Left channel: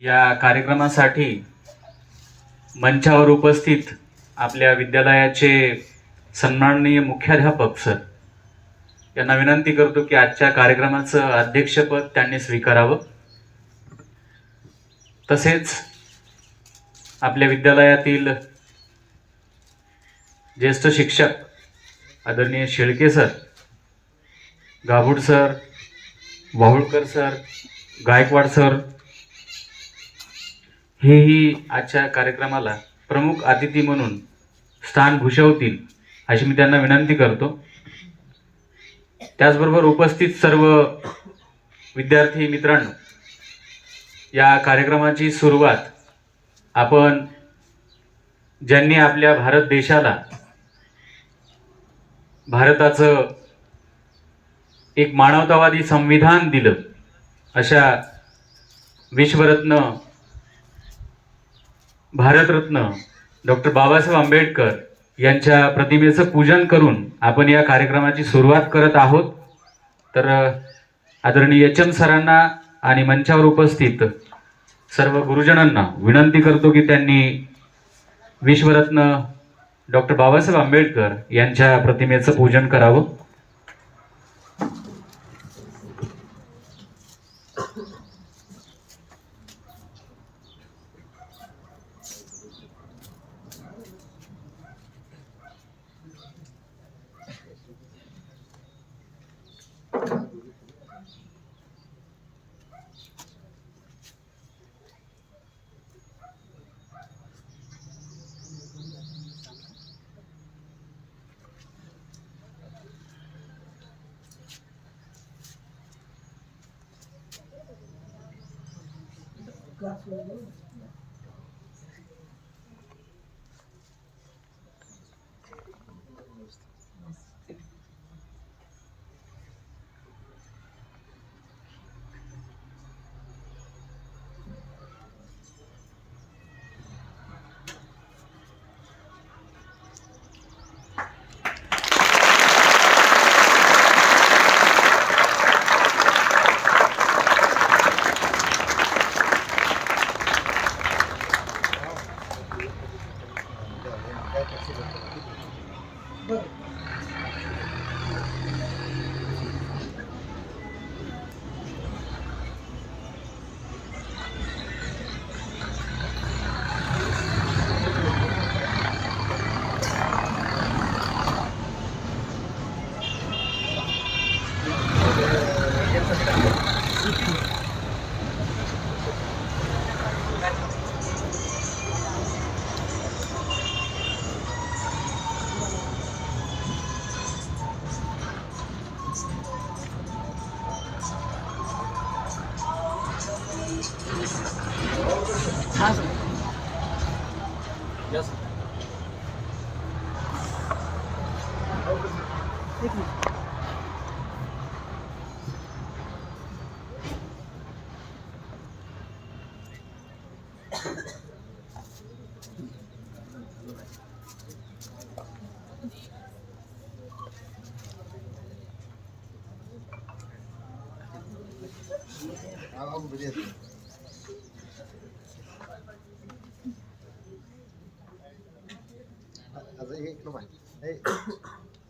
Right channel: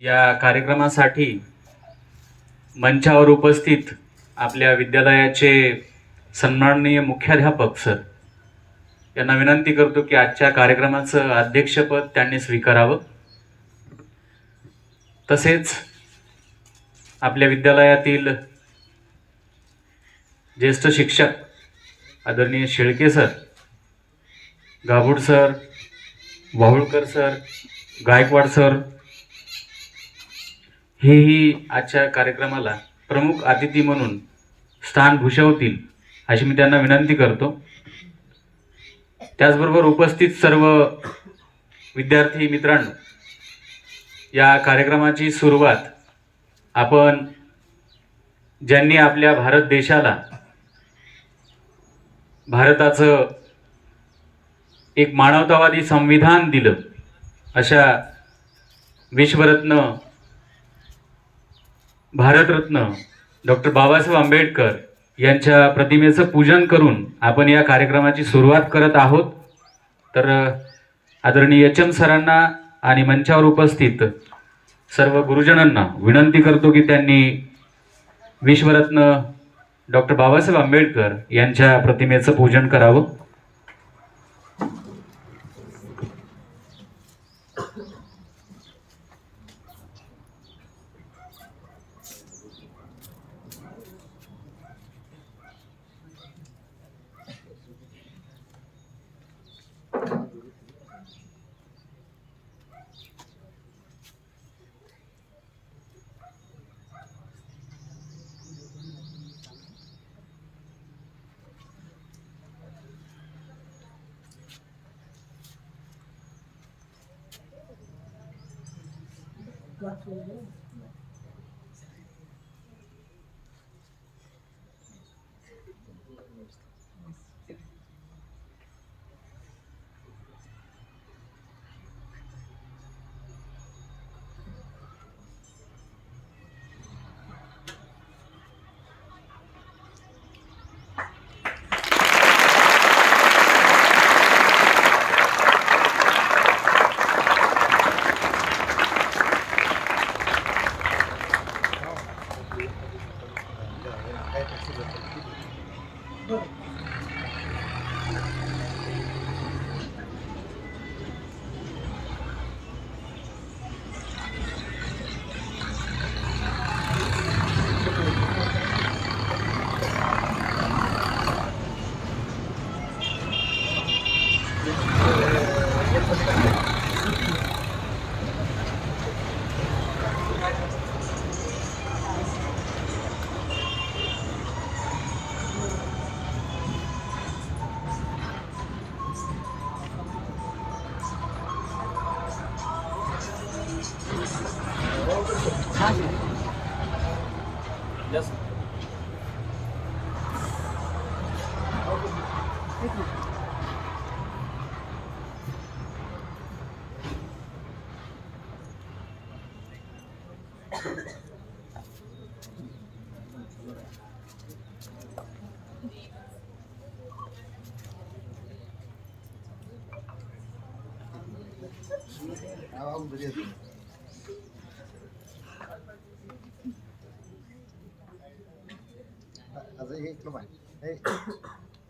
या कार्यक्रमासाठी मंचावर उपस्थित आपल्या विद्यालयाचे सन्माननीय मुख्याध्यापक सर यांना विनंती करतो की आजच्या कार्यक्रमाचं अध्यक्षपद त्यांनी स्वीकारावं। तसेच आपल्या विद्यालयातील ज्येष्ठ शिक्षक आदरणीय Shelke sir, Gabhud sir, Wahulkar sir, Gaikwad sir हेही आजच्या कार्यक्रमाला प्रमुख अतिथी म्हणून स्थान भूषवतील अशी मी त्यांना विनंती करतो। त्याचबरोबर उपस्थित सर्व विद्यार्थी मित्रांनो, या कार्यक्रमाची सुरुवात आपण ज्यांनी आपल्या भारत देशाला भारताचं एक मानवतावादी संविधान दिलं अशा विश्वरत्न भारतरत्न डॉक्टर बाबासाहेब आंबेडकर यांच्या प्रतिमेचं पूजन करून आपण या कार्यक्रमाची सुरुवात करत आहोत। तर आदरणीय एच एम सरांना आणि मंचावर उपस्थित सर्व गुरुजनांना विनंती करतो की त्यांनी विश्वरत्न डॉक्टर बाबासाहेब आंबेडकर यांच्या प्रतिमेचं पूजन करावं।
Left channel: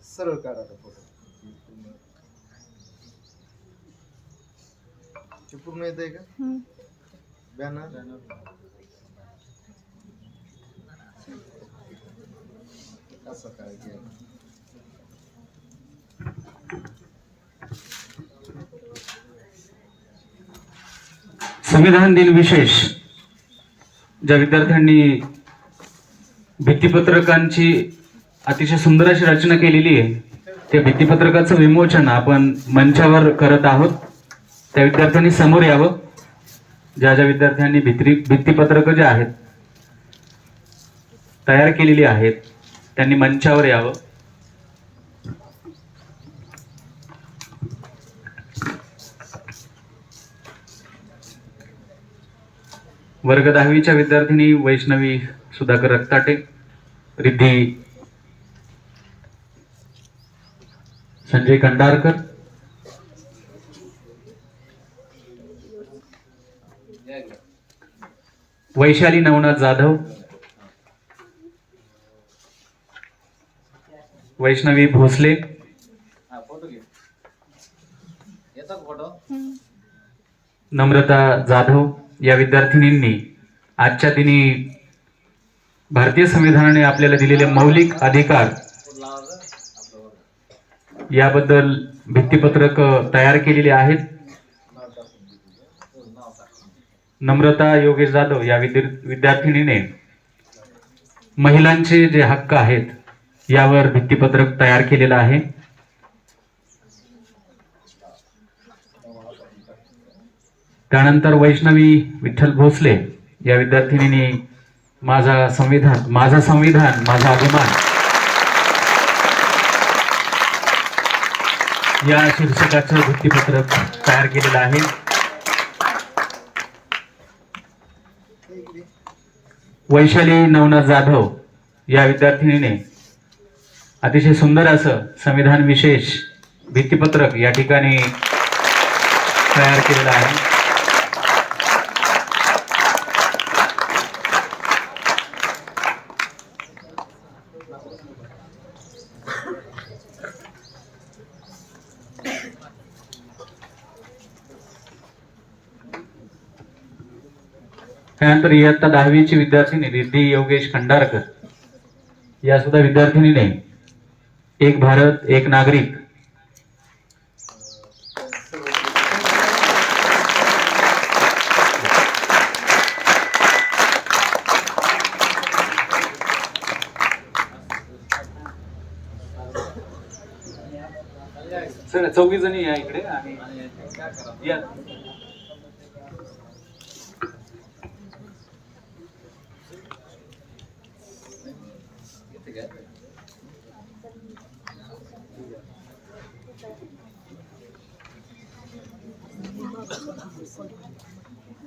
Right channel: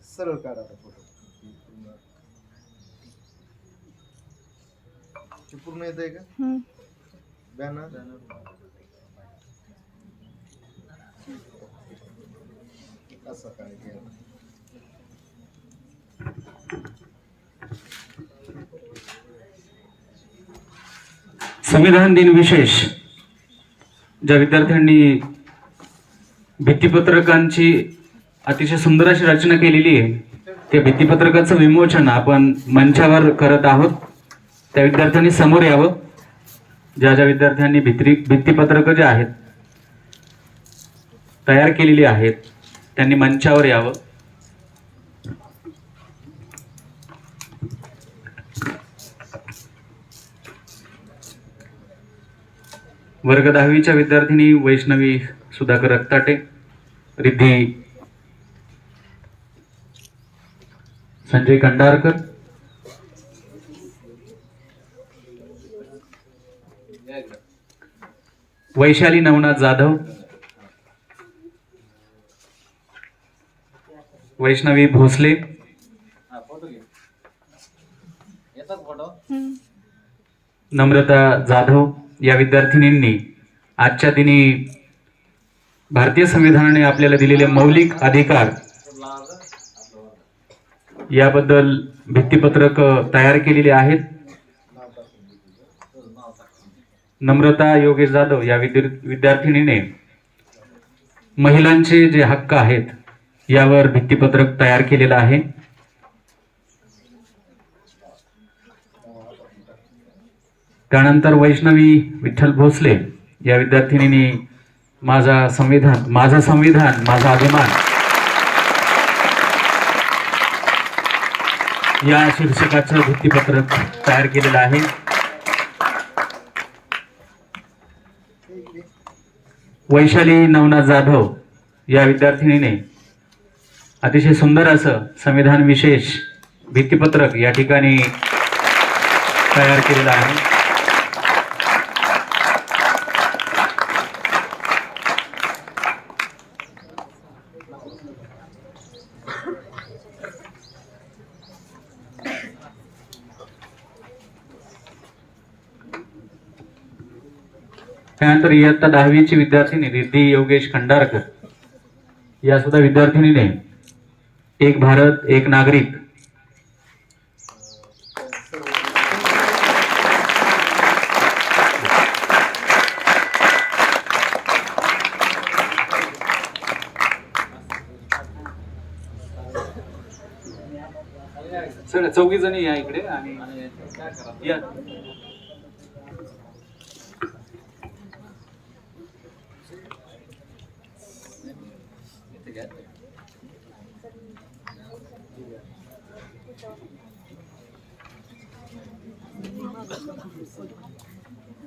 सरळ काढा फोटो पूर्ण येत आहे का बॅनर असं काय केलं। संविधान दिन विशेष ज्या विद्यार्थ्यांनी भित्तिपत्रकांची अतिशय सुंदर अशी रचना केलेली आहे, त्या भित्तिपत्रकाचं विमोचन आपण मंचावर करत आहोत। त्या विद्यार्थ्यांनी समोर यावं। ज्या ज्या विद्यार्थ्यांनी भित्तिपत्रक जे आहेत तयार केलेली आहेत त्यांनी मंचावर यावं। वर्ग 10वीच्या विद्यार्थिनी वैष्णवी सुधाकर रक्ताटे, रिद्धी संजय कंडारकर, वैशाली नवनाथ जाधव, वैष्णवी भोसले, नम्रता जाधव या विद्यार्थिनींनी आजच्या दिनी भारतीय संविधानाने आपल्याला दिलेले मौलिक अधिकार याबद्दल भित्तिपत्रक तयार केलेले आहेत. नम्रता योगेश जाधव या विद्यार्थिनीने महिलांचे जे हक्क आहेत यावर भित्तिपत्रक तयार केलेलं आहे. त्यानंतर वैष्णवी विठ्ठल भोसले या विद्यार्थिनीने माझा संविधान माझा अभिमान या शीर्षकाचं भित्तिपत्रक तयार केलेलं आहे. वैशाली नवनाथ जाधव या विद्यार्थिनीने अतिशय सुंदर असं संविधान विशेष भित्तिपत्रक या ठिकाणी तयार केलेलं आहे. त्यानंतर इयत्ता 10वीची विद्यार्थिनी रिद्धी योगेश खंडारकर या सुद्धा विद्यार्थिनीने एक भारत एक नागरिक सर 4 जणी या इकडे आणि या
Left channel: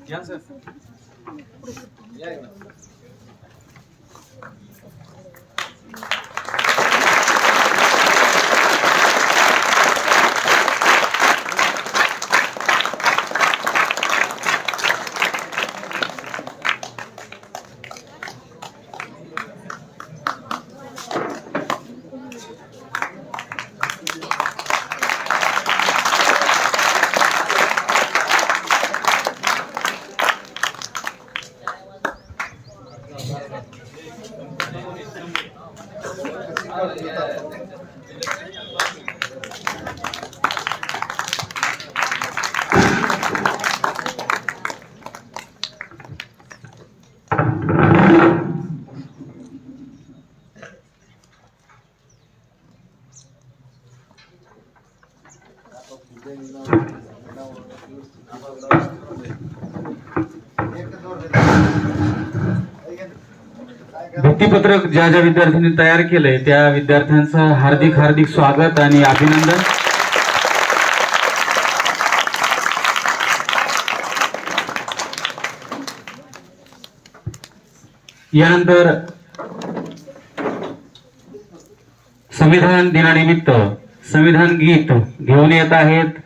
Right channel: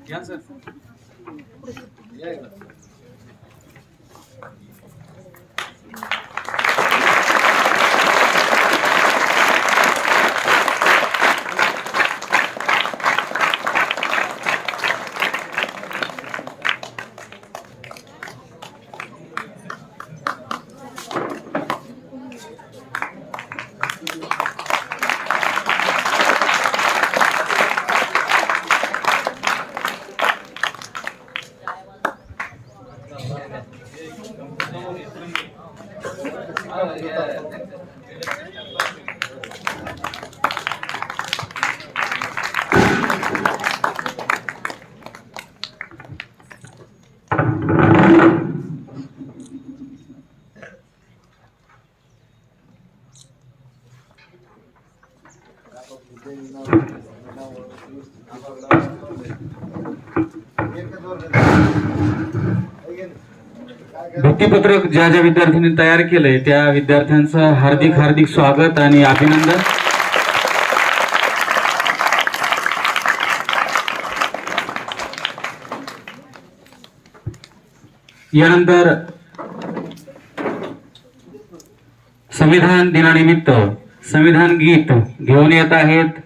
या सर या भित्तिपत्रक ज्या ज्या विद्यार्थ्यांनी तयार केलंय त्या विद्यार्थ्यांचं हार्दिक स्वागत आणि अभिनंदन. यानंतर संविधान दिनानिमित्त संविधान गीत घेऊन येत आहेत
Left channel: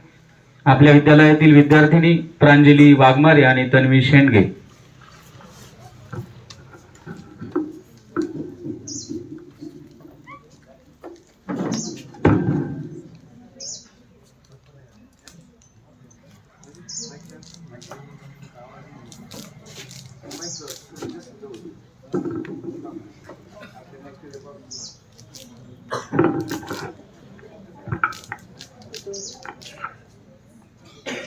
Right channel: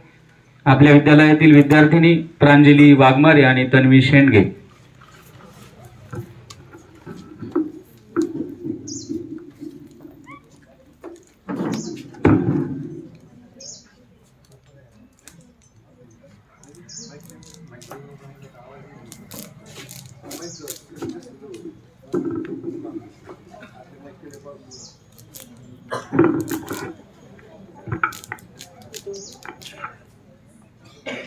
आपल्या विद्यालयातील विद्यार्थिनी प्रांजली वाघमारे आणि तन्वी शेंडगे.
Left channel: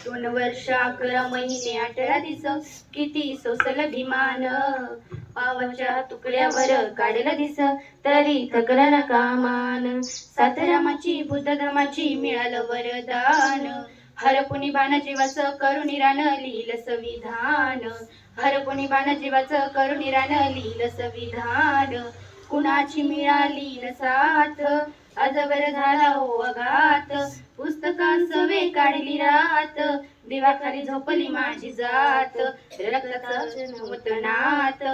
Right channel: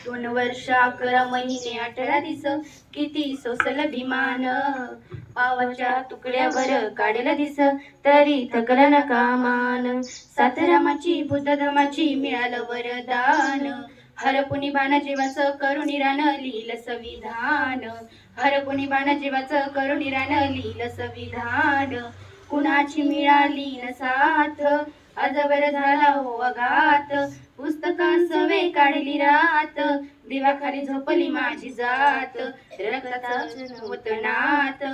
दोन वर्ष 11 महिने 18 दिवस किती सोसल अभिमान पावाच्या तुकड्यावर काढेल दिस तरी थकला ना कामान सात रामाची बुद्ध धर्माची मिळालं वरदान हरपुनी बाण जीवाच करुणी रान लिहिलं संविधान हरपुनी बाण जीवाच करुणी रान लिहिलं संविधान कुणाची मिळाली न साथ अजवर झाला हो अघात पुस्तकात सवे काढली रात दिवाखाली झोपली माझी जात रक्ताचं नवतनात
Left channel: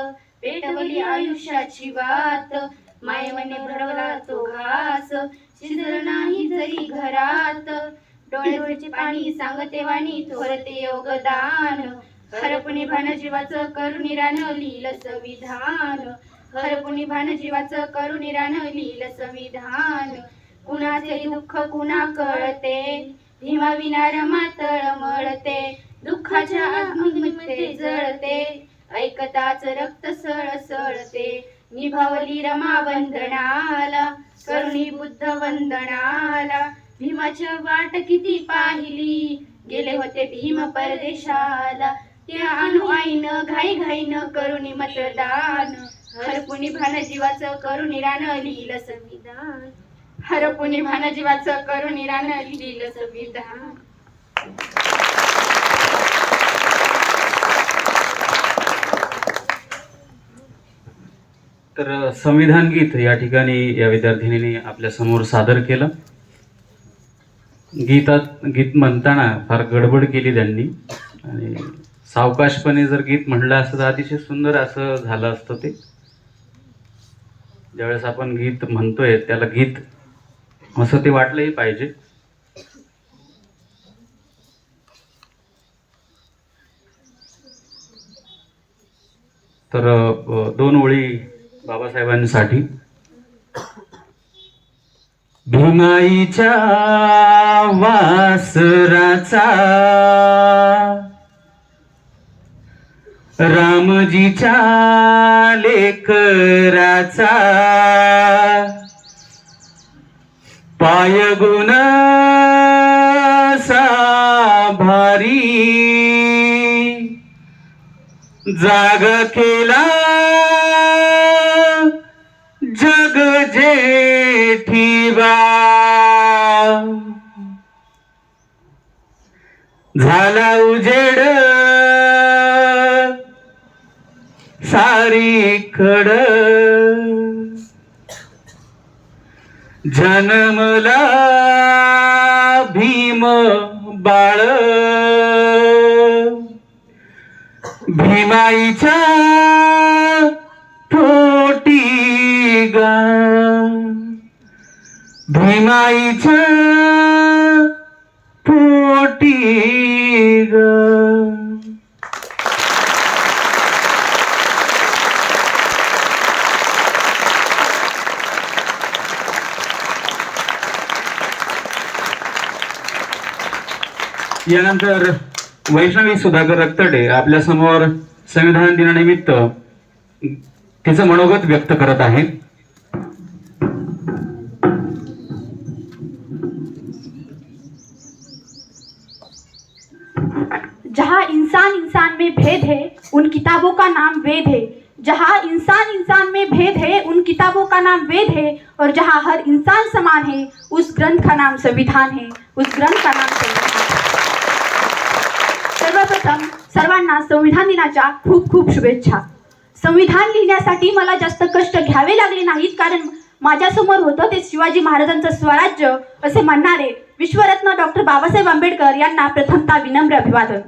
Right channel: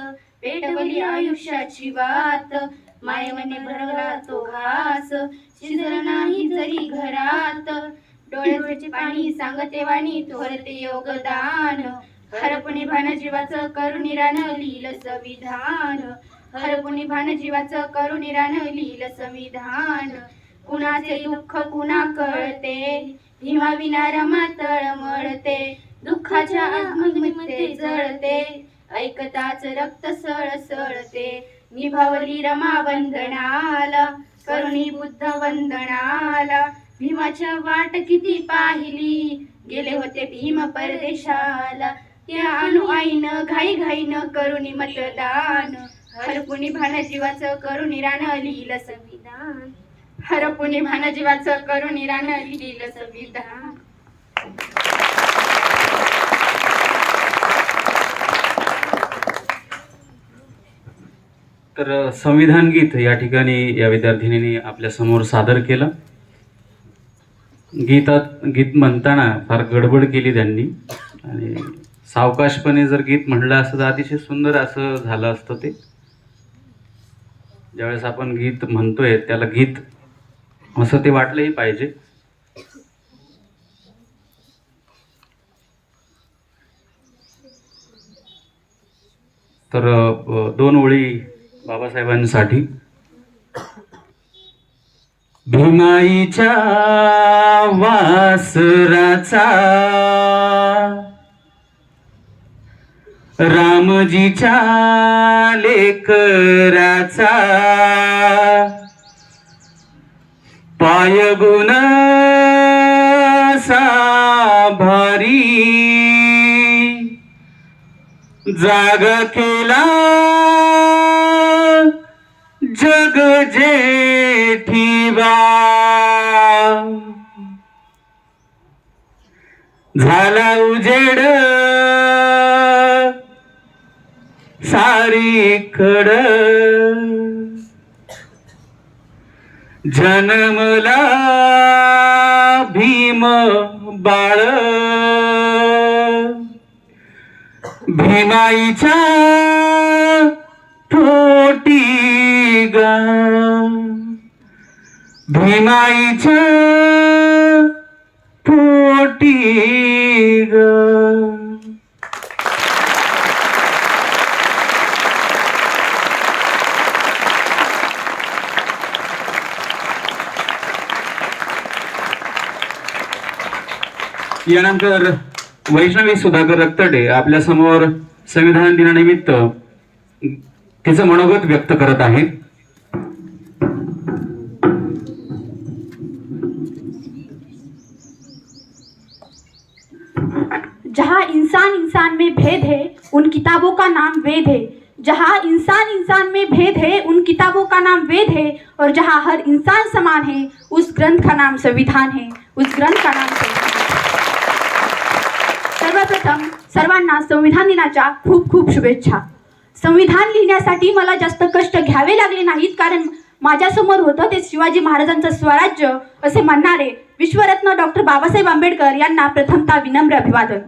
पेटवली आयुष्याची वात मायवने भरवला तो घास शिजल नाही जरी घरात डोळ्याचे पाणी सांगते वाणी थोरते योगदान हरपुनी भान जीवाचं करुणी रान लिहिलं संविधान. हरपुनी भान जीवाचं करुणी रान लिहिलं संविधान. कुणाचे दुःख कुणा कळते, भीमा विना रमा तळमळते. दुःखाच्या आगमगते जळते, ऐकताच रक्त सळसळते. निभावली रमा वंदनाला, करुणी बुद्ध वंदनाला. भीमाच्या वाट किती पाहिली, गेले होते भीम परदेशाला. त्या अनुआईन घाई घाईन करुणी मतदान. हरपुनी भान जीवाचं करुणी रान लिहिलं संविधान. हरपुनी भान जीवाचं करुणी रान लिहिलं संविधान. तर संविधान गीत या ठिकाणी या विद्यार्थिनीने आपल्या समोर सादर केलं. गीत म्हणताना फार गडबड केली त्यांनी आणि सावकाशपणे जर गीत म्हणलं असतं तर अतिशय सुंदर असं झालं असतं ते. ज्यावेळेस आपण गीत म्हणतोय त्याला गीत असं ते वाटलंही पाहिजे. तर 2 ओळी बाबासाहेबांसाठी. भीमाईच्या वासराचा, रामजीच्या लेकराचा, पायगुण भारी जागा केला जग जेठीबा. झाला उजेड सारीकड, जन्मला भीम बाळ. भीमाईच्या पोटी गा, भीमाईच्या पोटी ग. यानंतर वैष्णवी सुधाकर रक्तडे आपल्या समोर संविधान दिनानिमित्त तिचं मनोगत व्यक्त करत आहे. जहाँ इंसान इंसान में भेद है उन किताबों का नाम वेद है. जहाँ इंसान इंसान में भेद है उन किताबों का नाम वेद है. और जहाँ हर इंसान समान है उस ग्रंथ का नाम संविधान है. उस ग्रंथ का नाम संविधान है. सर्वप्रथम सर्वांना संविधान दिनाच्या खूप खूप शुभेच्छा. संविधान लिहिण्यासाठी मला जास्त कष्ट घ्यावे लागले नाहीत, कारण माझ्यासमोर होतं ते शिवाजी महाराजांचं स्वराज्य असे म्हणणारे विश्वरत्न डॉक्टर बाबासाहेब आंबेडकर यांना प्रथमतः विनम्र अभिवादन.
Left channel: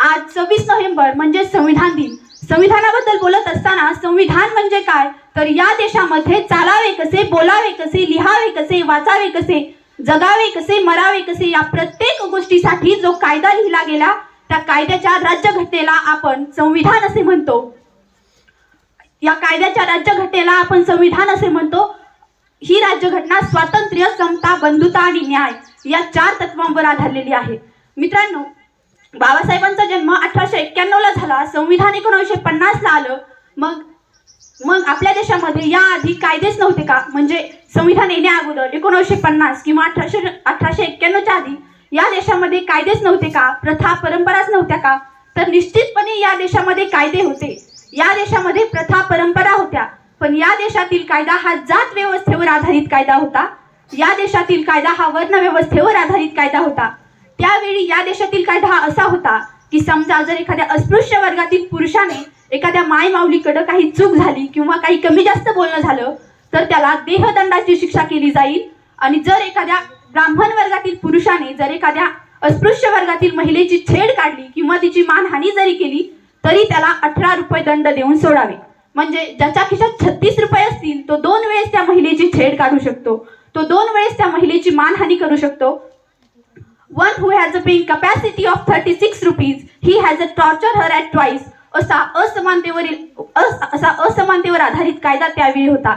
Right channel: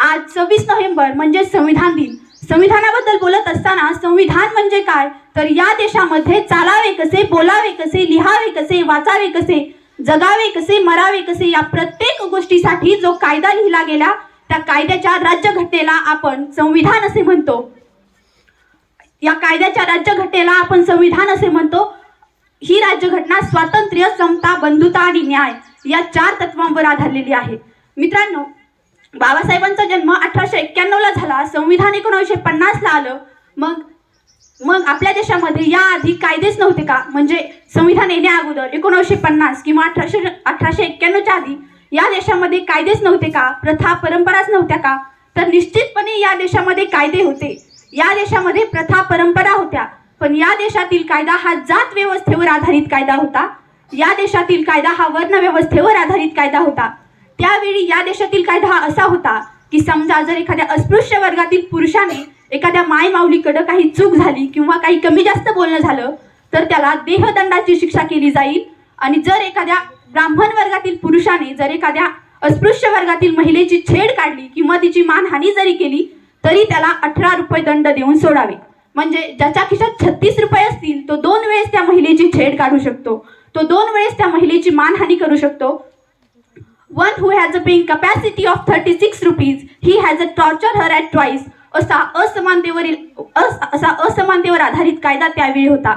आज 26 नोव्हेंबर म्हणजे संविधान दिन. संविधानाबद्दल बोलत असताना संविधान म्हणजे काय, तर या देशामध्ये चालावे कसे, बोलावे कसे, लिहावे कसे, वाचावे कसे, जगावे कसे, मरावे कसे, या प्रत्येक गोष्टीसाठी जो कायदा लिहिला गेला त्या कायद्याच्या राज्यघटनेला आपण संविधान असे म्हणतो. या कायद्याच्या राज्यघटनेला आपण संविधान असे म्हणतो. ही राज्यघटना स्वातंत्र्य, समता, बंधुता आणि न्याय या 4 तत्वांवर आधारलेली आहे. मित्रांनो, बाबासाहेबांचा जन्म 1891 ला झाला. संविधान 1950 ला आलं. मग आपल्या देशामध्ये याआधी कायदेच नव्हते का? म्हणजे संविधान येण्या अगोदर 1950 किंवा 1891 च्या आधी या देशामध्ये कायदेच नव्हते का? प्रथा परंपराच नव्हत्या का? तर निश्चितपणे या देशामध्ये कायदे होते. या देशामध्ये प्रथा परंपरा होत्या. पण या देशातील कायदा हा जात व्यवस्थेवर आधारित कायदा होता. या देशातील कायदा हा वर्ण व्यवस्थेवर आधारित कायदा होता. त्यावेळी या देशातील कायदा हा असा होता की समजा जर एखाद्या अस्पृश्य वर्गातील पुरुषाने एखाद्या माय माऊलीकडे काही चूक झाली किंवा काही कमी जास्त बोलणं झालं तर त्याला देहदंडाची शिक्षा केली जाईल. आणि जर एखाद्या ब्राह्मण वर्गातील पुरुषाने जर एखाद्या अस्पृश्य वर्गातील महिलेची छेड काढली किंवा तिची मानहानी जरी केली तरी त्याला 18 रुपये दंड देऊन सोडावे. म्हणजे ज्याच्या खिशात 36 रुपये असतील तो 2 वेळेस त्या महिलेची छेड काढू शकतो. तो 2 वेळेस त्या महिलेची मानहानी करू शकतो. One who has a paying capacity of 36 rupees, he has a torture her at twice. असा असमानतेवर आधारित कायदा त्यावेळी होता.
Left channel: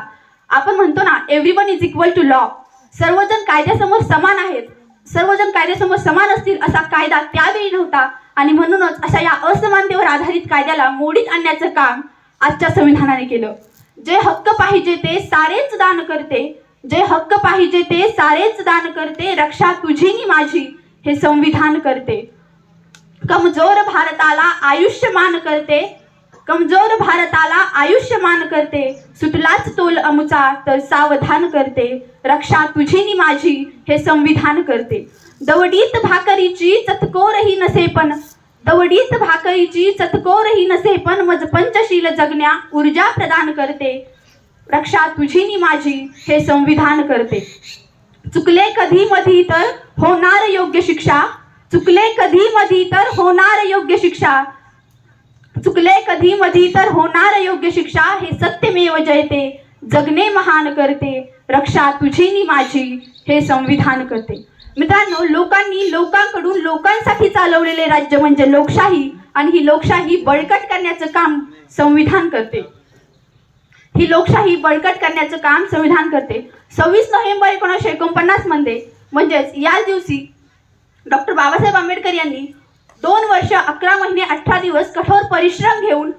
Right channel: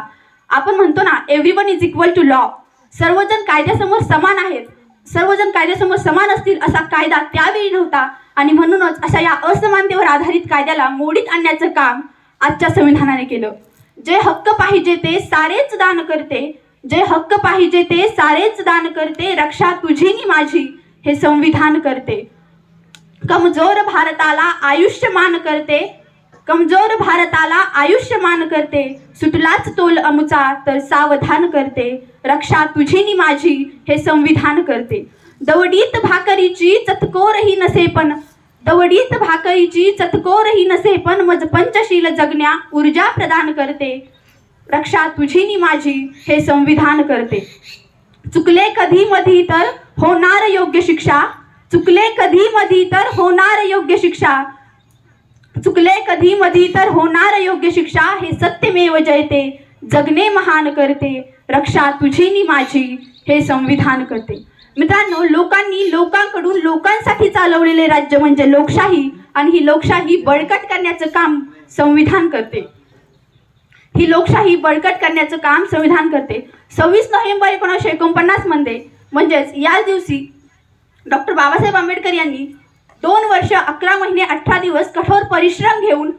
आपण म्हणतो ना, everyone is equal to law. सर्वजण कायद्यासमोर समान आहेत, सर्वजण कायद्यासमोर समान असतील असा कायदा त्यावेळी नव्हता. आणि म्हणूनच अशा या असमानतेवर आधारित कायद्याला मोडीत आणण्याचं काम आजच्या संविधानाने केलं. जे हक्क पाहिजे ते सारेच दान करते, जे हक्क पाहिजे ते सारेच दान करते, रक्षा तुझी नि माझी हे संविधान करते. कमजोर भारताला आयुष्यमान करते, कमजोर भारताला आयुष्यमान करते, सुटलाच तोल अमुचा तर सावधान करते, रक्षा तुझी नि माझी हे संविधान करते. दवडीत भाकरीची चतकोरही नसे पण, दवडीत भाकरीची चतकोरही नसे पण, मज पंचशील जगण्या ऊर्जा प्रदान करते, रक्षा तुझी नि माझी हे संविधान करते. चुकले कधी मधी तर होणार योग्य शिक्षा, चुकले कधी मधी तर होणार योग्य शिक्षा, चुकले कधी मधी तर होणार योग्य शिक्षा, हे सत्यमेव जयते जगणे महान करते, रक्षा तुझी नि माझी हे संविधान करते. मित्रांनो, लोकांनी लोकांकडून लोकांसाठी चालवलेले राज्य म्हणजे लोकशाही, आणि ही लोकशाही बळकट करण्याचं काम संविधान करते. ही लोकशाही बळकट करण्याचं काम संविधान करते. 26 नोव्हेंबर 1949 मध्ये म्हणजेच याच दिवशी डॉक्टर बाबासाहेब आंबेडकर यांनी 2 वर्ष 11 महिने 18 दिवस कठोर परिश्रम घेऊन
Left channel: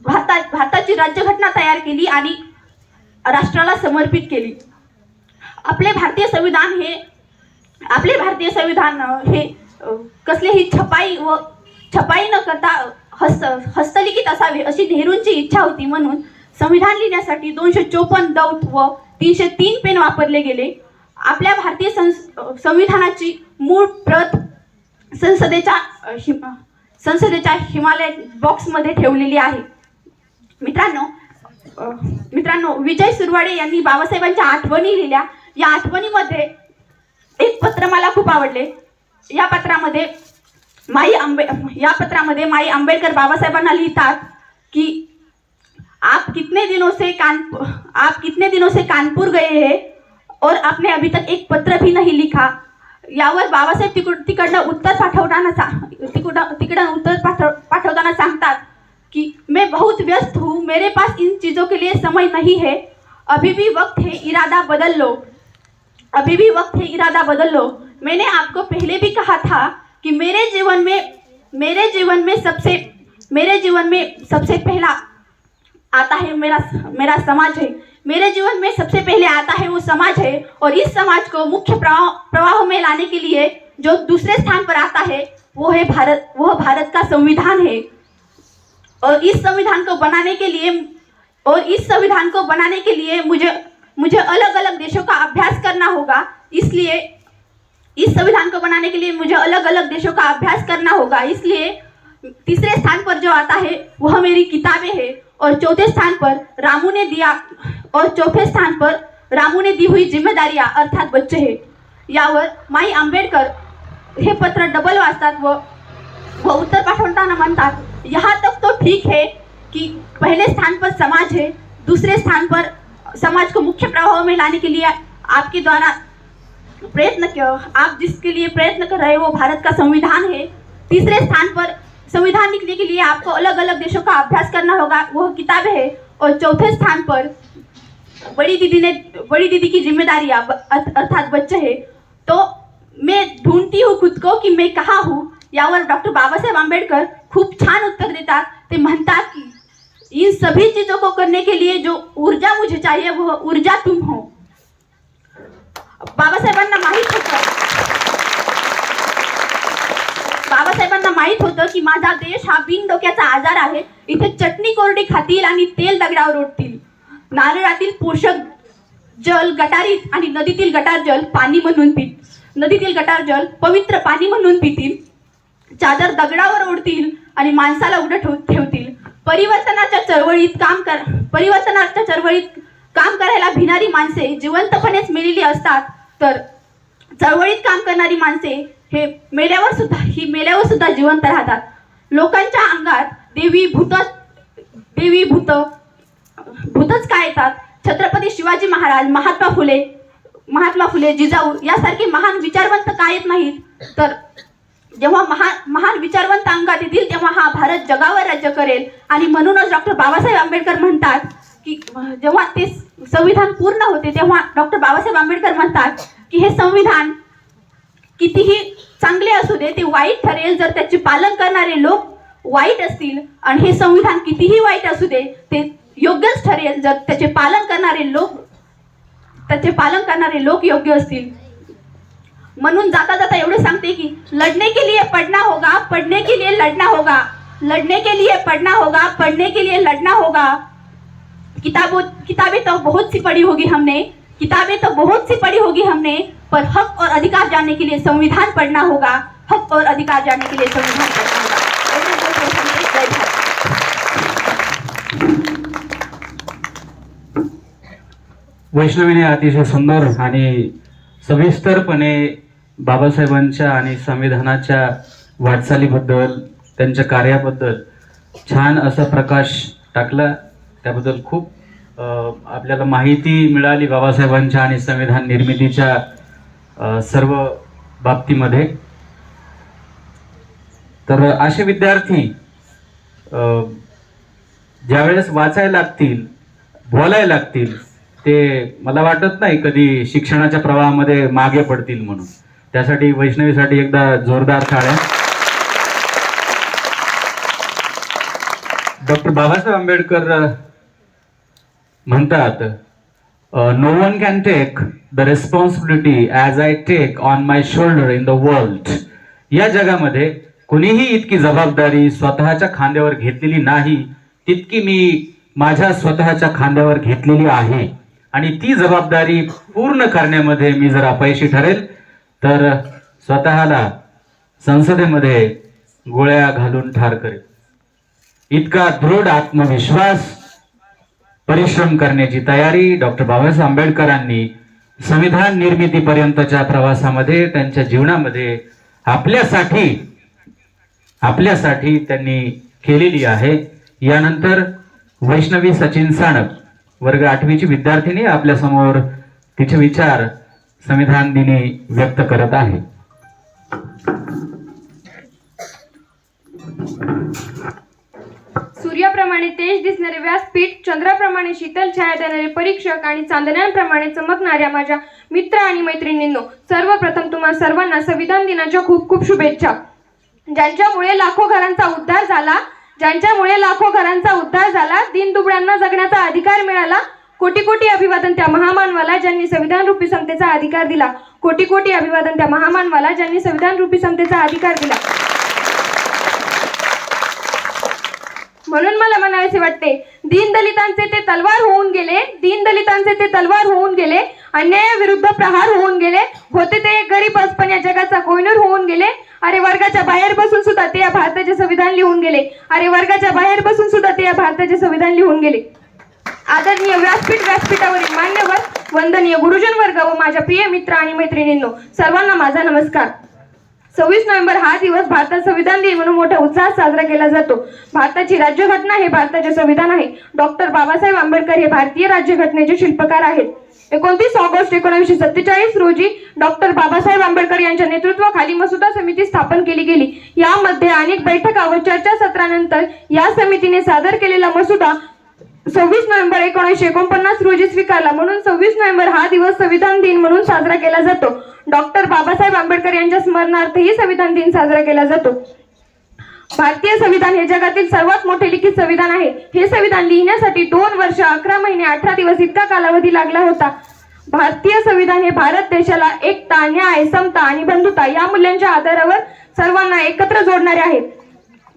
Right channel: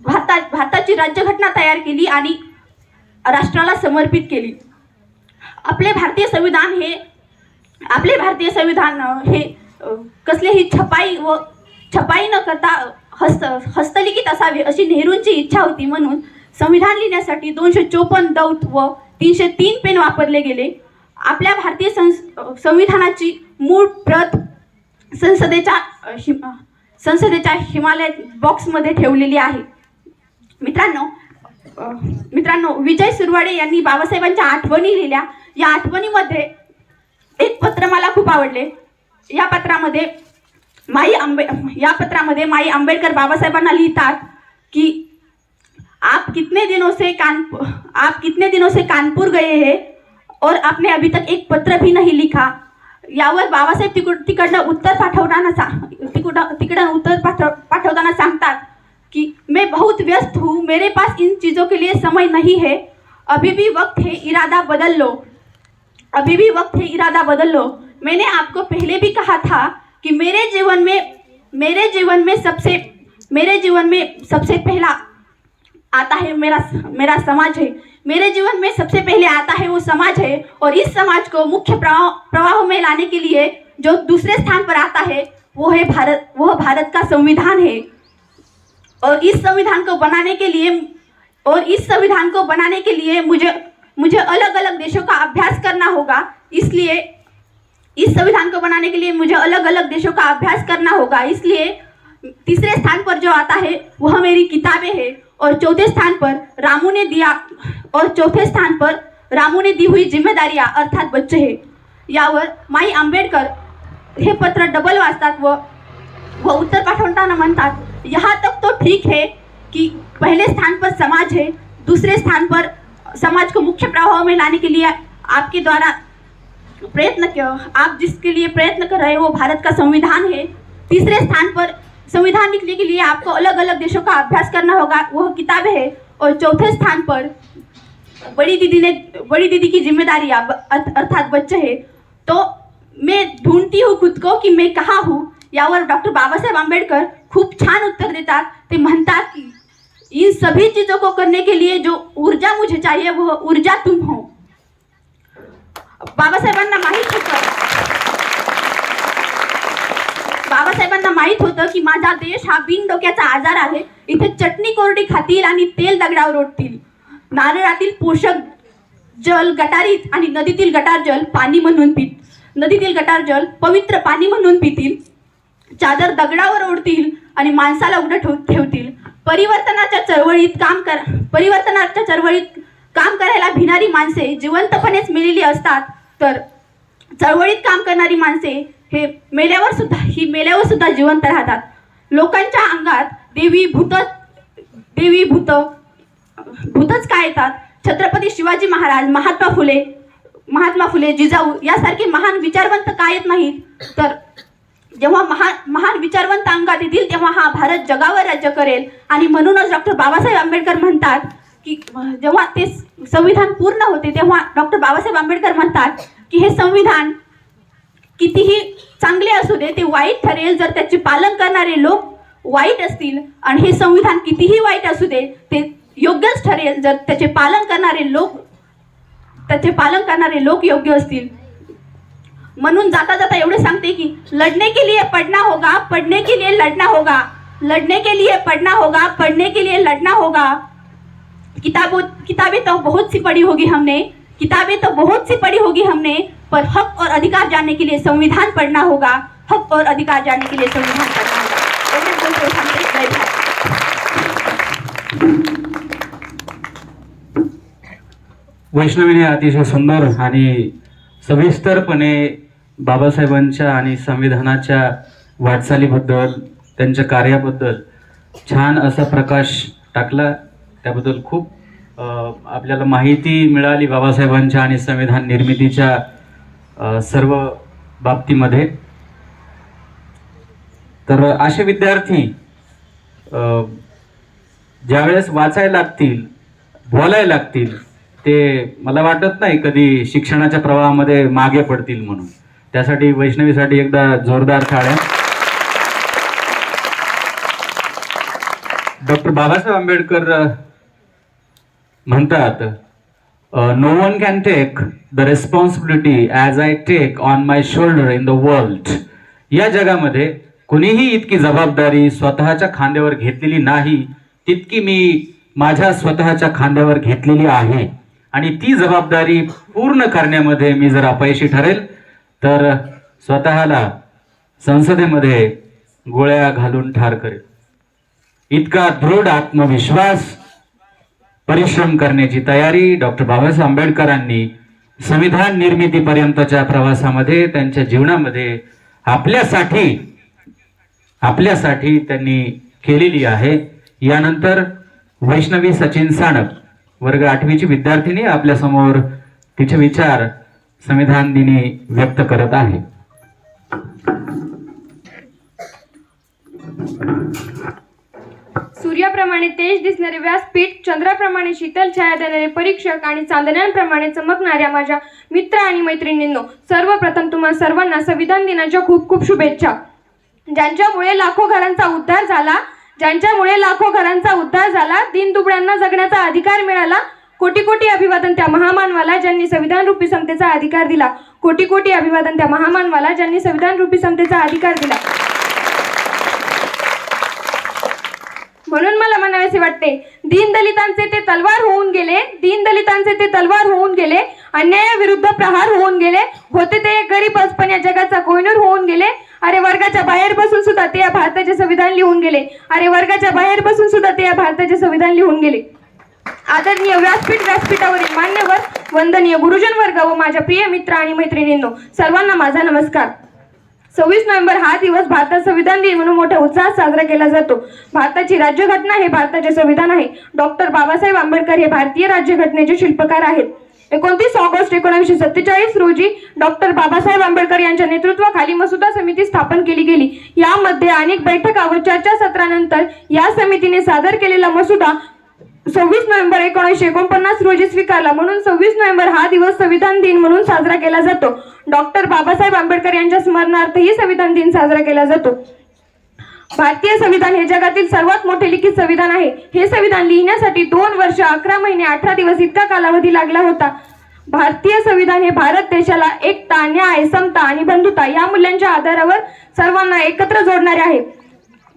भारताची राज्यघटना तयार केली आणि राष्ट्राला समर्पित केली. आपले भारतीय संविधान हे कसलीही छपाई न करता हस्तलिखित असावे अशी नेहरूंची इच्छा होती. म्हणून संविधान लिहिण्यासाठी 254 दौत व 303 पेन वापरले गेले. आपल्या भारतीय संविधानाची मूळ प्रत संसदेच्या हिमालय बॉक्समध्ये ठेवलेली आहे. मित्रांनो, विजय सुरवाडे यांनी बाबासाहेबांच्या आठवणी लिहिल्या. या आठवणीमध्ये एक पत्र मला खूप आवडले. या पत्रामध्ये माई आंबेडकर बाबासाहेबांना लिहितात की आप कितने दिनों से कानपुर गए हैं और आपने अभी तक एक पत्र भी नहीं लिखा. यावर बाबासाहेब तिकडनं उत्तर पाठवताना सांगतात की मैं बहुत व्यस्त हूँ, मेरे पास इन चीज़ों के लिए समय नहीं है, अभी भी वक्त है, इरादा बदल लो, अभी भी वक्त है, इरादा बदल लो. मैंने आपको पहले भी कहा था कि मेरे जीवन में सबसे पहला आता है मेरा समाज है, मेरे जीवन में सबसे पहले आता है वो समाज है, और इस समाज को मुख्य प्रवाह में लाने के लिए जो दूसरे स्थान पर आता है वो भारत का संविधान है. और इस संविधान को बनाने के लिए मुझे अलग अलग देशों का अभ्यास करना होगा. इसलिए इस संविधान को बनाने के लिए मुझे अलग अलग देशों का अभ्यास करना होगा. इसलिए तीसरे स्थान पर जो आता है वह मेरी किताबें हैं, और चौथे स्थान पर रामू ने दी हुई जिम्मेदारियां अर्थात बच्चे हैं. यावर माई आंबेडकर हे पत्र डबल वाचतात व उत्तर पाठवताना म्हणतात, यहाँ तक तो ठीक है कि पहले स्थान पर समाज है, दूसरे स्थान पर समाज को मुख्य प्रवाह में लाने के लिए आपके द्वारा आप जिसके लिए प्रयत्न कर रहे हैं वो भारत का संविधान है. तीसरे स्थान पर संविधान लिखने के लिए आपको अलग अलग देशों का अभ्यास करना होगा, वह किताबें है. और चौथे स्थान पर बड़ी दीदी की जिम्मेदारियां अर्थात बच्चे है. तो मैं ढूंढती हूँ खुद को कि मैं कहाँ हूँ. यावर डॉक्टर बाबासाहेब आंबेडकर खूप छान उत्तर देतात. ते म्हणतात की इन सभी चीजों को करने के लिए जो ऊर्जा मुझे चाहिए वह ऊर्जा तुम हो. बाबासाहेबांना माहित होतं की माझा देश हा बिन डोक्याचा आजार आहे. इथे चटणी कोरडी खातील आणि तेल दगडावर ओढतील. नारळातील पोषक जल गटारीत आणि नदीतील गटार जल पाणी म्हणून नदीतील गटार जल पवित्र पाणी म्हणून पितील. चादर दगडावर ओढतील आणि माणसाला उघडं ठेवतील. परिवर्तनाच्या चळवळीत काम करायला भिणारी माणसे जिवंतपणेच मेलेली असतात, तर चळवळीत काम करणारी माणसे हे मेल्यावर सुद्धा जिवंत राहतात. लोकांच्या अंगात देवी भूतच काय येतात. छत्रपती शिवाजी महाराज, महात्मा फुले, महात्मा फुले, जिजाऊ यासारखे महान विचारवंत का येत नाहीत? तर जेव्हा महान विचारवंत अंगात येतील तेव्हा हा भारत जगावर राज्य करेल. आणि म्हणूनच डॉक्टर बाबासाहेब आंबेडकर म्हणतात की जेव्हा ते संविधान पूर्ण होते तेव्हा डॉक्टर बाबासाहेब आंबेडकर म्हणतात की हे संविधान कितीही चांगले असू दे ते वाईट ठरेल जर त्याचे पालन करणारे लोक वाईट असतील, आणि हे संविधान कितीही वाईट असू दे ते योग्यच ठरेल जर त्याचे पालन करणारे लोक योग्य असतील. म्हणून जाता जाता एवढे सांगते की लढने के लिए पढ़ना होगा, पढ़ने के लिए लड़ना होगा, लड़ने के लिए पढ़ना होगा, पढ़ने के लिए लड़ना होगा. किताबें तो बहुत सी पढ़ी होगी हमने, पर हक और अधिकार जानने के लिए संविधान पढ़ना होगा, हक और अधिकार जानने के लिए संविधान पढ़ना होगा. जय भारत. वैष्णवीने अतिशय सुंदर आणि सविस्तरपणे बाबासाहेबांच्या आणि संविधानाच्या वाटचालीबद्दल, त्यांच्या कार्याबद्दल छान असा प्रकाश टाकला. त्याबद्दल खूप आपल्याला माहिती मिळाली बाबासाहेबांच्या आणि संविधान निर्मितीच्या सर्व बाबतीमध्ये. तर असे विद्यार्थी ज्यावेळेस वाचायला लागतील, बोलायला लागतील, ते मला वाटत नाही कधी शिक्षणाच्या प्रवाहामध्ये मागे पडतील म्हणून. त्यासाठी वैष्णवीसाठी एकदा जोरदार टाळ्या. डॉक्टर बाबासाहेब आंबेडकर म्हणतात, no one can take the responsibility as I take on my shoulder in the world. या जगामध्ये कुणीही इतकी जबाबदारी स्वतःच्या खांद्यावर घेतलेली नाही तितकी मी माझ्या स्वतःच्या खांद्यावर घेतलेली आहे, आणि ती जबाबदारी पूर्ण करण्यामध्ये मी जर अपयशी ठरेल तर स्वतःला संसदेमध्ये गोळ्या घालून ठार करेल. इतका दृढ आत्मविश्वास, परिश्रम करण्याची तयारी डॉक्टर बाबासाहेब आंबेडकरांनी संविधान निर्मितीपर्यंतच्या प्रवासामध्ये, त्यांच्या जीवनामध्ये आपल्यासाठी त्यांनी केलेली आहे. यानंतर वैष्णवी सचिन साणप, वर्ग 8वीची विद्यार्थिनी, आपल्या समोर तिचे विचार संविधान दिनी व्यक्त करत आहे. सूर्याप्रमाणे तेज दिसणारे व्यासपीठ, चंद्राप्रमाणे शीतल छाया देणारे परीक्षक आणि चांदण्यांप्रमाणे चमकणाऱ्या माझ्या मित्र आणि मैत्रिणींनो, सर्वप्रथम तुम्हा सर्वांना संविधान दिनाच्या खूप खूप शुभेच्छा. ज्यांच्यामुळे लाखो घरांचा उद्धार झाला, दीनदुबळ्यांना जगण्याचा अधिकार मिळाला. कोटी कोटी अभिवादन त्या महामानवाला ज्यांनी संविधान रूपी समतेचा अधिकार दिला. कोटी कोटी अभिवादन त्या महामानवाला ज्यांनी संविधान रूपी समतेचा अधिकार दिला. म्हणून मला म्हणायचे वाटते, दीनदलितांचे ते तलवार होऊन गेले, अन्यायाविरुद्ध प्रहार होऊन गेले, होते ते गरीबच पण या जगाचा कोहिनूर होऊन गेले. अरे वर्गाच्या बाहेर बसून सुद्धा ते या भारताचे संविधान लिहून गेले. आदरणीय व्यासपीठावरील मान्यवर, वंदनीय गुरुजन वर्ग व माझ्या प्रिय मित्र आणि मैत्रिणींनो, सर्वांना माझा नमस्कार. 26 नोव्हेंबर हा दिवस भारतात संविधान दिन म्हणून मोठ्या उत्साहात साजरा केला जातो. भारताची राज्यघटना हे भारताचे संविधान आहे. डॉक्टर बाबासाहेब आंबेडकर हे भारतीय राज्यघटनेचे शिल्पकार आहेत. 29 ऑगस्ट 1947 रोजी डॉक्टर बाबासाहेब आंबेडकर यांच्या नेतृत्वाखाली मसुदा समिती स्थापन केली गेली. यामध्ये अनेक बैठका व चर्चासत्रानंतर या समितीने सादर केलेला मसुदा 26 नोव्हेंबर 1949 रोजी स्वीकारला. म्हणून 26 नोव्हेंबर हा दिवस संविधान दिन म्हणून साजरा केला जातो. डॉक्टर बाबासाहेब आंबेडकर यांच्या स्मरणार्थही संविधान दिन साजरा केला जातो. भारतीय संविधान हे जगातील सर्वात मोठे लिखित संविधान आहे. हे संविधान लिहिण्यासाठी 2 वर्ष 11 महिने 18 दिवस इतका कालावधी लागला होता. भारतीय संविधान हे भारत देशाला एकता, न्याय, समता आणि बंधुता या मूल्यांच्या आधारावर सर्वांना एकत्र जोडणारे आहे.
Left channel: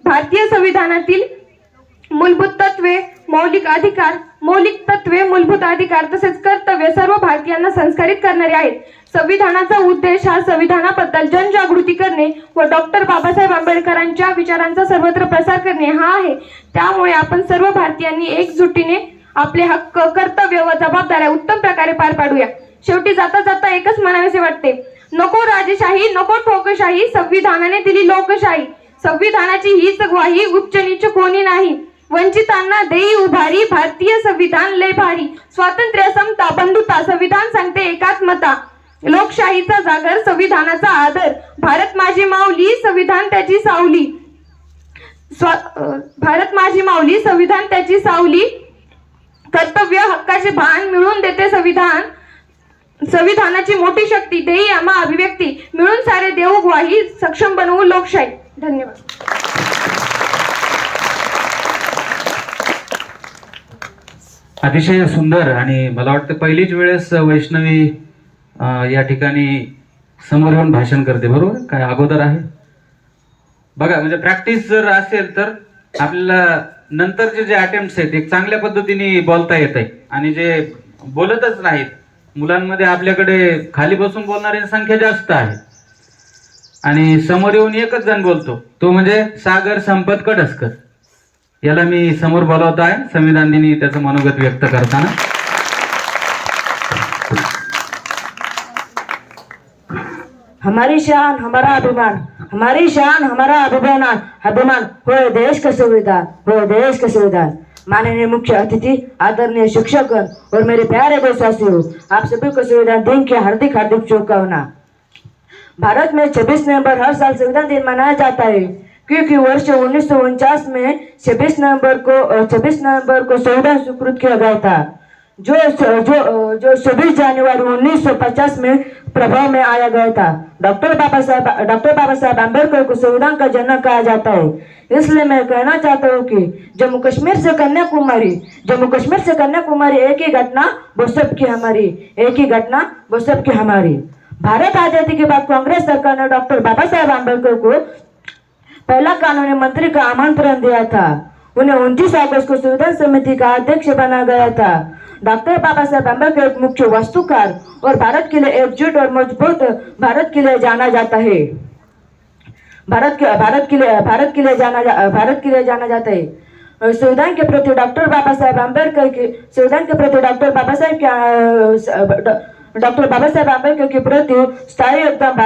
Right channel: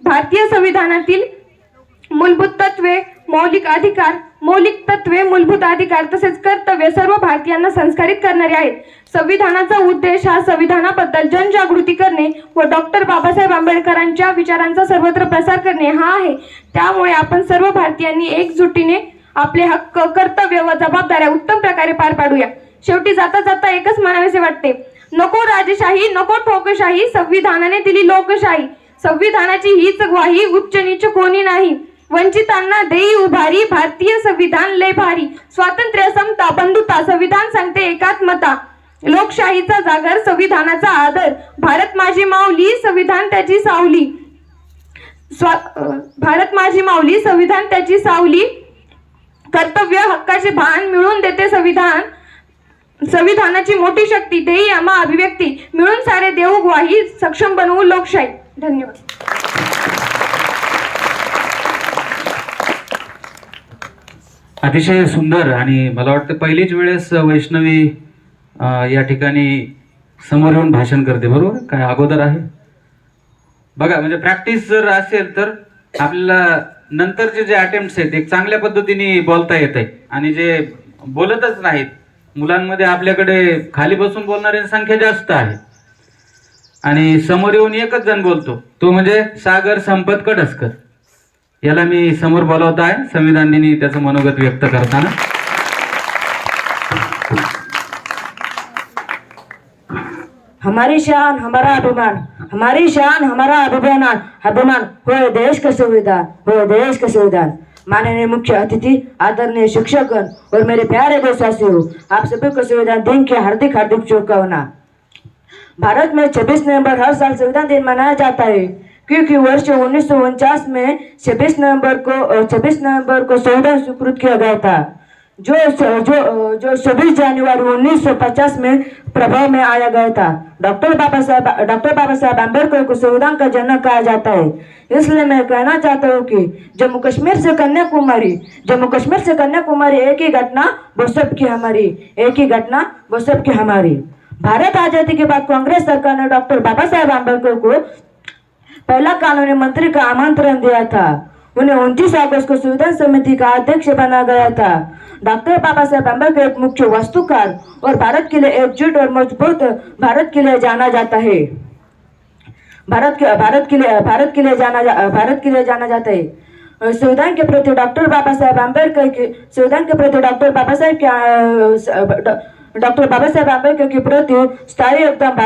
भारतीय संविधानातील मूलभूत तत्वे, मौलिक अधिकार तसेच कर्तव्य सर्व भारतीयांना संस्कारित करणारे आहेत. संविधानाचा उद्देश हा संविधानाबद्दल जनजागृती करणे व डॉक्टर बाबासाहेब आंबेडकरांच्या विचारांचा सर्वत्र प्रसार करणे हा आहे. त्यामुळे आपण सर्व भारतीयांनी एकजुटीने आपले हक्क, कर्तव्य व जबाबदाऱ्या उत्तम प्रकारे पार पाडूया. शेवटी जाता जाता एकच म्हणावेसे वाटते, नको राजशाही, नको ठोकशाही, संविधानाने दिली लोकशाही. संविधानाची हीच ग्वाही, उच्च नीच कोणी नाही. वंचितांना देई उभारी, भारतीय संविधान लय भारी, स्वातंत्र्य समता बंधुता, संविधान सांगते एकात्मता, लोकशाहीचा जागर संविधानाचा आदर, भारत माझी माऊली संविधान त्याची सावली, भारत माझी माऊली संविधान त्याची सावली, कर्तव्य हक्काचे भान मिळून देते संविधान, संविधानाची मोठी शक्ती देई आम्हा अभिव्यक्ती, मिळून सारे देऊ ग्वाही, सक्षम बनवू लोकशाही. धन्यवाद. अतिशय सुंदर. आणि मला वाटतं पहिलीच वेळेस वैष्णवी या ठिकाणी समोर येऊन भाषण करते, बरोबर? काय अगोदर आहे बघा. म्हणजे प्रॅक्टिस जर असेल तर आपल्याला नंतरचे जे अटेम्प्ट्स आहेत एक चांगल्या पद्धतीने बोलता येत आहे. आणि जे बोलतच नाहीत मुलांमध्ये आपल्याकडे खाली बसून बोलणाऱ्यांची संख्या जास्त आहे आणि समोर येऊन एकच जण बोलतो, तो म्हणजे सागर संपत कडसकर. याला मी समोर बोलवत आहे संविधान दिनी त्याचं मनोगत व्यक्त करताना. हमारी शान हमारा अभिमान, हमारी शान हमारा अभिमान हो देश का संविधान, हो देश का संविधान. माननीय मुख्य अतिथि, आदरणीय शिक्षकगण और मेरे प्यारे देशवासियों, आप सभी को संविधान दिन की हार्दिक हार्दिक शुभकामना. भारत में 26 नवंबर हर साल संविधान दिन मनाया जाता है क्योंकि वर्ष 1949 में 26 नवंबर को संविधान स्वीकृत किया गया था, जो 26 जनवरी 1950 में प्रभाव में आया गया था. डॉक्टर बाबा साहब अम्बेडकर को संविधान का जनक कहा जाता है. इसलिए मैं कहना चाहता हूँ कि जम्मू कश्मीर से कन्याकुमारी एक ही घटना वो सबकी हमारी, एक ही घटना वो सबकी हमारी. भारत आजादी के बाद कांग्रेस सरकार ने डॉक्टर बाबा साहब अम्बेडकर को पहला कानूनी मंत्री का आमंत्रण दिया था. उन्हें 29 अगस्त को संविधान समिति का अध्यक्ष बना गया था. डॉक्टर बाबा साहब अम्बेडकर एक मुख्य वास्तुकार और भारत के लिए एकजुट और मजबूत भारत के लिए जाना जाता है. भारत के लिए जाना जाता है. संविधान के प्रति डॉक्टर बाबा साहब अम्बेडकर के प्रति स्थायी योगदान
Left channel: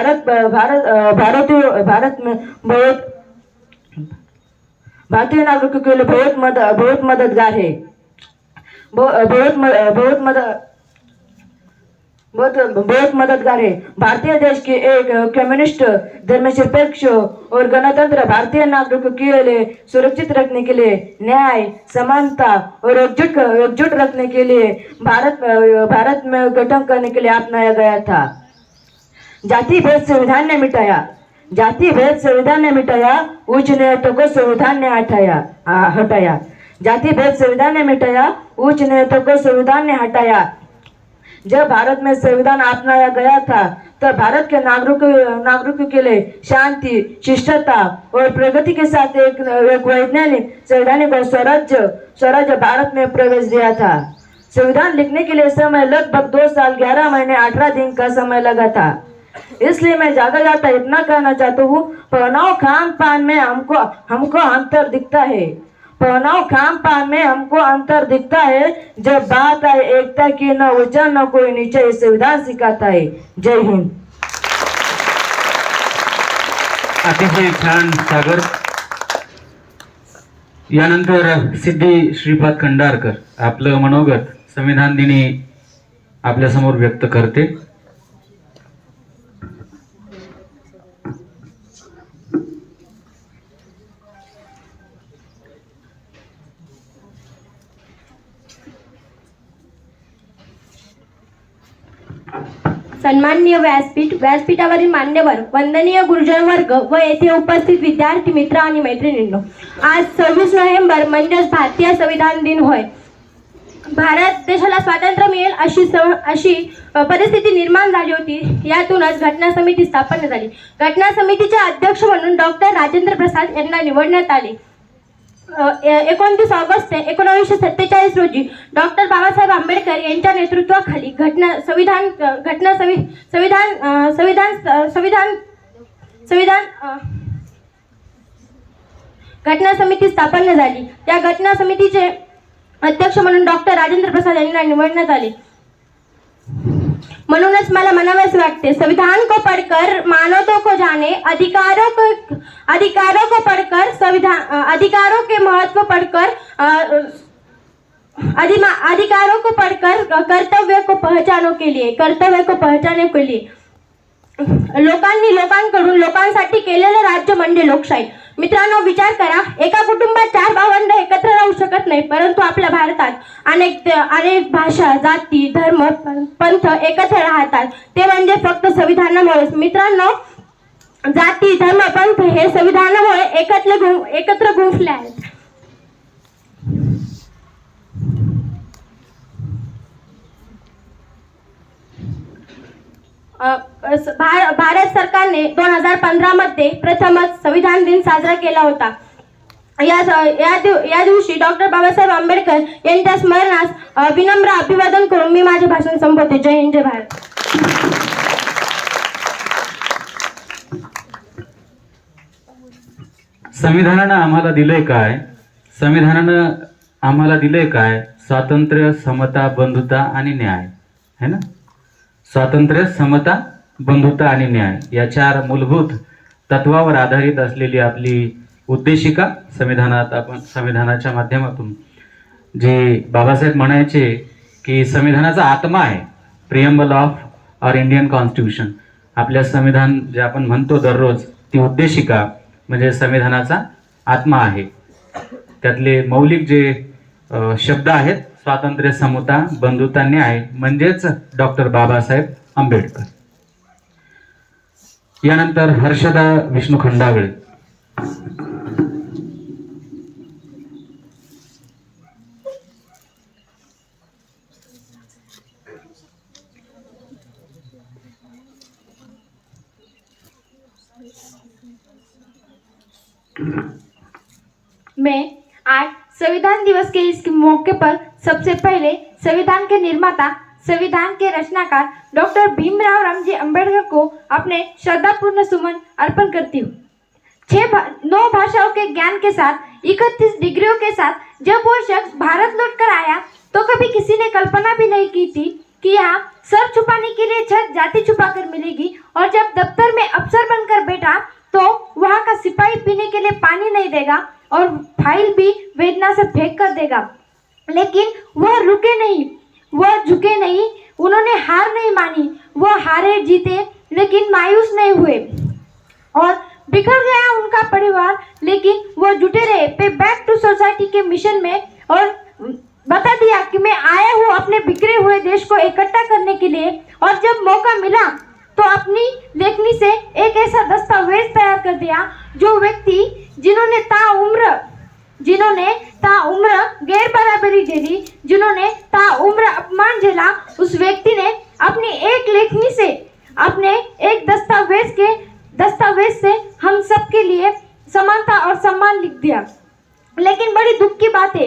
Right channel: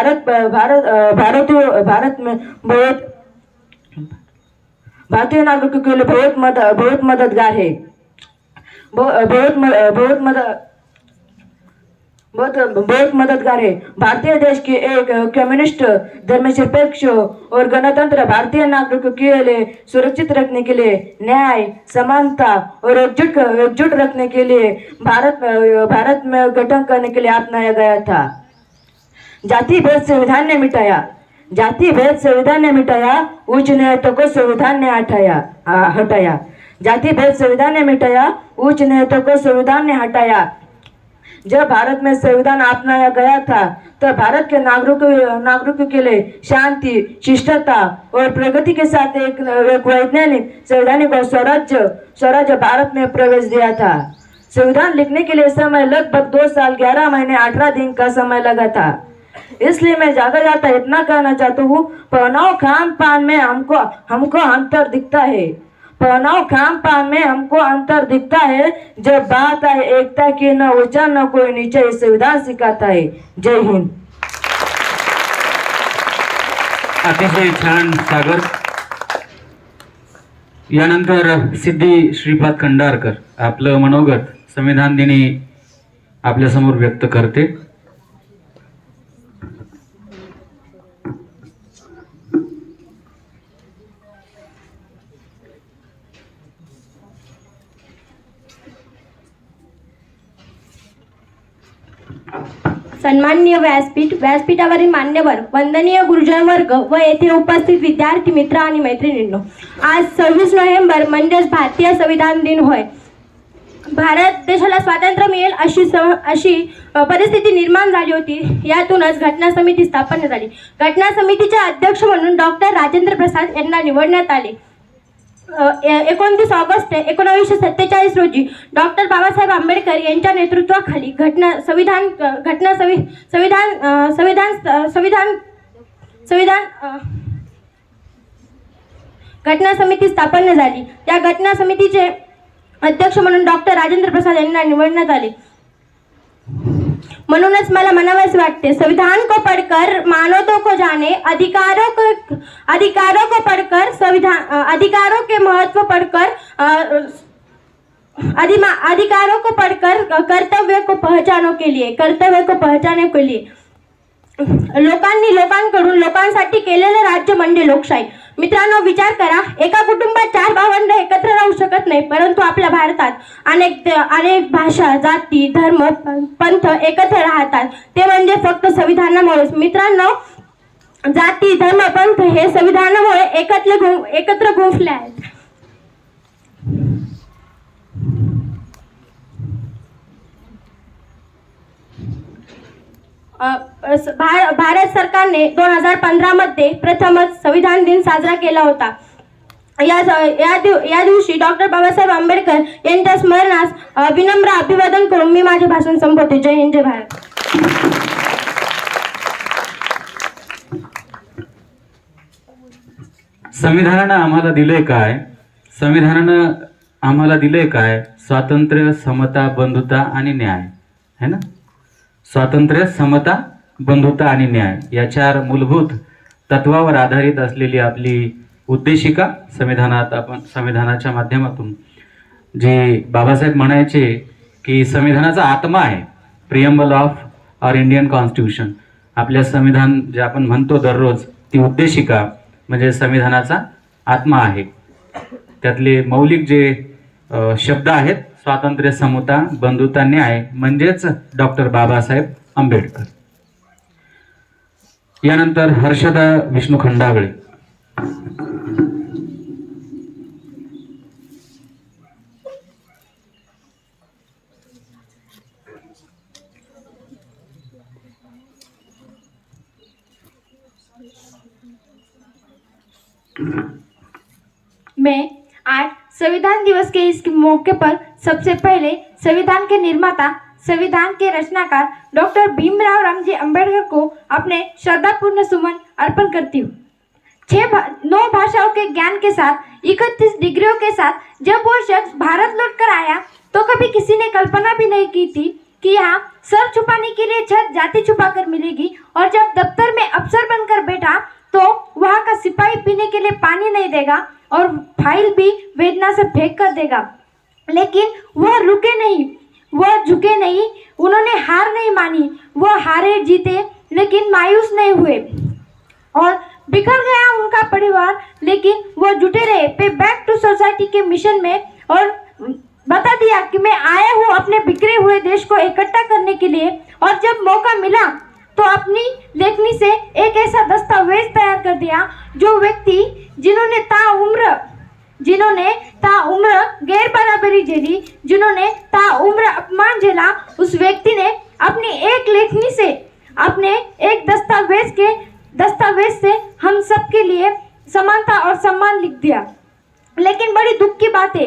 भारतीय नागरिकों के लिए बहुत मददगार है. बहुत मददगार है. भारतीय देश के एक कम्युनिस्ट धर्मनिरपेक्ष और गणतंत्र भारतीय नागरिकों के लिए सुरक्षित रखने के लिए, न्याय, समानता और एकजुट रखने के लिए भारत में गठन करने के लिए अपनाया गया था. जाति भेद संविधान ने मिटाया, उच्च न्यायालय को संविधान ने हटाया. जाति भेद संविधान ने मिटाया, उच्च न्यायालय को संविधान ने हटाया. जब भारत में संविधान अपनाया गया था तब भारत के नागरिकों के लिए शांति, शिष्टता और प्रगति के साथ एक वैज्ञानिक संवैधानिक और स्वराज्य भारत में प्रवेश दिया था. संविधान लिखने के लिए समय लगभग 2 साल 11 महीने 18 दिन का समय लगा था. इसलिए मैं जाता इतना कहना चाहता हूँ, पहनाव खान पान में हमको अंतर दिखता है. पहनाव खान पान में हमको अंतर दिखता है. जब बात आए एकता की, न ऊंचा न कोई नीचा, ये संविधान सिखाता है. जय हिंद. अतिशय छान सागर. यानंतर सिद्धी श्रीपाद खंडारकर आपलं मनोगत संविधान दिनी आपल्या समोर व्यक्त करते. सन्माननीय व्यासपीठावरील मान्यवर, वंदनीय गुरुजन वर्ग व येथे उपस्थित विद्यार्थी मित्र आणि मैत्रिणींनो, आज 26 नोव्हेंबर म्हणजेच भारतीय संविधान दिन होय. भारत देशाला स्वातंत्र्य मिळेल अशी परिस्थिती निर्माण झाली होती. यातूनच घटना समिती स्थापन झाली. घटना समितीचे अध्यक्ष म्हणून डॉक्टर राजेंद्र प्रसाद यांना निवडण्यात आले. 29 ऑगस्ट 1947 रोजी डॉक्टर बाबासाहेब आंबेडकर यांच्या नेतृत्वाखाली घटना समिती स्थापन झाली. त्या घटना समितीचे अध्यक्ष म्हणून डॉक्टर राजेंद्र प्रसाद यांना निवडण्यात आले. म्हणूनच मला म्हणावंसे वाटते, संविधान को पढ़कर मानवता को जाने, अधिकारों को पढ़कर संविधान, अधिकारों के महत्व पढ़कर अधिकारों को पढ़कर कर्तव्य को पहचानने के लिए लोकांकडून लोकांसाठी केलेलं राज्य म्हणजे लोकशाही. मित्रांनो, विचार करा, एका कुटुंबात 4 भावंड एकत्र राहू शकत नाही, परंतु आपल्या भारतात अनेक भाषा, जाती, धर्म, पंथ एकत्र राहतात. ते म्हणजे फक्त संविधानामुळेच. मित्रांनो, जाती, धर्म, पंथ हे संविधानामुळे एकत्र गुंफले आहेत. भारत सरकारने 2015 मध्ये प्रथमच संविधान दिन साजरा केला होता. या दिवशी डॉक्टर बाबासाहेब आंबेडकर यांच्या स्मरणास विनम्र अभिवादन करून मी माझे भाषण संपवते. जय हिंद, जय भारत. संविधानानं आम्हाला दिलंय काय? संविधानानं आम्हाला दिलंय काय? स्वातंत्र्य, समता, बंधुता आणि न्याय, है ना? स्वातंत्र्य, समता, बंधुता आणि न्याय या 4 मूलभूत तत्वावर आधारित असलेली आपली उद्देशिका संविधानाच्या माध्यमातून जे बाबासाहेब म्हणायचे की संविधानाचा आत्मा आहे, preamble of our Indian constitution. आपल्या संविधान जे आपण म्हणतो दररोज, ती उद्देशिका म्हणजे संविधानाचा आत्मा आहे. त्यातले मौलिक जे शब्द आहेत, स्वातंत्र्य, समता, बंधुता, न्याय, म्हणजेच डॉक्टर बाबासाहेब आंबेडकर. यानंतर हर्षदा विष्णू खंडागळे. मैं आज संविधान दिवस के इस मौके पर सबसे पहले संविधान के निर्माता, संविधान के रचनाकार डॉक्टर भीमराव रामजी अंबेडकर को अपने श्रद्धापूर्ण सुमन अर्पण करती हूँ. 9 भाषाओं के ज्ञान के साथ, 31 डिग्रियों के साथ जब वो शख्स भारत लौटकर आया तो कभी किसी ने कल्पना भी नहीं की थी कि यहाँ सर छुपाने के लिए छत जाति छुपा कर मिलेगी, और जब दफ्तर में अफसर बनकर बैठा तो वहाँ का सिपाही पीने के लिए पानी नहीं देगा और फाइल भी वेदना से फेंक कर देगा. लेकिन वह रुके नहीं, वह झुके नहीं, उन्होंने हार नहीं मानी. वह हारे जीते लेकिन मायूस नहीं हुए, और बिखर गया उनका परिवार लेकिन वह जुटे रहे पे बैक टू सोसाइटी के मिशन में, और बता दिया कि मैं आया हूँ अपने बिखरे हुए देश को इकट्ठा करने के लिए. और जब मौका मिला तो अपनी लेखनी से एक ऐसा दस्तावेज तैयार कर दिया जो व्यक्ति जिन्होंने ताउम्र गैर बराबरी झेली, जिन्होंने ताउम्र अपमान झेला, उस व्यक्ति ने अपनी एक लेखनी से, अपने एक दस्तावेज से हम सबके लिए समानता और सम्मान लिख दिया. लेकिन बड़ी दुख की बात है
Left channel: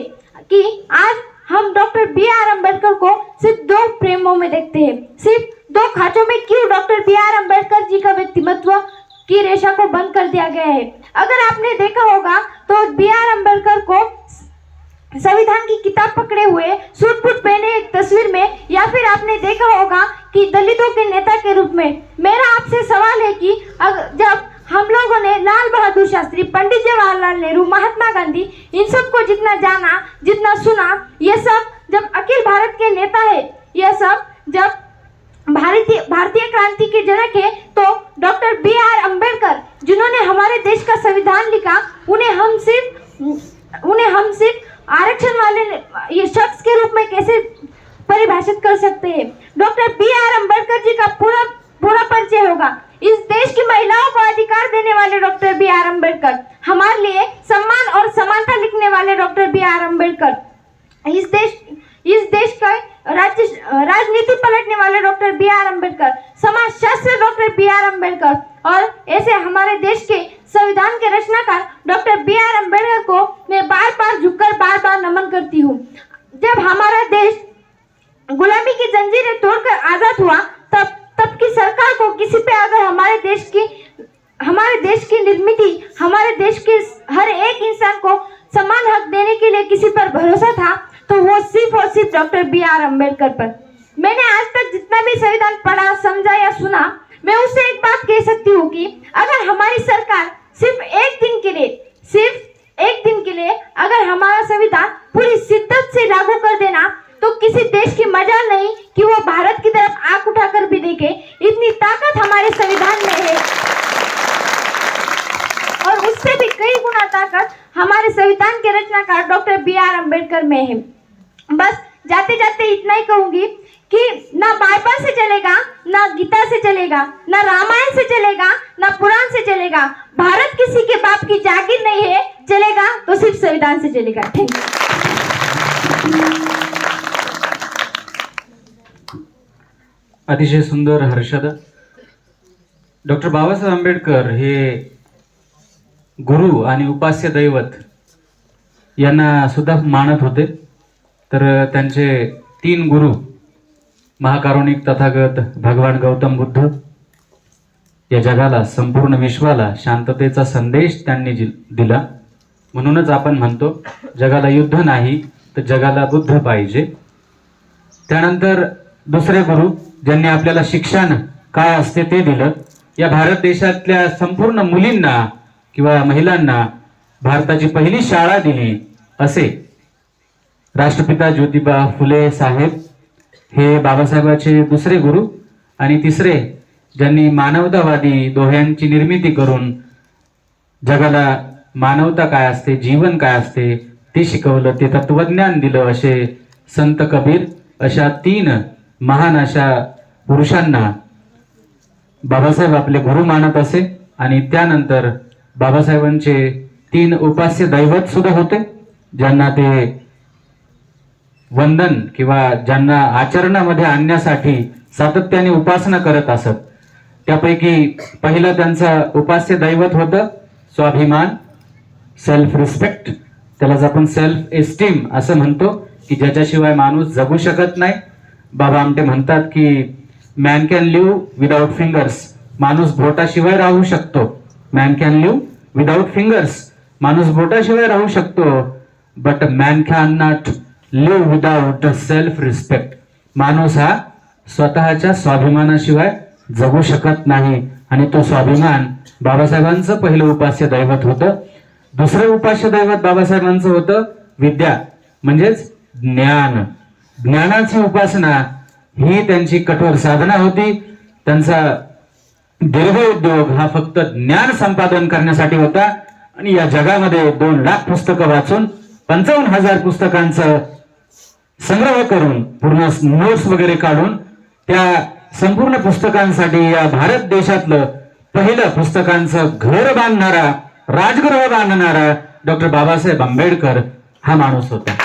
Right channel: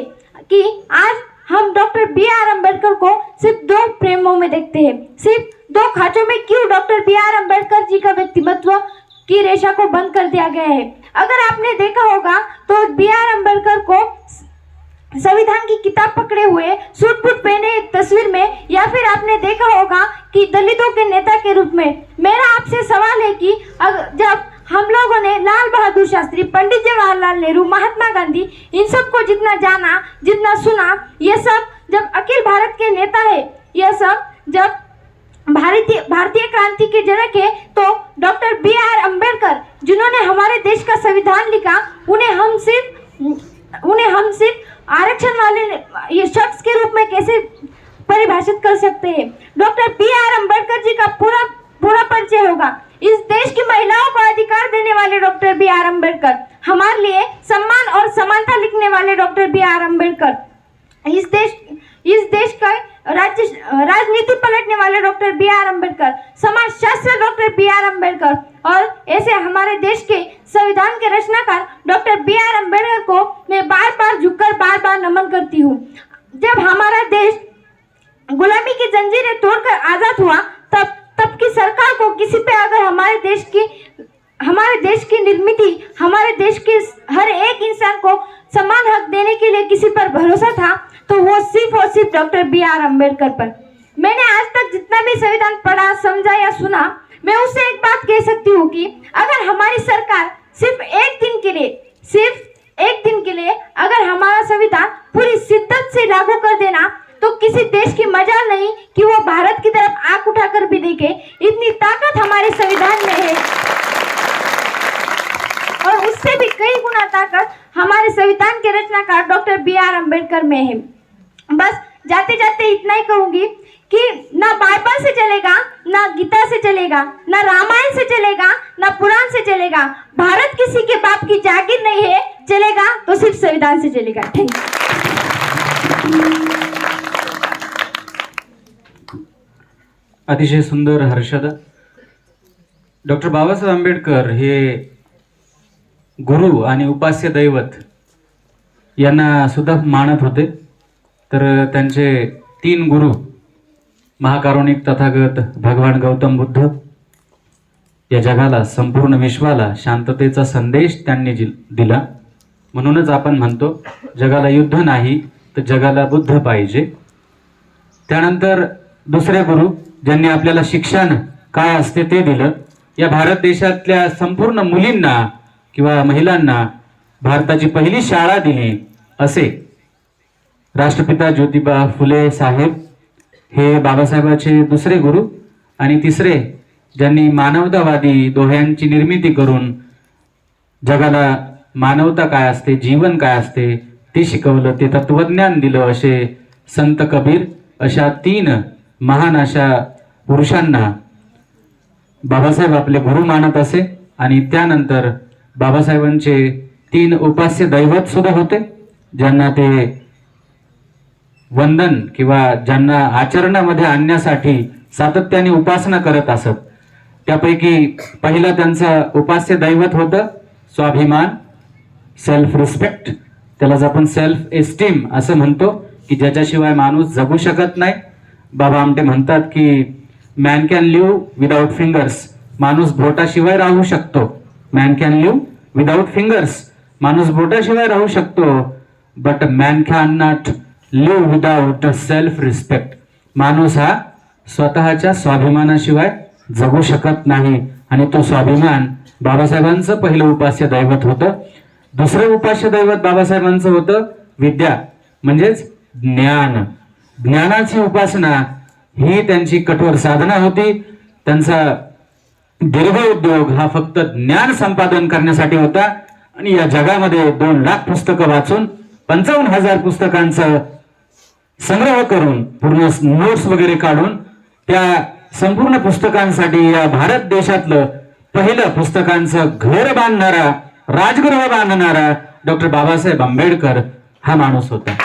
कि आज हम डॉक्टर B.R. अम्बेडकर को सिर्फ 2 फ्रेमों में देखते हैं, सिर्फ 2 खांचों में. क्यों डॉक्टर B.R. अम्बेडकर जी का व्यक्तित्व की रेशा को बंद कर दिया गया है? अगर आपने देखा होगा तो B.R. अम्बेडकर को संविधान की किताब पकड़े हुए, सूट बूट पहने एक तस्वीर में, या फिर आपने देखा होगा कि दलितों के नेता के रूप में. मेरा आपसे सवाल है कि जब हम लोगों ने लाल बहादुर शास्त्री, पंडित जवाहरलाल नेहरू, महात्मा गांधी, इन सबको जितना जाना, जितना सुना, ये सब जब अखिल भारत के नेता है, ये सब जब भारतीय क्रांति के जनक है, तो डॉक्टर B.R. अम्बेडकर जिन्होंने हमारे देश का संविधान लिखा, उन्हें हम सिर्फ आरक्षण वाले ये शख्स के रूप में कैसे परिभाषित कर सकते हैं? Doctor B.R. अम्बेडकर जी का पूरा परिचय होगा. इस देश की महिलाओं को अधिकार देने वाले डॉक्टर B.R. अम्बेडकर, हमारे लिए सम्मान और समानता लिखने वाले डॉक्टर B.R. अम्बेडकर, इस देश का राजनीति पलटने वाले डॉक्टर B.R. अम्बेडकर, समाज शास्त्री डॉक्टर B.R. अम्बेडकर, और ऐसे हमारे देश के संविधान के रचनाकार डॉक्टर B.R. अम्बेडकर को मैं बार-बार नमन करती हूँ. जब हमारा देश गुलामी की जंजीरें तोड़कर आजाद हुआ, तब की सरकार को किसी पे अगर हमारे देश की निर्मिति, हमारे देश के हर एक इंसान को समान हक देने के लिए किसी पर भरोसा था, तो वो सिर्फ और सिर्फ डॉक्टर B.R. अम्बेडकर पर. मैंने आज तक जितना भी संविधान पढ़ा, समझा या सुना, मैं उससे एक बात कह सकती हूँ कि अगर हमारी सरकार सिर्फ एक दिन के लिए अगर हमारा संविधान पूरी शिद्दत से लागू कर दे अंबेडकर में है। बस जाते जाते इतना ही कहूंगी कि ना बाइबल से चलेगा, ना गीता से चलेगा, ना रामायण से चलेगा, ना पुराण से चलेगा। भारत किसी के बाप की जागीर नहीं है, चलेगा तो सिर्फ संविधान से चलेगा। Thank you. अतिशय सुंदर हर्षदा. डॉक्टर बाबासाहेब आंबेडकर हे गुरु आणि उपास्य दैवत यांना सुद्धा मानत होते. तर त्यांचे 3 गुरु महाकारुणिक तथागत भगवान गौतम बुद्ध या जगाला, संपूर्ण विश्वाला शांततेचा संदेश त्यांनी दिला. म्हणूनच आपण म्हणतो जगाला युद्ध नाही तर जगाला बुद्ध पाहिजे. त्यानंतर दुसरे गुरु ज्यांनी आपल्याला शिक्षण काय असते ते दिलं. या भारत देशातल्या संपूर्ण मुलींना किंवा महिलांना भारताची पहिली शाळा दिली असे राष्ट्रपिता ज्योतिबा फुले साहेब हे बाबासाहेबांचे दुसरे गुरु. आणि तिसरे ज्यांनी मानवतावादी दोह्यांची निर्मिती करून जगाला मानवता काय असते, जीवन काय असते ते शिकवलं, ते तत्वज्ञान दिलं असे संत कबीर. अशा 3 महान अशा पुरुषांना बाबासाहेब आपले गुरु मानत असे. आणि त्यानंतर बाबासाहेबांचे 3 उपास्य दैवत सुद्धा होते ज्यांना ते वंदन किंवा ज्यांना आचरणामध्ये आणण्यासाठी सातत्याने उपासना करत असत. त्यापैकी पहिलं त्यांचं उपास्य दैवत होतं स्वाभिमान, सेल्फ रिस्पेक्ट. त्यालाच आपण सेल्फ एस्टीम असं म्हणतो की ज्याच्याशिवाय माणूस जगू शकत नाही. बाबा आमटे म्हणतात की man can live without fingers. माणूस बोटाशिवाय राहू शकतो. Man can live without fingers. माणूस बोटाशिवाय राहू शकतो. But man can not live without self respect. माणूस हा स्वतःच्या स्वाभिमानाशिवाय जगू शकत नाही. आणि तो स्वाभिमान बाबासाहेबांचं पहिलं उपास्य दैवत होतं. दुसरं उपास्य दैवत बाबासाहेबांचं होतं विद्या, म्हणजेच ज्ञान. ज्ञानाची उपासना ही त्यांची कठोर साधना होती. त्यांचा दीर्घ उद्योग हा फक्त ज्ञान संपादन करण्यासाठी होता. आणि या जगामध्ये 2 लाख पुस्तकं वाचून 55,000 पुस्तकांचं संग्रह करून पूर्ण नोट्स वगैरे काढून त्या संपूर्ण पुस्तकांसाठी या भारत देशातलं पहिलं पुस्तकांचं घर बांधणारा, राजगृह बांधणारा डॉक्टर बाबासाहेब आंबेडकर हा माणूस होता.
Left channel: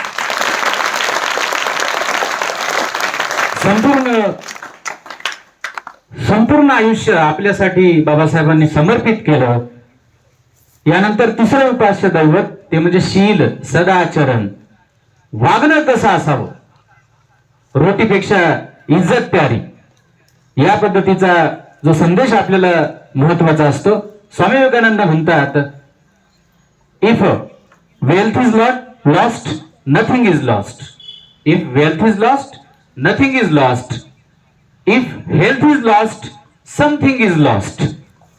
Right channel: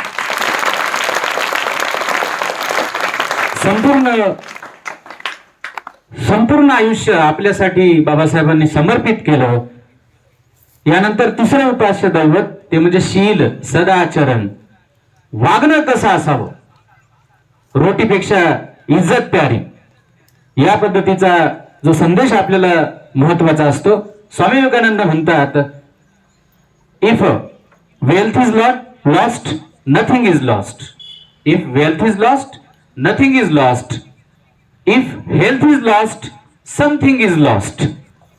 संपूर्ण आयुष्य आपल्यासाठी बाबासाहेबांनी समर्पित केलं. यानंतर तिसरं उपास्य दैवत ते म्हणजे शील, सदाचरण. वागणं कसं असावं, रोटीपेक्षा इज्जत प्यारी, या पद्धतीचा जो संदेश आपल्याला महत्वाचा असतो. स्वामी विवेकानंद म्हणतात, if wealth is lost nothing is lost. If wealth is lost nothing is lost. If health is lost something is lost.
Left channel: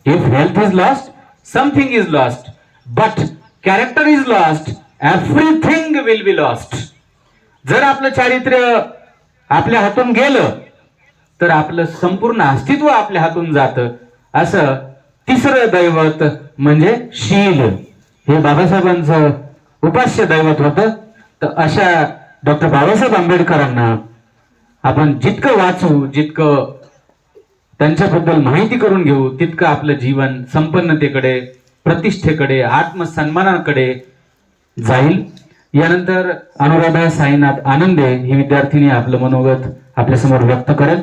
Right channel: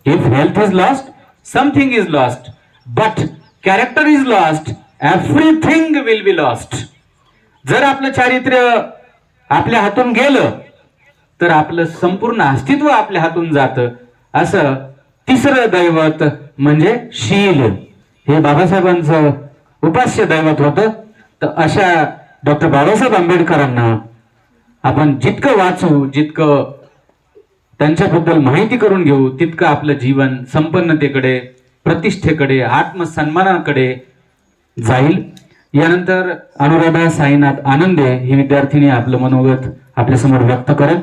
If health is lost something is lost. But character is lost everything will be lost. जर आपलं चारित्र्य आपल्या हातून गेलं तर आपलं संपूर्ण अस्तित्व आपल्या हातून जातं. असं तिसरं दैवत म्हणजे शील हे बाबासाहेबांचं उपास्य दैवत होतं. तर अशा डॉक्टर बाबासाहेब आंबेडकरांना आपण जितकं वाचू, जितकं त्यांच्याबद्दल माहिती करून घेऊ, तितकं आपलं जीवन संपन्नतेकडे, प्रतिष्ठेकडे, आत्मसन्मानाकडे जाईल. यानंतर अनुराधा साईनाथ आनंदे ही विद्यार्थिनी आपलं मनोगत आपल्या समोर व्यक्त करेल.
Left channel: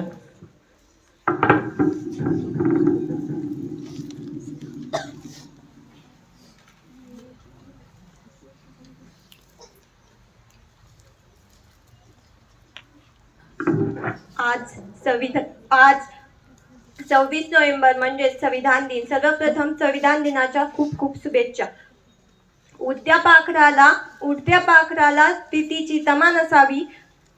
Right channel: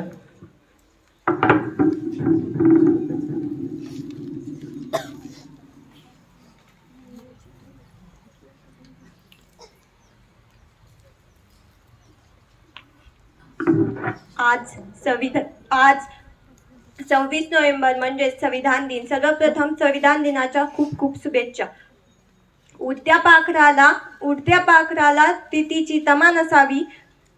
आज 26 नोव्हेंबर म्हणजे संविधान दिन. सर्वप्रथम संविधान दिनाच्या खूप खूप शुभेच्छा. उडत्या पाखराला प्रीतीची तमान असावी.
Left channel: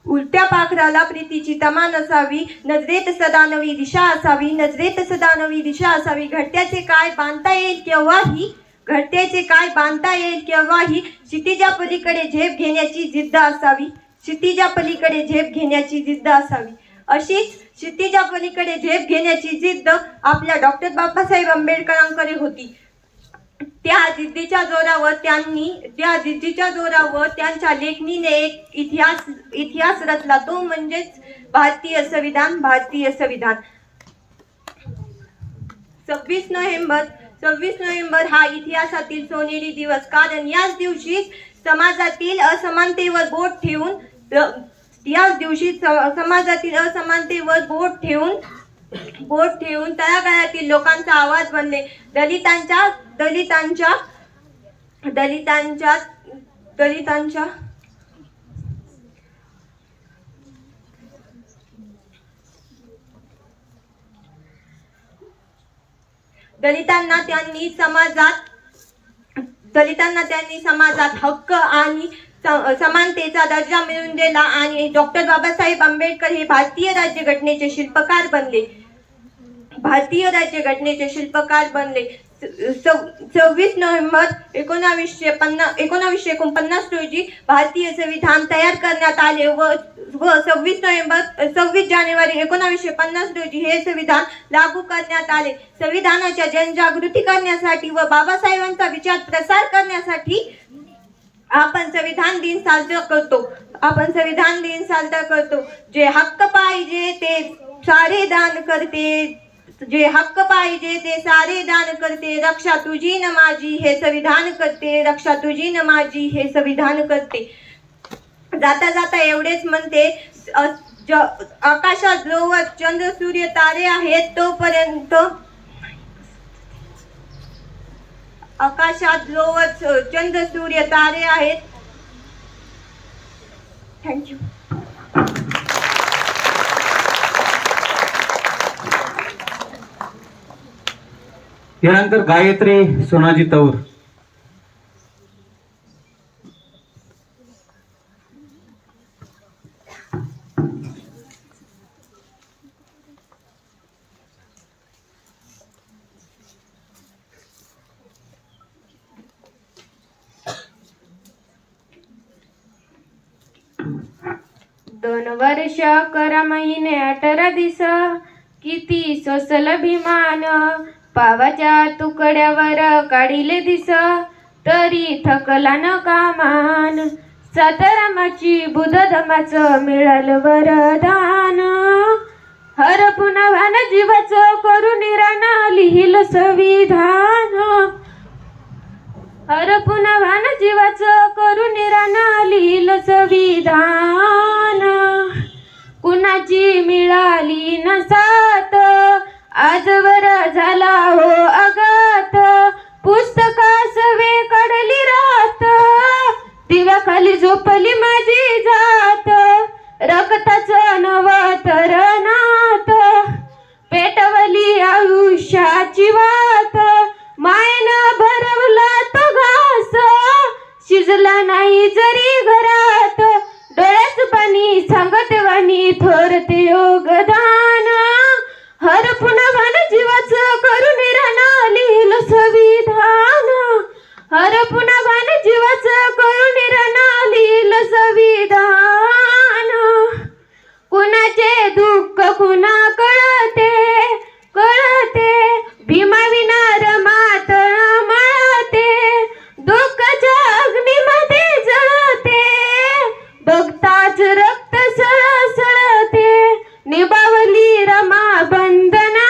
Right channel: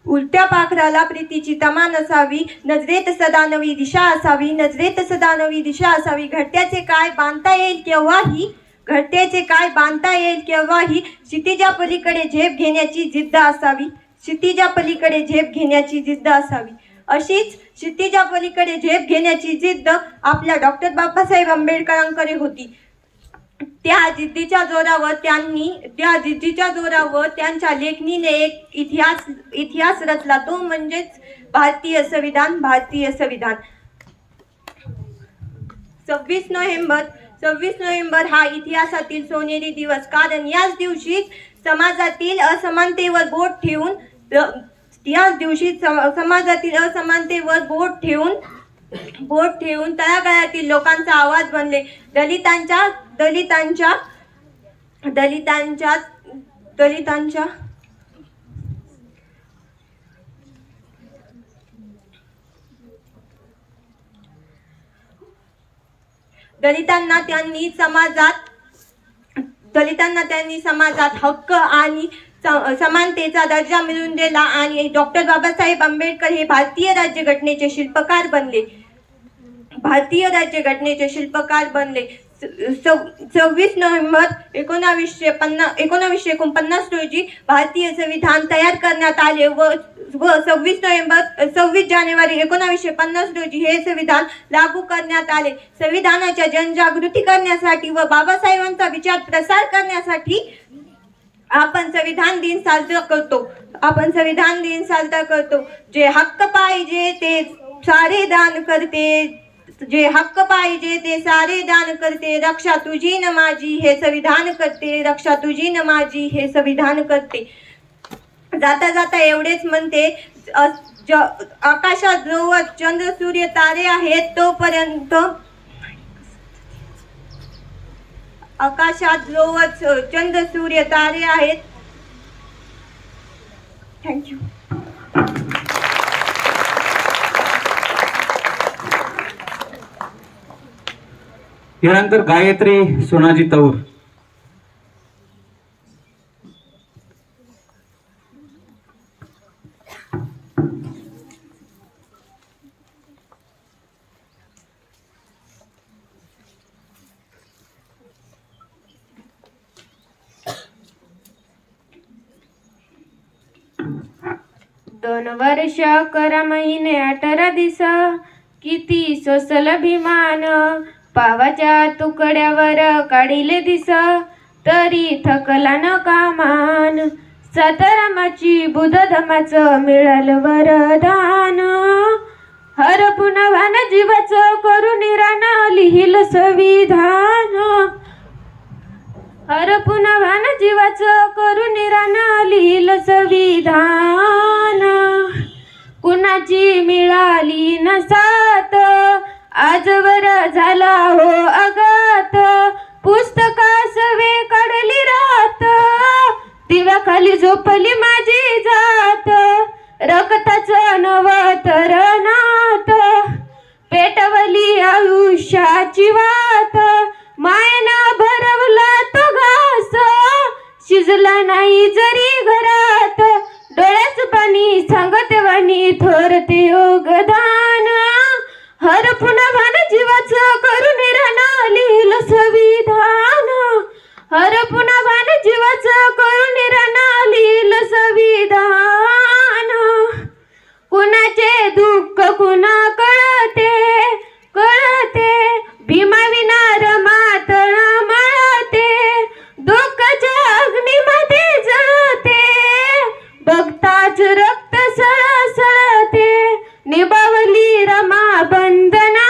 उलट्या पाखराला प्रीतीची तमान असावी. नजरेत सदा नवी दिशा असावी. नजरेत सदा नवी दिशा असावी. घडत्याचे काय बांधता येईल केव्हाही. घडत्याचे काय बांधता येईल केव्हाही. क्षितिजा पलीकडे झेप घेण्याची जिद्द असावी. क्षितिजा पलीकडे झेप घेण्याची जिद्द असावी. अशीच क्षितिजा पलीकडे झेप घेण्याची जिद्द आपल्या डॉक्टर बाबासाहेब आंबेडकरांकडे होती. त्या जिद्दीच्या जोरावर त्यांच्या लेखणीने एक इतिहास रचला, तो म्हणजेच भारतीय संविधान. 26 नोव्हेंबर हा इतिहासातील सोनेरी दिवस, कारण याच दिवशी समाजातील असमानतेवर बोट ठेवून तळागाळातील लोकांचा आवाज बनले. दलितांच्या दलितांना त्यांनी समाजात हक्क आणि समानतेचा दर्जा मिळवून दिला आणि डॉक्टर बाबासाहेब आंबेडकर हे भारतीय राज्यघटनेचे शिल्पकार बनले. 26 नोव्हेंबर 1949 रोजी भारतीय संविधान तयार करण्यात आले व 26 जानेवारी 1950 रोजी हे संविधान लागू करण्यात आले. संविधानाच्या जनजागृती करण्यासाठी व बाबासाहेबांचा विचार प्रसार करण्यासाठी आपण संविधान दिन साजरा करतो. जे हक्क पाहिजे ते सारे दान करते, रक्षा तुझी न माझी हे संविधान करते. जाता जाता एवढेच म्हणते, आकाशात जोवर चंद्र सूर्य तारे आहेत तोपर्यंत थँक्यू. यानंतर गायत्री सोनाजी तौर. दोन वर्ष 11 महिने 18 दिस किती सोसल अभिमान, पावाच्या तुकड्यावर काढिले दिस तरी थकला न कामान. सातारामाची बुद्धधमाचं मिळालं वरदान, हरपुन भान जीवाचं करून राणा लिहिलं संविधान. हरपुन भान जीवाचं करून राणा लिहिलं संविधान. कुणाची मिळाली न साथ आजवर झाला हो आघात, पुस्तकास वे काढली रात, दिव्याखाली झोपली माझी जात. रक्ताचं नवतरणात पेटवली आयुष्याची वात, मायना भरवला तो घास, शिजला नाही जरी घरात, डोळ्याच पाणी सांगत वाणी थोरते योगदान. हरपुन भान जीवाचं करून राणा लिहिलं संविधान. हरपुन भान जीवाचं करून राणा लिहिलं संविधान. कुणाचे दुःख कुणा कळते, भीमाविना रमातळ मळते, दुःखाच्या अग्नीमध्ये जळते, बघताच रक्त सळसळते, निभावली रमा बंधना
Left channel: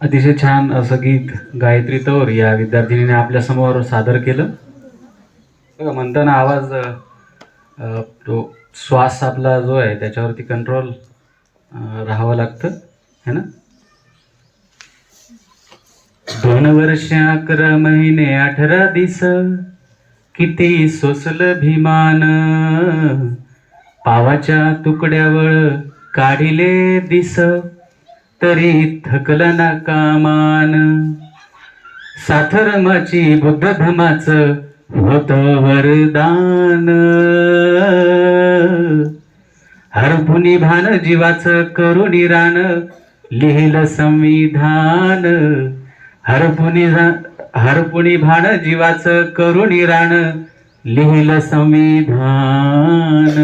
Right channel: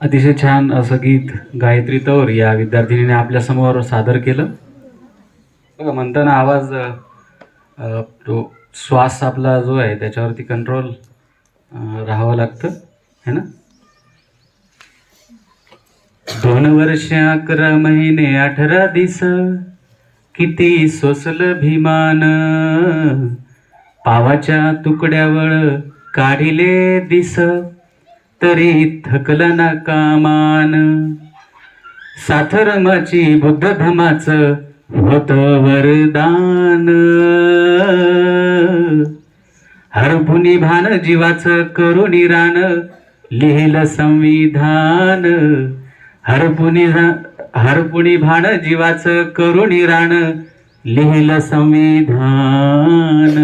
अतिशय छान असं गीत गायत्री तौर या विद्यार्थिनीने आपल्यासमोर सादर केलं. बघा म्हणताना आवाज तो श्वास आपला जो आहे त्याच्यावरती कंट्रोल राहावं लागतं है ना. 2 वर्ष 11 महिने 18 दिस किती सोसलं भीमान, पावाच्या तुकड्यावर काढिले दिस तरी थकलं ना कामान. साथरमाची बुद्ध धमाचं होत वरदान, हरपुनी भान जीवाचं करुणी रान लिहिलं संविधान. हरपुनी भान जीवाचं करुणी रान लिहिलं संविधान.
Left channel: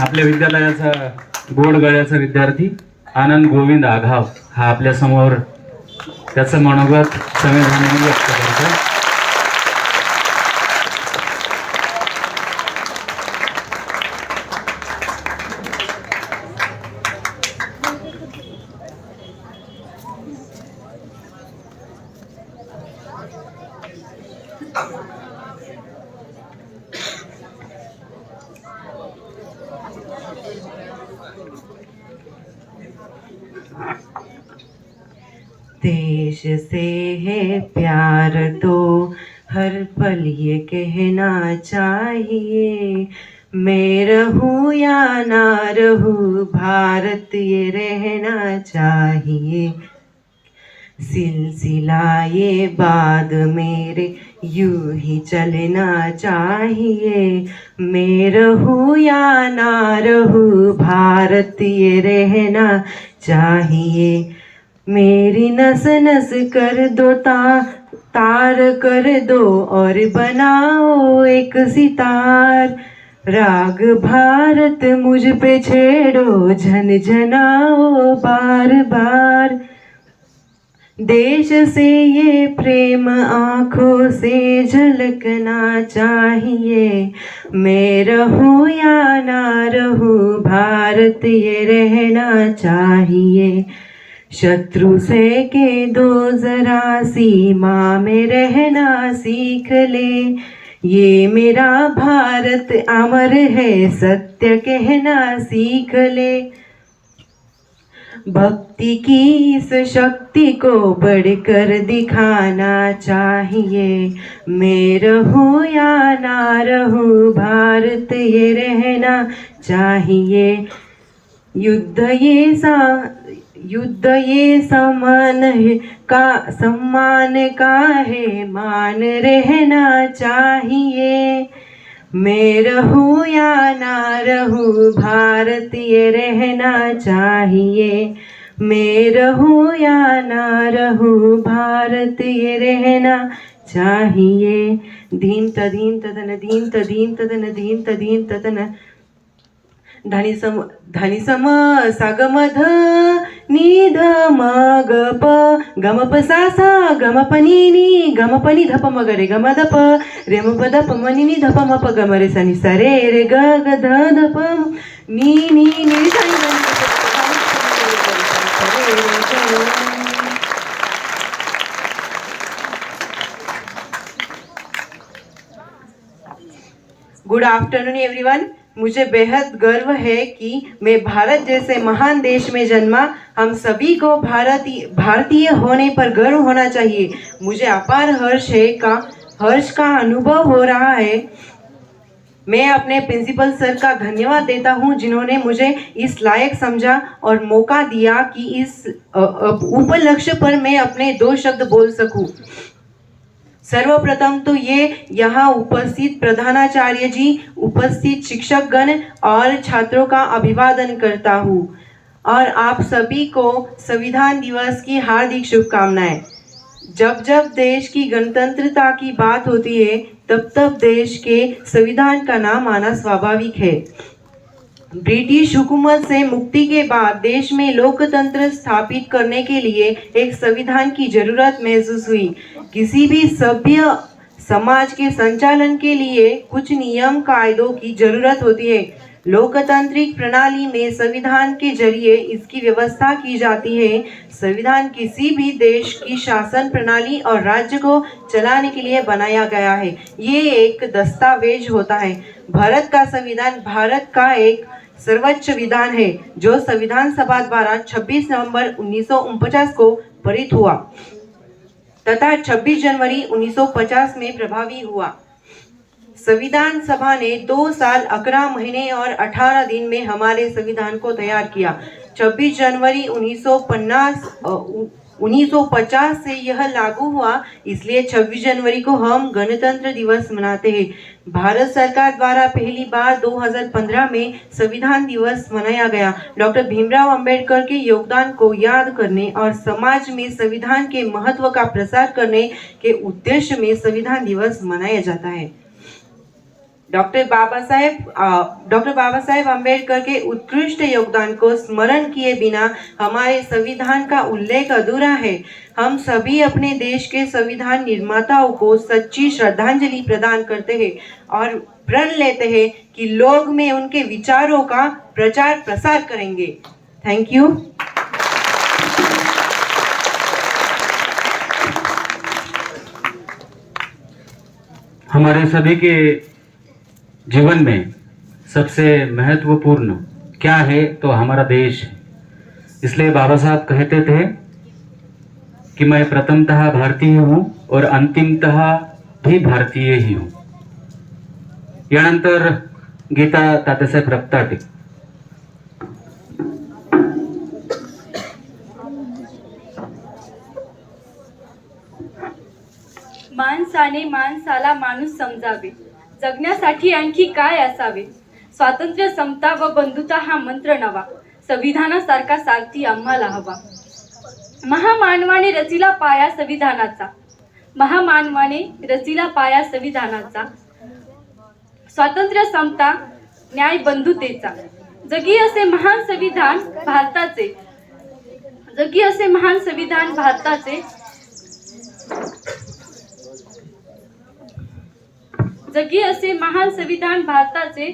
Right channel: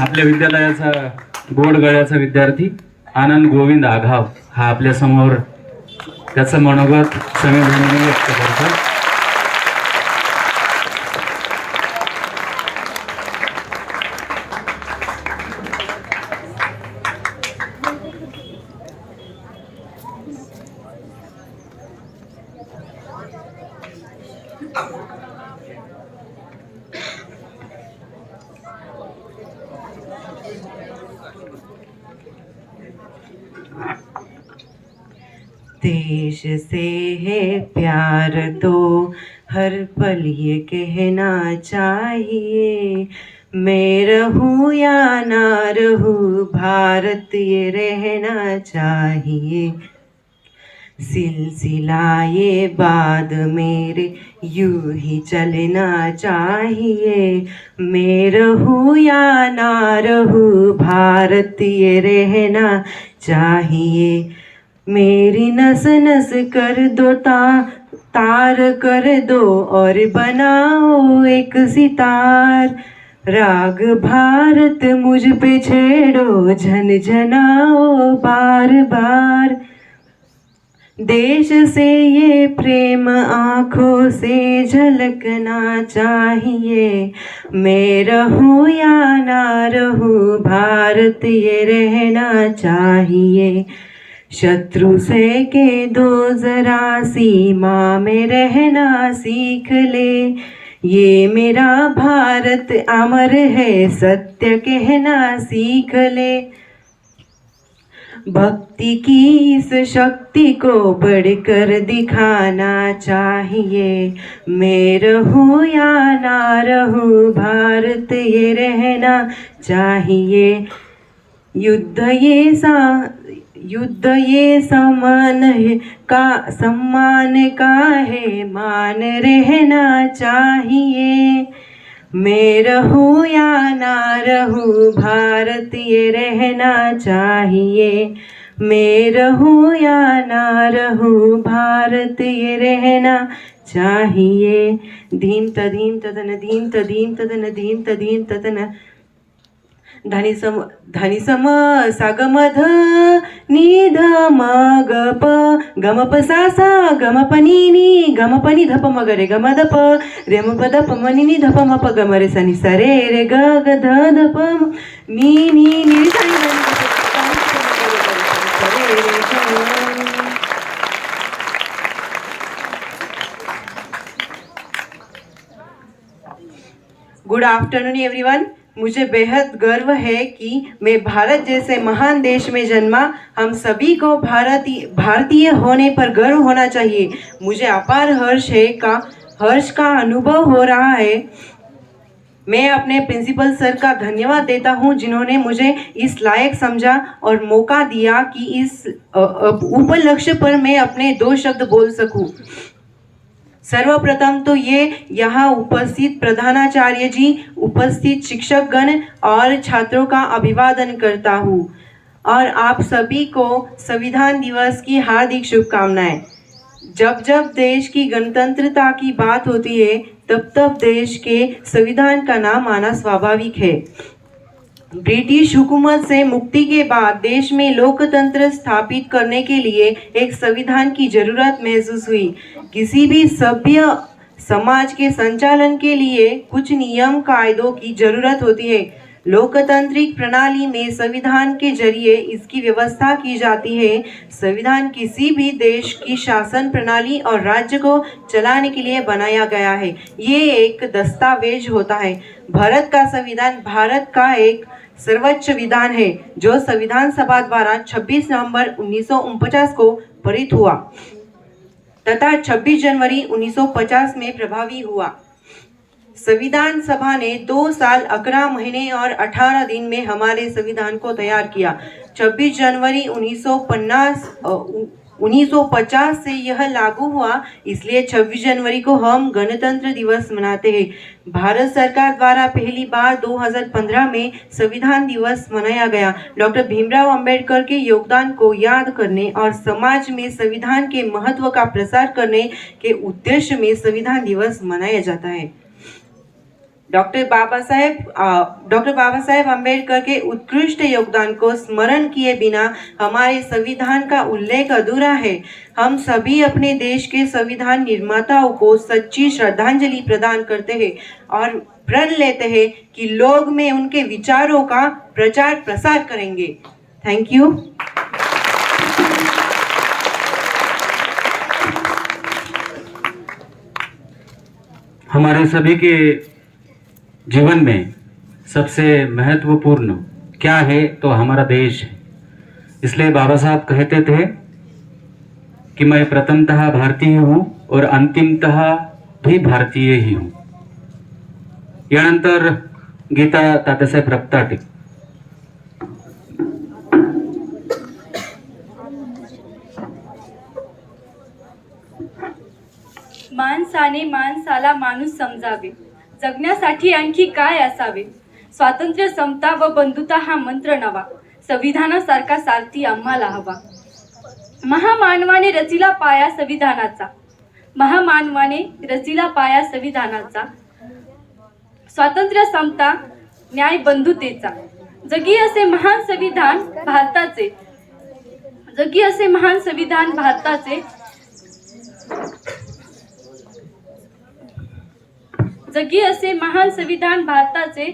आपल्या विद्यालयाचा गोड गळ्याचा विद्यार्थी आनंद गोविंद आघाव हा आपल्या समोर त्याचं मनोगत संवेदनेने व्यक्त करतो. देश से है प्यार तो हर पल ये कहना चाहिए, मैं रहूं या ना रहूं भारत ये रहना चाहिए. सिलसिला ये बाद मेरे यूं ही चलना चाहिए, मैं रहूं या ना रहूं भारत ये रहना चाहिए. मेरी नस नस कर दो तार कर दो और बनाओ एक सितार. राग भारत मुझ पे छेड़ो झनझनाओ बार बार. देश से ये प्रेम आँखों से झलकना चाहिए, मैं रहूं या ना रहूं भारत ये रहना चाहिए. शत्रु से के दो जरा सीमा में रहना सीख ले, ये मेरा भारत अमर है सत्य कहना सीख ले. भक्ति की इस शक्ति को बढ़कर दिखाना चाहिए, मैं रहूं या ना रहूं भारत ये रहना चाहिए. युद्ध ये समान है का सम्मान का है मान रहना चाहिए, मैं रहूं या ना रहूं भारत ये रहना चाहिए. मैं रहूं या ना रहूं भारत ये रहना चाहिए. धीम तधीम तदन धीम तधीम तदन धीम तधीम तदन. धनी सम सागमध निध मग प गम प सा सा गम प नी नी गम प नि धप म ग रे गम ध प रे म प ध प म नि नि ध प म प ग म रे सा नि सा रे रे ग ग ध ध प म नी नी नी सा नि ध नि ध प सा रे रे ग. Good afternoon everyone. मुझे बेहद गर्व है कि मैं भारत जैसे महान देश में जन्मा. हम सभी को भारतीय होने पर गर्व होना चाहिए. मुझे अपार हर्ष का अनुभव हो रहा है. मैं अपने प्रिंसिपल सर का धन्यवाद देता हूं जिन्होंने मुझे इस लायक समझा और मौका दिया कि इस उपलक्ष्य पर मैं अपने 2 शब्द बोल सकूं. सर्वप्रथम तो ये यहाँ उपस्थित प्रधानाचार्य जी, उपस्थित शिक्षकगण और छात्रों का अभिवादन करता हूँ और आप सभी को संविधान दिवस की हार्दिक शुभकामनाएं. जब जब देश की गणतंत्रता की बात होती है तब तब देश के संविधान का नाम आना स्वाभाविक है. ब्रिटिश हुकूमत से मुक्ति के बाद देश में लोकतंत्र स्थापित करने के लिए एक संविधान की जरूरत महसूस हुई. किसी भी समाज के संचालन के लिए कुछ नियम कायदों की जरूरत होती है। लोकतांत्रिक प्रणाली में संविधान के जरिए इसकी व्यवस्था की जाती है। संविधान किसी भी देश की शासन प्रणाली और राज्य को चलाने के लिए बनाया गया है। ये एक दस्तावेज होता है। भारत का संविधान भारत का एक सर्वोच्च विधान है जो संविधान सभा द्वारा 26 नवंबर 1949 को पारित हुआ तथा 26 जनवरी 1950 में प्रभावी हुआ। संविधान सभा ने 2 साल 11 महीने और 18 दिन में हमारे संविधान को तैयार किया। 26 जनवरी 1950 से यह लागू हुआ, इसलिए 26 जनवरी को हम गणतंत्र दिवस मनाते हैं। भारत सरकार द्वारा पहली बार 2015 में संविधान दिवस मनाया गया। डॉक्टर भीमराव अंबेडकर के योगदान को याद करने और समाज में संविधान के महत्व का प्रसार करने के उद्देश्य में संविधान दिवस मनाया जाता है। डॉक्टर बाबा साहेब अम्बेडकर के उत्कृष्ट योगदान को स्मरण किए बिना हमारे संविधान का उल्लेख अधूरा है। हम सभी अपने देश के संविधान निर्माताओं को सच्ची श्रद्धांजलि प्रदान करते हैं और प्रण लेते हैं कि लोग में उनके विचारों का प्रचार प्रसार करेंगे। Thank you. हमारे सभी के जीवन में सबसे महत्वपूर्ण क्या है तो हमारा देश है। इसलिए बाबा साहब कहते थे कि मैं प्रथमतः भारतीय हूँ और अंतिमतः भी भारतीय ही हूँ। यानंतर गीता तात्यासाहेब रक्ताटे। माणसाने माणसाला माणूस समजावे, जगण्यासाठी आणखी काय असावे। स्वातंत्र्य, समता व बंधुता हा मंत्र नवा, संविधानासारखा सारथी आम्हाला हवा। महामानवाने रचिला पाया संविधानाचा, महामानवाने रचिला पाया संविधानाचा। स्वातंत्र्य, समता, न्याय, बंधुतेचा। जगी असे महान संविधान भारताचे, जगी असे महान संविधान भारताचे। जगी असे महान संविधान भारताचे,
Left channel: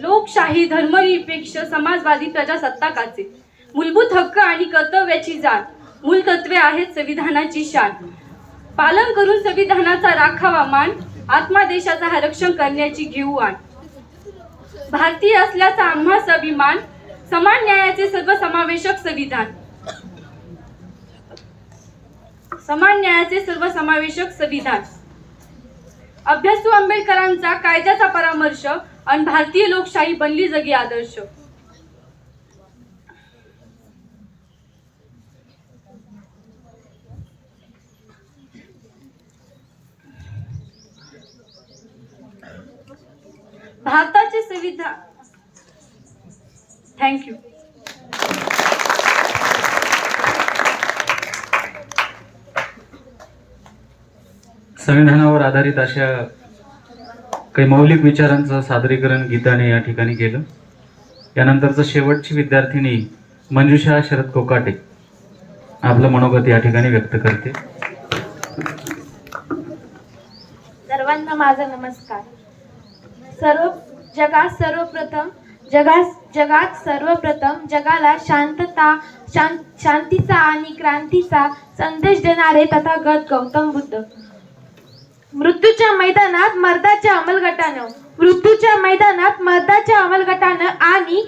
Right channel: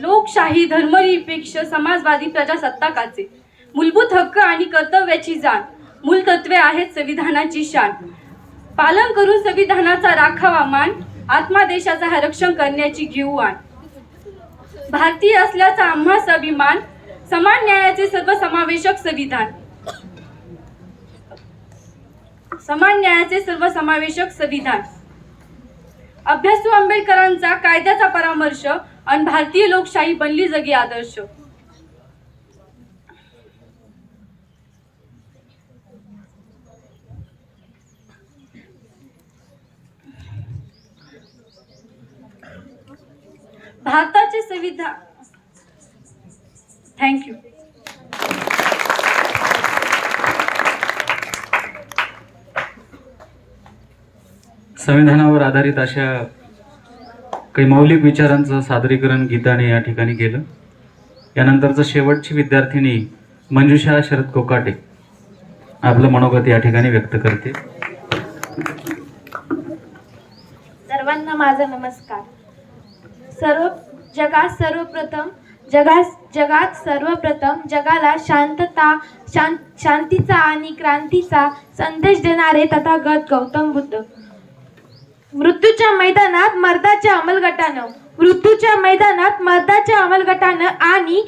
लोकशाही, धर्मनिरपेक्ष, समाजवादी, प्रजासत्ताकाचे। मूलभूत हक्क आणि कर्तव्याची जाण, मूलतत्वे आहेत संविधानाची शान। पालन करून संविधानाचा राखावा मान, आत्मा देशाचा रक्षण करण्याची घेऊ आण। भारतीय असल्याचा आम्हास अभिमान, समान न्यायाचे सर्वसमावेशक संविधान, समान न्यायाचे सर्वसमावेशक संविधान। अभ्यासू आंबेडकरांचा कायद्याचा परामर्श आणि भारतीय लोकशाही बनली जगी आदर्श। भारताचे संविधान। थँक्यू। संविधानावर आधारित अशा काही मौलिक विचारांचं सादरीकरण गीताने या ठिकाणी केलं। यानंतरचं शेवटची विद्यार्थिनी मंजुषा शरद कोकाटे आपलं मनोगत या ठिकाणी व्यक्त करते। सर्वांना माझा नमस्कार। जगात सर्वप्रथम जगाला शांतीचा आणि क्रांतीचा संदेश देणारे तथागत गौतम बुद्ध। मृत्यूच्या मैदानात मर्दाच्या अमलगटानं आणि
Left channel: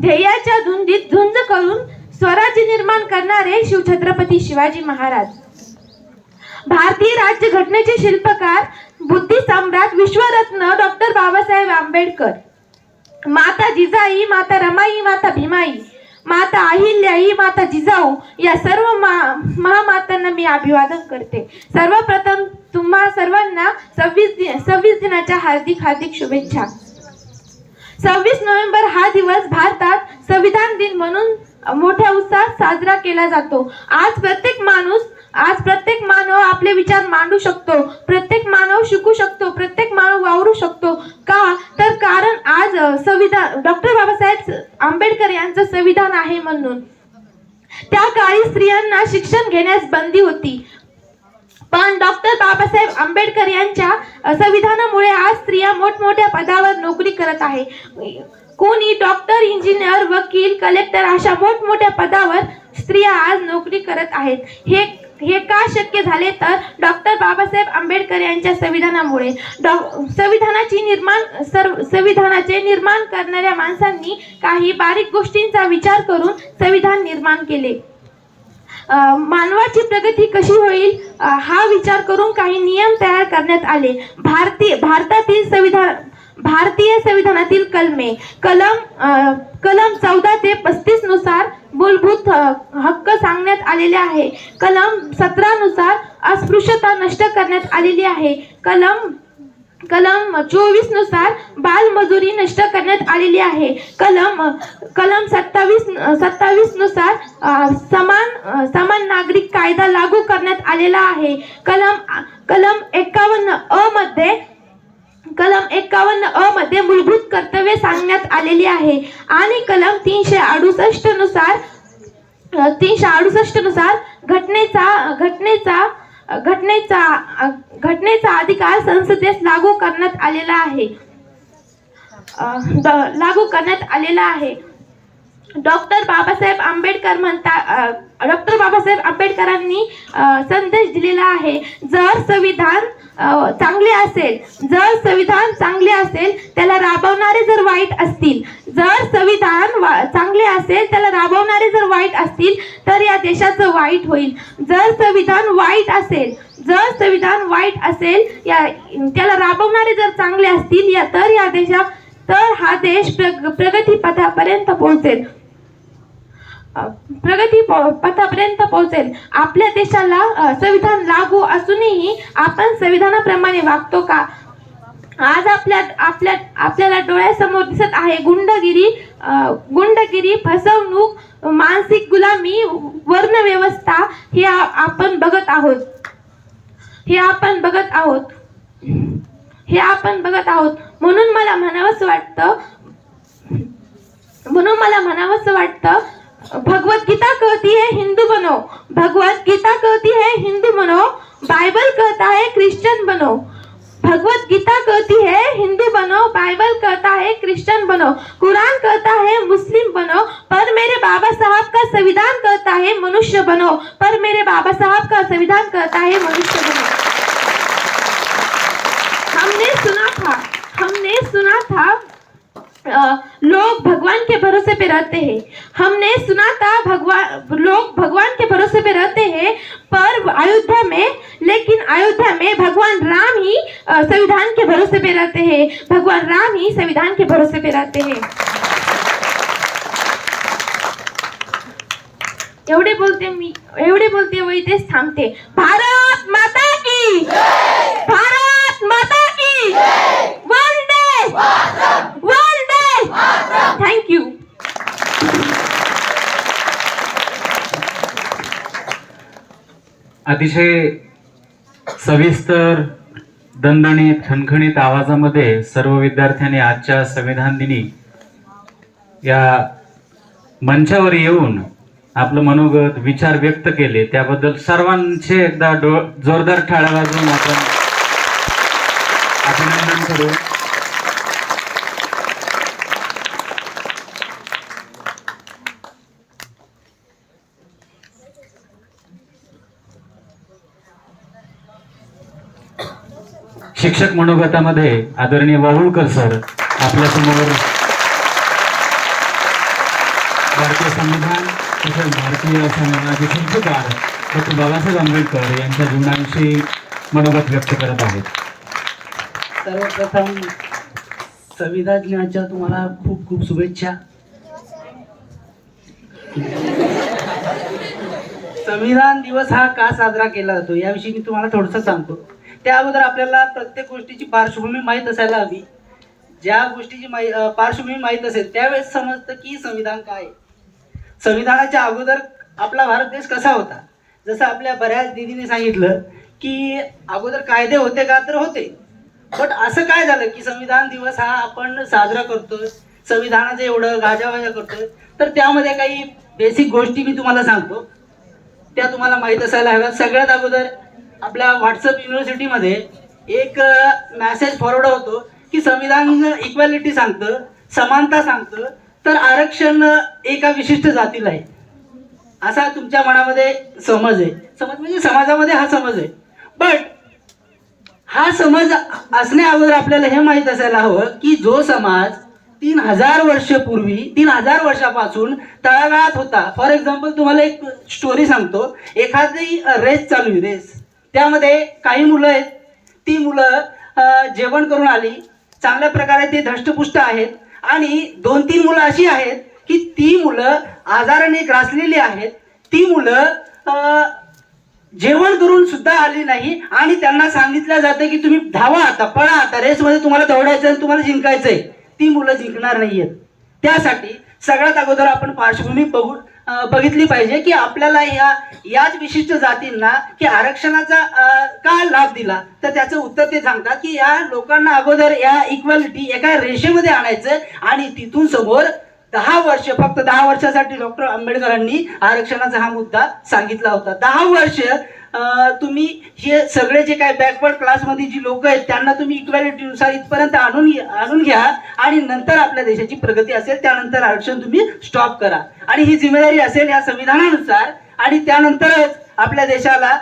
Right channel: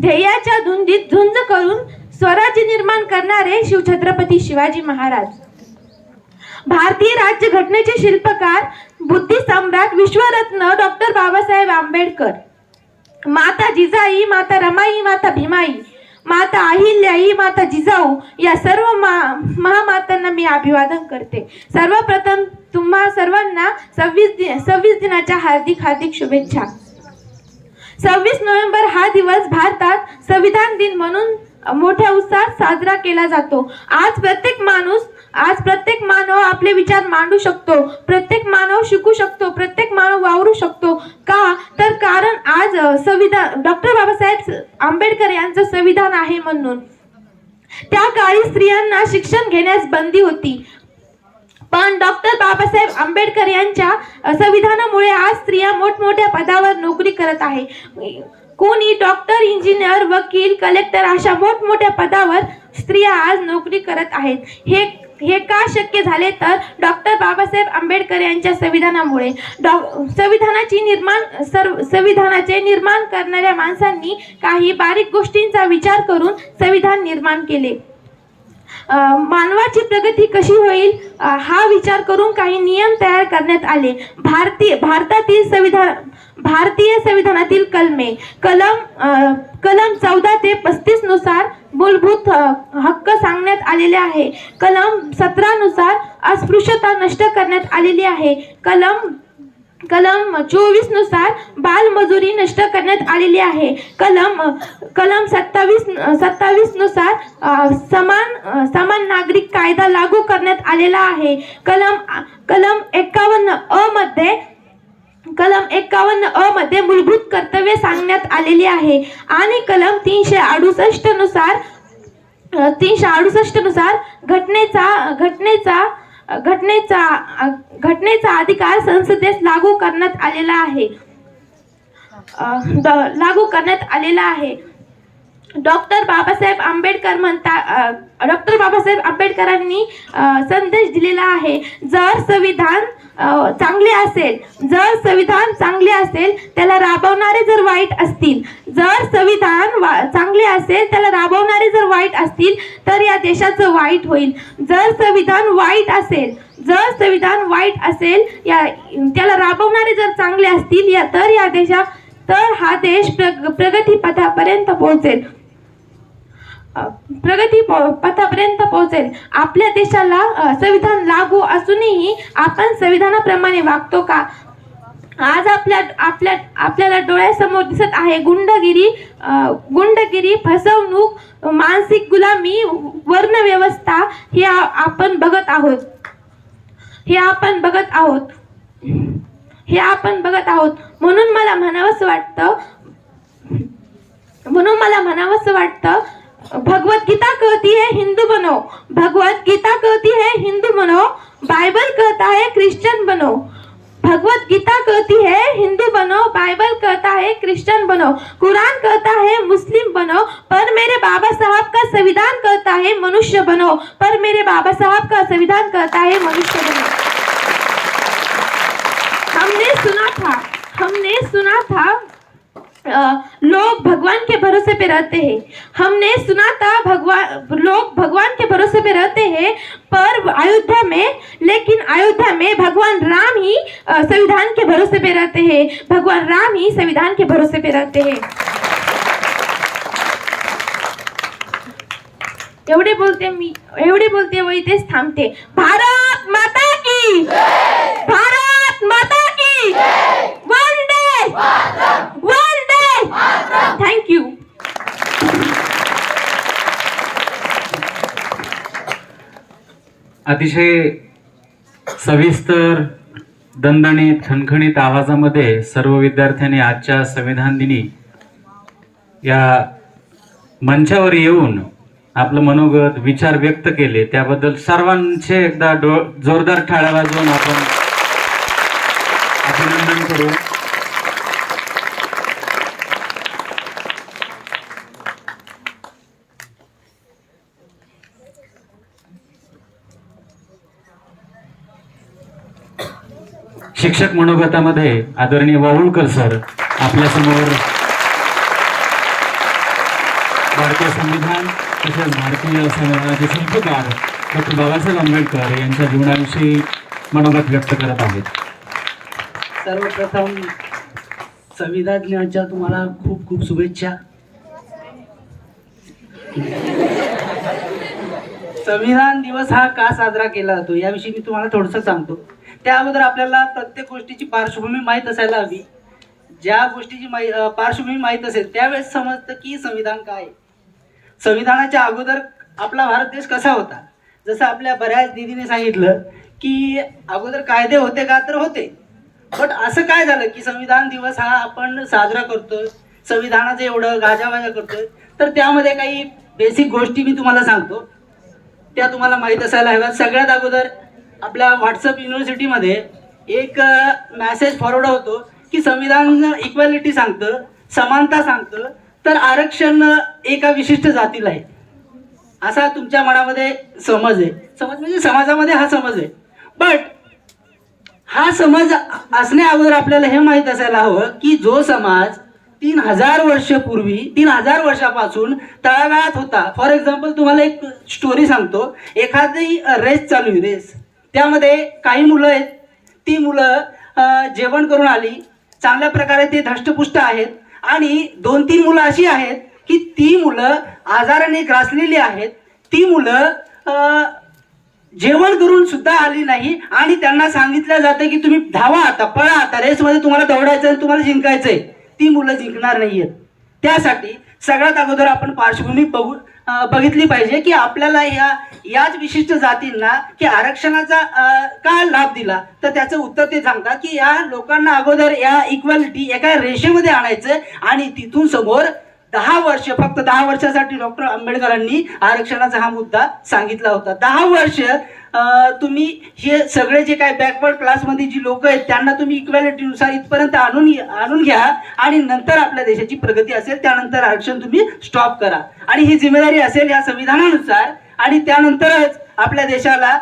ध्येयाच्या धुंदीत झुंज करून स्वराज्य निर्माण करणारे शिवछत्रपती शिवाजी महाराज। भारतीय राज्यघटनेचे शिल्पकार, बुद्धी सम्राट, विश्वरत्न डॉक्टर बाबासाहेब आंबेडकर। माता जिजाई, माता रमाई, माता भीमाई, माता अहिल्याई, माता जिजाऊ या सर्व महामातांना मी अभिवादन करते। सर्वप्रथम तुम्हा सर्वांना 26 दिनाच्या हार्दिक शुभेच्छा। 26 नोव्हेंबर हा दिवस भारतात संविधान दिन म्हणून मोठ्या उत्साहात साजरा केला जातो। आज प्रत्येक मानव आपले विचार मांडू शकतो, प्रत्येक मानव शिकू शकतो, प्रत्येक मानव वावरू शकतो। का तर कारण आज संविधान डॉक्टर बाबासाहेब आंबेडकर यांचं संविधान आहे म्हणून। त्या काळी स्त्रियांना शिक्षण घेण्यास बंदी होती, पण डॉक्टर बाबासाहेब आंबेडकर यांच्या संविधानामुळे आज स्त्रिया मोठमोठ्या पदावर नोकरी करत आहे. कोणी डॉक्टर, इंजिनियर, वकील, कलेक्टर अशा मोठमोठ्या पदावर स्त्रिया आज नोकरी करत आहेत. हे का शक्य झाले तर डॉक्टर बाबासाहेब आंबेडकर यांच्या संविधानामुळे. संविधानाचे निर्माण करणाऱ्या माणसांनी काही बारीक गोष्टींचा विचार करून संविधान निर्माण केले. मानवाची प्रगती कशी होईल हा विचार करून काही नियम तयार करण्यात आले. भारतीय संविधानातील कलम 14 ते 35 नुसार मूलभूत हक्क सांगण्यात आलेले आहे. कलम 17 नुसार अस्पृश्यता नष्ट करण्यात आलेली आहे. कलम 24 नुसार बालमजुरी नष्ट करण्यात आलेली आहे. कलम 27 नुसार समान नागरिक कायदा लागू करण्यात आलेला आहे. कलम 51 अ मध्ये मूलभूत कर्तव्ये सांगण्यात आलेली आहे. आणि कलम 368 नुसार घटनेचा अधिकार संसदेस लागू करण्यात आलेला आहे. डॉक्टर बाबासाहेब आंबेडकरांनी संदेश दिलेला आहे. जर संविधान चांगले असेल त्याला राबवणारे जर वाईट असतील, तर या देशाचं वाईट होईल. जर संविधान वाईट असेल त्याला राबवणारे जर चांगले असतील तर हा देश प्रगतीपथापर्यंत पोहोचेल. आपल्या देशाला संविधान लागू असूनही आपण संविधानाप्रमाणे वागतो का? आज आपल्याला डोळ्यासमोर दिसत आहे गुंडगिरी, फसवणूक, मानसिक गुलामी, वर्णव्यवस्था हे आपण बघत आहोत. म्हणून मला म्हणावंसं वाटतं भगवद्गीता कहती है हिंदू बनो, बाइबल कहता है क्रिश्चियन बनो. भगवद्गीता कहती है हिंदू बनो, बाइबल कहता है क्रिश्चियन बनो, कुरान कहता है मुस्लिम बनो, पर मेरे बाबा साहब का संविधान कहता है मनुष्य बनो. हमने सुना था लोग भगवान के भरोसे पे रहते हैं. पर अयोध्या में भगवान राम ही संविधान के भरोसे पे रहते हैं. एवढे बोलते व इथेच थांबते. भारत माता की वंदे. थँक्यू. अतिशय सविस्तर, दणदणीत, खणखणीत आवाजामध्ये सर्व विद्यार्थ्यांनी आजच्या संविधान दिनी या मंचावर येऊन आपलं मनोगत, विचार व्यक्त केले. त्याबद्दल सर्वांचे एकदा जोरदार टाळ्या वाजवून आपण अभिनंदन करू. शिक्षक मनोगतामध्ये आदरणीय वाहुळकर सर आपल्यासमोर भारतीय संविधान तसेच भारतीय संविधानाचे शिल्पकार डॉक्टर बाबासाहेब आंबेडकर यांच्या जीवनाविषयी मनोगत व्यक्त करत आहेत. सर्वप्रथम संविधान दिनाच्या तुम्हाला खूप खूप शुभेच्छा. संविधान दिवस हा का साजरा केला जातो याविषयी मी तुम्हाला थोडंसं सांगतो. त्या अगोदर आपल्याला प्रत्येक गोष्टीची पार्श्वभूमी माहीत असायला हवी. ज्या गोष्टीची पार्श्वभूमी माहीत असेल त्यावेळेस समजतं की संविधान काय आहे. संविधानाच्या अगोदर आपला भारत देश कसा होता. जसं आपल्या बऱ्याच दीदीने सांगितलं की अगोदर कायदे होते का, तर होते. बट असं काय झालं की संविधान दिवस हा आपण साजरा करतोय, संविधानाचं एवढं गाजावाजा करतोय, तर त्यामध्ये काही बेसिक गोष्टी मी तुम्हाला सांगतो, त्या तुम्हाला माहीत असायला हव्यात. सगळ्यात अगोदर आपल्या व्हॉट्सअप युनिव्हर्सिटीमध्ये एक मेसेज फॉरवर्ड होतो की संविधान इक्वॅलिटी सांगतं, समानता सांगतं, तर आरक्षण एका विशिष्ट जातीला आहे असा तुमच्या मनामध्ये समज आहे. समज म्हणजे समाजामध्ये हा समज आहे. बट हा समज असण्या अगोदर आपल्याला हे माहीत असायला हवं की जो समाज 3000 वर्षापूर्वी 3000 वर्षापासून तळागाळात होता. फॉर एक्झाम्पल तुम्हाला एक स्टोरी सांगतो. एखादी रेस चालू आहे, रेस, त्यामध्ये काही मुलं आहेत. ती मुलं जेवण करून आली, चांगल्या प्रकारे ते धष्टपुष्ट आहेत, आणि 2-3 मुलं अशी आहेत की ती मुलं आजाराने ग्रासलेली आहेत. ती मुलं जेवण करून सुद्धा आली नाही, आणि त्यांना सांगितलं जातं की तुम्ही धावा, आता पळा, आता रेसमध्ये तुम्हाला दौडायचं आहे, तुम्हाला जिंकायचंय. ती मुलं जिंकणार नाहीयेत. त्यासाठी सगळ्यात अगोदर आपण पार्श्वभूमी बघितली पाहिजे की आपल्याला याच विशिष्ट जातींना की आरक्षणाचा का लाभ दिला. तर त्याचं उत्तर ते सांगतात की या लोकांना अगोदर या इक्वॅलिटी एका रेषेमध्ये आणायचं, आणि तिथून समोर 10 वर्ष, फक्त 10 वर्षासाठी डॉक्टर आंबेडकरांनी आरक्षणाचा हा मुद्दा सांगितला होता. 10 वर्ष तुम्ही हे सगळे जे काय बॅकवर्ड क्लासमध्ये जी लोक आहेत त्यांना तुम्ही इक्वॅलिटीनुसार इथपर्यंत आणून घ्या, आणि नंतर आपल्या देशाची प्रगती असेल त्यानंतर आरक्षण तुम्ही स्टॉप करा. आणि ही जिम्मेदारी असेल या संविधानानुसार, आणि त्यानंतरच आपल्या देशाला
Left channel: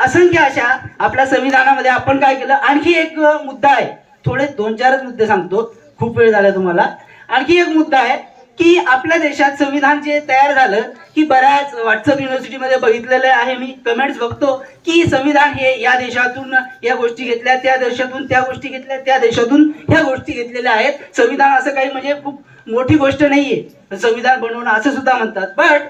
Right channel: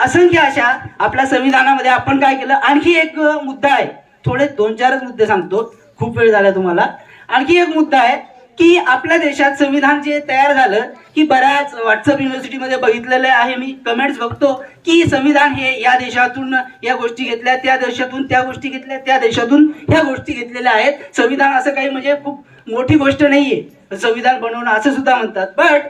असंख्य अशा आपल्या संविधानामध्ये आपण काय केलं. आणखी एक मुद्दा आहे, थोडे 2-4 मुद्दे सांगतो, खूप वेळ झाला तुम्हाला. आणखी एक मुद्दा आहे की आपल्या देशात संविधान जे तयार झालं की बऱ्याच व्हॉट्सअप युनिव्हर्सिटीमध्ये बघितलेलं आहे, मी कमेंट्स बघतो की संविधान हे या देशातून या गोष्टी घेतल्या, त्या देशातून त्या गोष्टी घेतल्या, त्या देशातून ह्या गोष्टी घेतलेल्या आहेत. संविधान असं काही म्हणजे खूप मोठी गोष्ट नाहीये संविधान बनवणं, असं सुद्धा म्हणतात. बट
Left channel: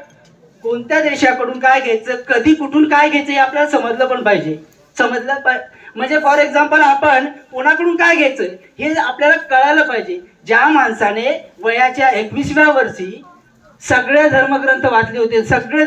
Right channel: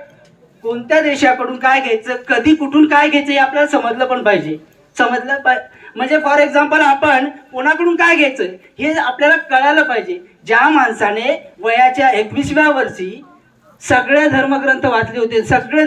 कोणत्या देशाकडून काय घ्यायचं, कधी कुठून काय घ्यायचं हे आपल्याला समजलं पण पाहिजे. म्हणजे फॉर एक्झाम्पल आपण कोणाकडून काय घ्यायचं हे आपल्याला कळायला पाहिजे. ज्या माणसाने वयाच्या 21व्या वर्षी सगळे धर्मग्रंथ वाचले होते, सगळे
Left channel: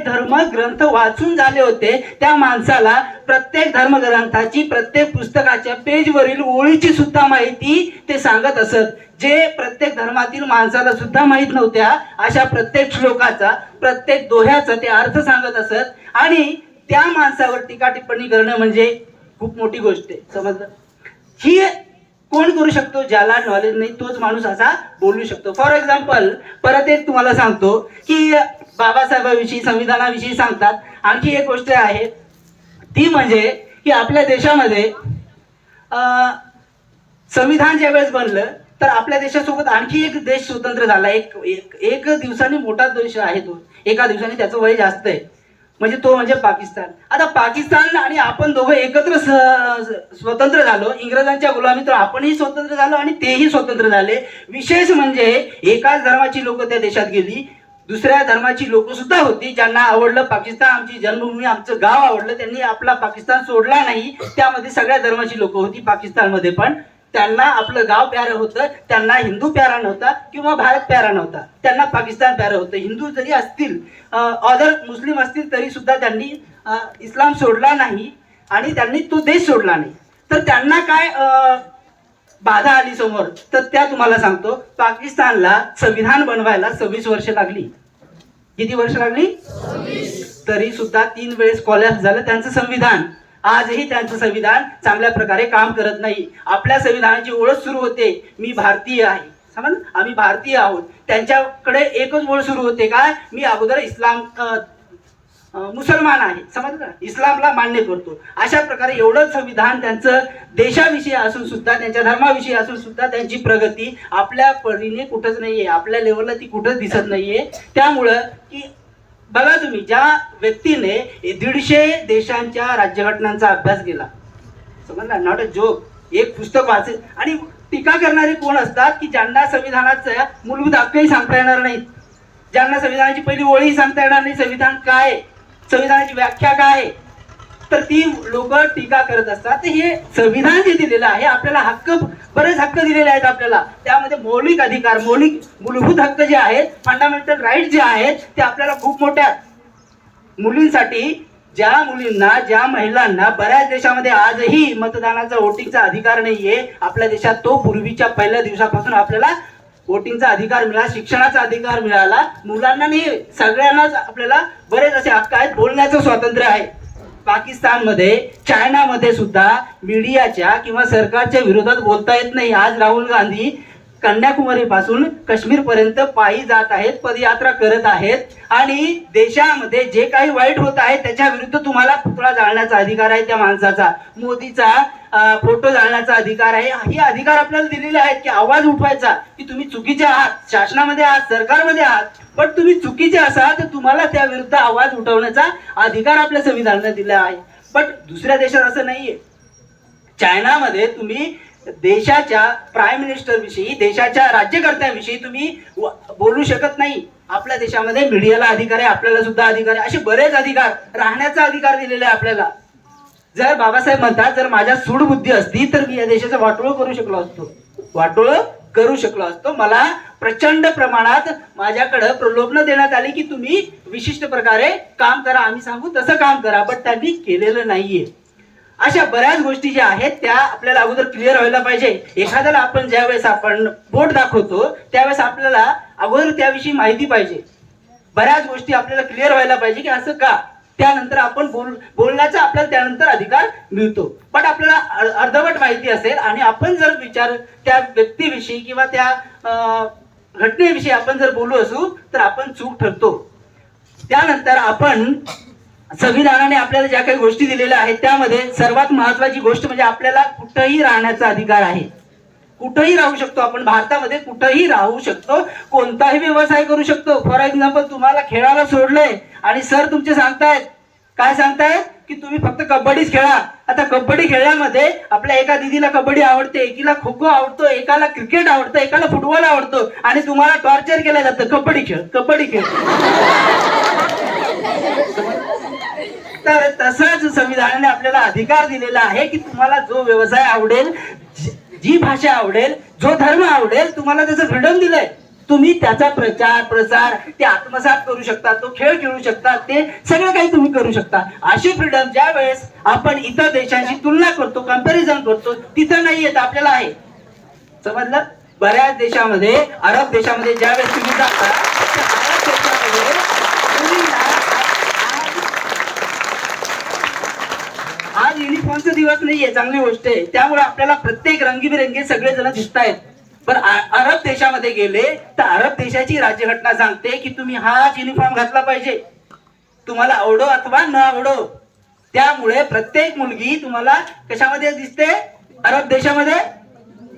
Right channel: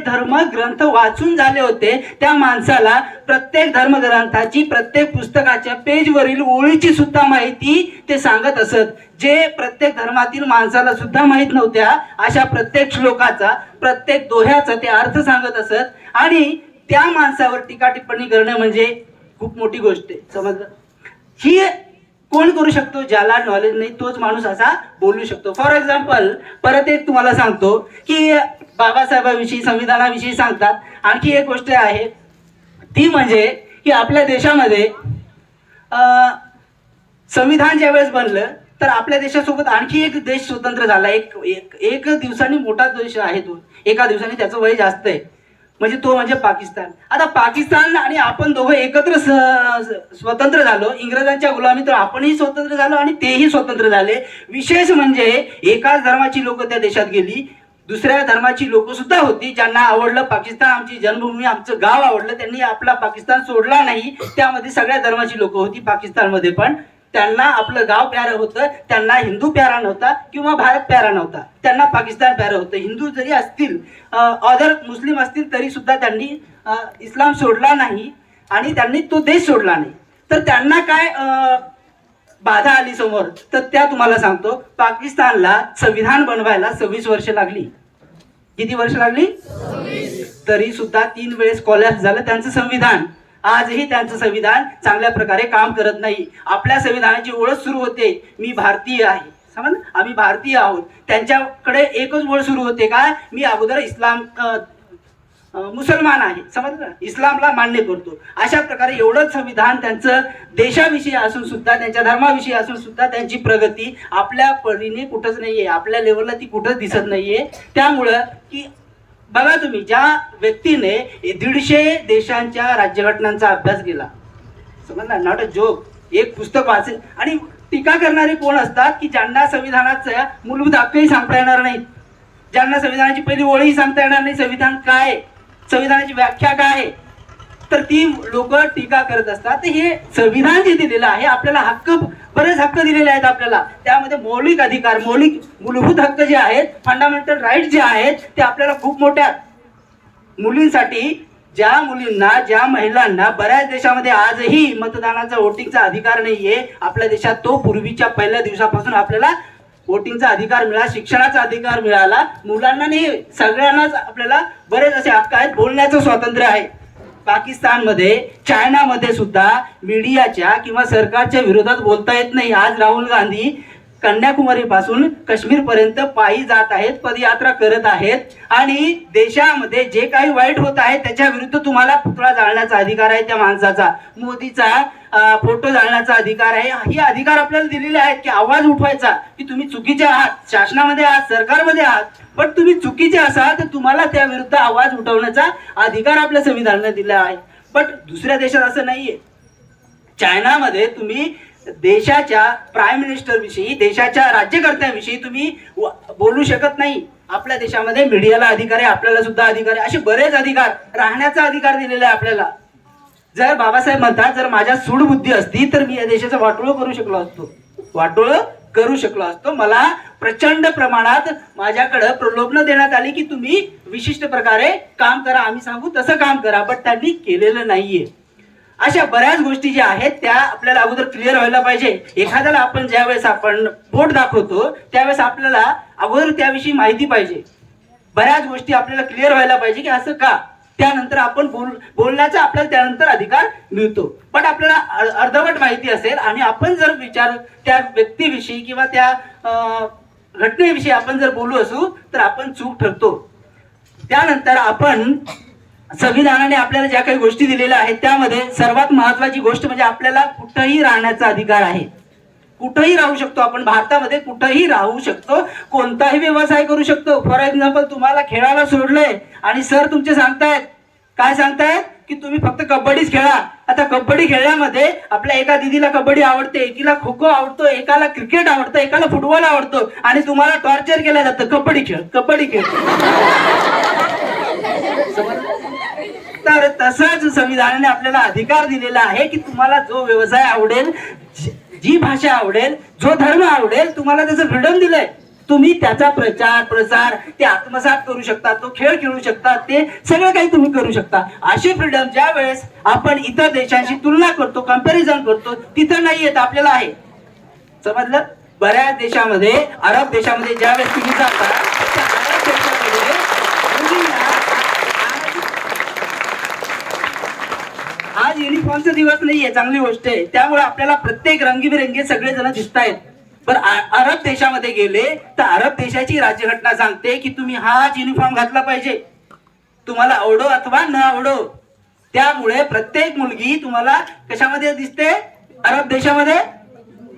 धर्मग्रंथ वाचून झाले होते, त्या माणसाला प्रत्येक धर्मग्रंथाची, प्रत्येक पुस्तकाच्या पेजवरील ओळीची सुद्धा माहिती ते सांगत असत, जे प्रत्येक धर्मातील माणसाला सुद्धा माहीत नव्हत्या. अशा प्रत्येक श्लोकाचा, प्रत्येक दोह्याचा ते अर्थ सांगत असत, आणि त्या माणसावर टीका टिप्पणी करणं म्हणजे खूप मोठी गोष्ट आहे. समजलं? ही कोण करू शकतो? ज्याला नॉलेज नाही तोच माणूस असा बोलू शकतो. फॉर एक्झाम्पल परत एक तुम्हाला सांगतो की बाबासाहेबांविषयी, संविधानाविषयी सांगतात. आणखी एक गोष्ट आहे ती म्हणजे की आपल्या देशामध्ये संविधान ज्यावेळेस बनलं तर आपल्या देशासोबत आणखी एक देश स्वतंत्र झाला. एक दिवसाने मोठा देश आहे तो, एका दिवसाने त्याचं वय जास्त आहे, म्हणजे तो म्हणजे पाकिस्तान. आता पाकिस्तान आणि आपण दोघं एकत्र स्वतंत्र झालो. इंग्रजांच्या गुलामीत आपणही स्वतंत्र झालो आणि तेही स्वतंत्र झाले. विशेष म्हणजे एकाच धर्माची लोक त्या देशात गेली, दुसऱ्या धर्माची लोक सुद्धा होती, ज्यांना आवडलं पाकिस्तान, आमची जन्मभूमी, आमचं गाव आवडलं, त्यांनी आपला पाकिस्तान सोडला नाही. त्यामध्ये सगळ्या धर्माची लोक होती पाकिस्तानमध्ये, पण त्यांना आपलं गाव प्यारं होतं, त्यांना हिंदू प्यारा नव्हता किंवा भारत प्यारा नव्हता, त्यांना पाकिस्तान प्यारं होतं. हिंदू जरी असतील, अदर मुस्लिम असतील, तरी सुद्धा त्यांनी इस्लाम सोडला नाही आणि त्यांनी तो देश सोडला नाही. तर त्यांना काय बाधा आली समोर, तर त्या तुम्हाला सांगतो. पाकिस्तानला संविधान बनवायला 26 वर्ष लागली. किती वर्ष लागली? 26. तरी सुद्धा 3 वेळेस कॉलॅप्स झालं त्यांचं संविधान. आजही त्यांचं संविधान चांगल्या प्रकारे काम करत नाही. आपल्या संविधानाची ओळख सुरू होते, मी भारतीय आहे, समज, आम्ही भारतीय आहोत. त्यांच्याकडे एकच ओळख सुरू होते, काय, मी अगोदर मुसलमान आहे, समजलं, इस्लामला मान्य करतो. अशा प्रकारे एवढंच संविधान त्यांचं देशाविषयी असून सुद्धा, त्यांच्या धर्माविषयी असून सुद्धा त्यांची प्रगती आपल्या परीने कुठंच नाहीये, आपल्या लेवलला ती कुठंच दिसत नाहीये. त्यामुळं की बघा तुम्ही, ज्या व्यक्तीने 150 देशांच्या राज्यघटनांचा अभ्यास केला, समजला, नॉट अ जोक, एक पुस्तक वाचेल, आणि टीका करणारे कोण असतात की ज्यांना संविधानाचा मूलभूत हक्कही सांगता येणार नाहीत, ज्यांना संविधानाची पहिली ओळी सांगता येणार नाही, संविधान काय, संविधानाची व्याख्या काय, तर ती लोक टीका करत असतात. तर हे संविधान जे दिलेलं आहे आपल्याला, हक्क, बरेच हक्क दिलेले आहेत आपल्याला, त्यामध्ये मौलिक अधिकार, मूलभूत हक्क जे आहेत, फंडामेंटल राईट जे आहेत, ते आपल्याला खूप मोठ्या मुलींसाठी, ज्या मुलींना, ज्या महिलांना बऱ्याच देशामध्ये आजही मतदानाचा, वोटिंगचा अधिकार नाहीये, आपल्या देशात तो पूर्वीच्या पहिल्या दिवसापासून आपल्याला वोटिंगचा अधिकार मिळाला, शिक्षणाचा अधिकार मिळाला. मुलांना नाही, सगळ्यांनाच आपल्याला बरेच असे हक्क आहेत. बोलण्याचं स्वातंत्र्य आहे. पाकिस्तानमध्ये, चायनामध्ये सुद्धा मीडियाच्या किंवा सरकारच्या विरोधात बोलता येत नाही. आज राहुल गांधी कन्याकुमारी पासून काश्मीर पर्यंत पायी जात आहेत, पदयात्रा करत आहेत आणि देशामध्ये जे काही वाईट होत आहे त्याच्या विरुद्ध तुम्हाला पुतळा जाळण्याचा अधिकार आहे त्या माणसाचा, मोदीचा फोटो जाळण्याचा अधिकार आहे. हे अधिकार आपल्याला दिलेले आहेत की आवाज उठवायचा की तुम्ही चुकीचे आहात, शासनामध्ये आहात, सरकारमध्ये आहात, पण तुम्ही चुकीचे असाल तर तुम्हाला त्या विरुद्ध आवाज उठवण्याचा अधिकार आपल्या संविधानाने दिला आहे. पण दुसऱ्या देशात असं नाहीये. चायनामध्ये तुम्ही देशाच्या प्राईम मिनिस्टर विषयी, देशाच्या राज्यकर्त्याविषयी तुम्ही बोलू शकत नाही. आपल्या देशामध्ये मीडियाला अधिकार आहे, आपल्याला सुद्धा अधिकार आहे. असे बरेच अधिकार, राहण्याचा अधिकार दिलेला आहे आपल्याला. जर बाबासाहेब म्हणतात जर माझ्या सूडबुद्धी असती तर मी या देशाचं वाटोळं करू शकलो असतो. मला प्रचंड प्रमाणात माझ्याकडे प्रलोभन देण्यात आली की तुम्ही विशिष्ट प्रकारे काम करा, आम्ही सांगू तसं काम करा, पण त्यांनी केलेलं नाहीये. अशा बऱ्याच गोष्टी ज्या आहेत त्या आपल्याला अगोदर क्लिअर व्हायला पाहिजे. एखाद्याला आपण ज्यावेळेस आपण बोट दाखवतो त्यावेळेस आपल्याला अगोदर त्याविषयी माहिती पाहिजे. बऱ्याच गोष्टी आपल्याला क्लिअर व्हायला पाहिजे की असं का, त्यानंतर आपण बोलण्याचा आपल्याला त्यानंतर अधिकार मिळतो. पण आपल्याला अर्धवट माहिती असेल आणि आपण जर विचार त्या व्यक्तीविषयी किंवा त्या घटनेविषयी आपण जर बोलू असू तर आपण चूक ठरतो. त्यानंतर आपण संविधानाने आपल्याला ज्या काही गोष्टी दिलेल्या आहेत त्यामध्ये सर्वात महत्वाची गोष्ट म्हणजे आपल्याला कुठंही राहण्याचा अधिकार आहे. कुठंही राहू शकतो आपण, भारतामध्ये कुठंही राहू शकतो, कोणताही व्यवसाय करू शकतो. फॉर एक्झाम्पल तुम्हाला खेळायला सोडलंय आणि सर तुमचे सांगतायत काय सांगतायत की तुम्ही फक्त कबड्डीच खेळा. आता कबड्डी खेळण्यामध्ये आपल्या एका दिदीला कबड्डी आवडते, एकीला खो खो आवडतो, एकाला क्रिकेट आवडतं, एकाला फुटबॉल आवडतो आणि तुम्हाला टॉर्चर केलं जातं कबड्डी खेळ. तर तसाच संविधानाने आपल्याला अधिकार दिलेला आहे की तुम्हाला जो व्यवसाय आवडेल, जी भाषा आवडेल, जो धर्म आवडेल, तुम्हाला त्याचं फ्रीडम दिलंय. तुम्ही त्याचा प्रचार प्रसार ते आत्मसात करू शकता, तो खेळ खेळू शकता, ते सगळं काही तुम्ही करू शकता. अशी फ्रीडम ज्या वेळेस आपण इतर देशांशी तुलना करतो, कंपॅरिझन करतो, तिथं नाही येत, आपल्याला आहे. समजलं? बऱ्याच देशामध्ये, अरब देशामध्ये ज्या वेळेस तुम्ही जाता त्या अरब देशामध्ये आज युनिफॉर्मचा दिवस नाहीये, चांगली गोष्ट आहे. त्यामुळे आपल्याला प्रत्येक रंगीबिरंगी सगळे जण दिसत आहेत. पण अरब देशामध्ये गेले तर अरब देशाची राज्यघटना सांगते की तुम्ही हाच युनिफॉर्म घातला पाहिजे, तुम्हाला आवडो अथवा न आवडो. त्यामुळे प्रत्येक मुलगी तुम्हाला कशामध्ये दिसते? अरब देशामध्ये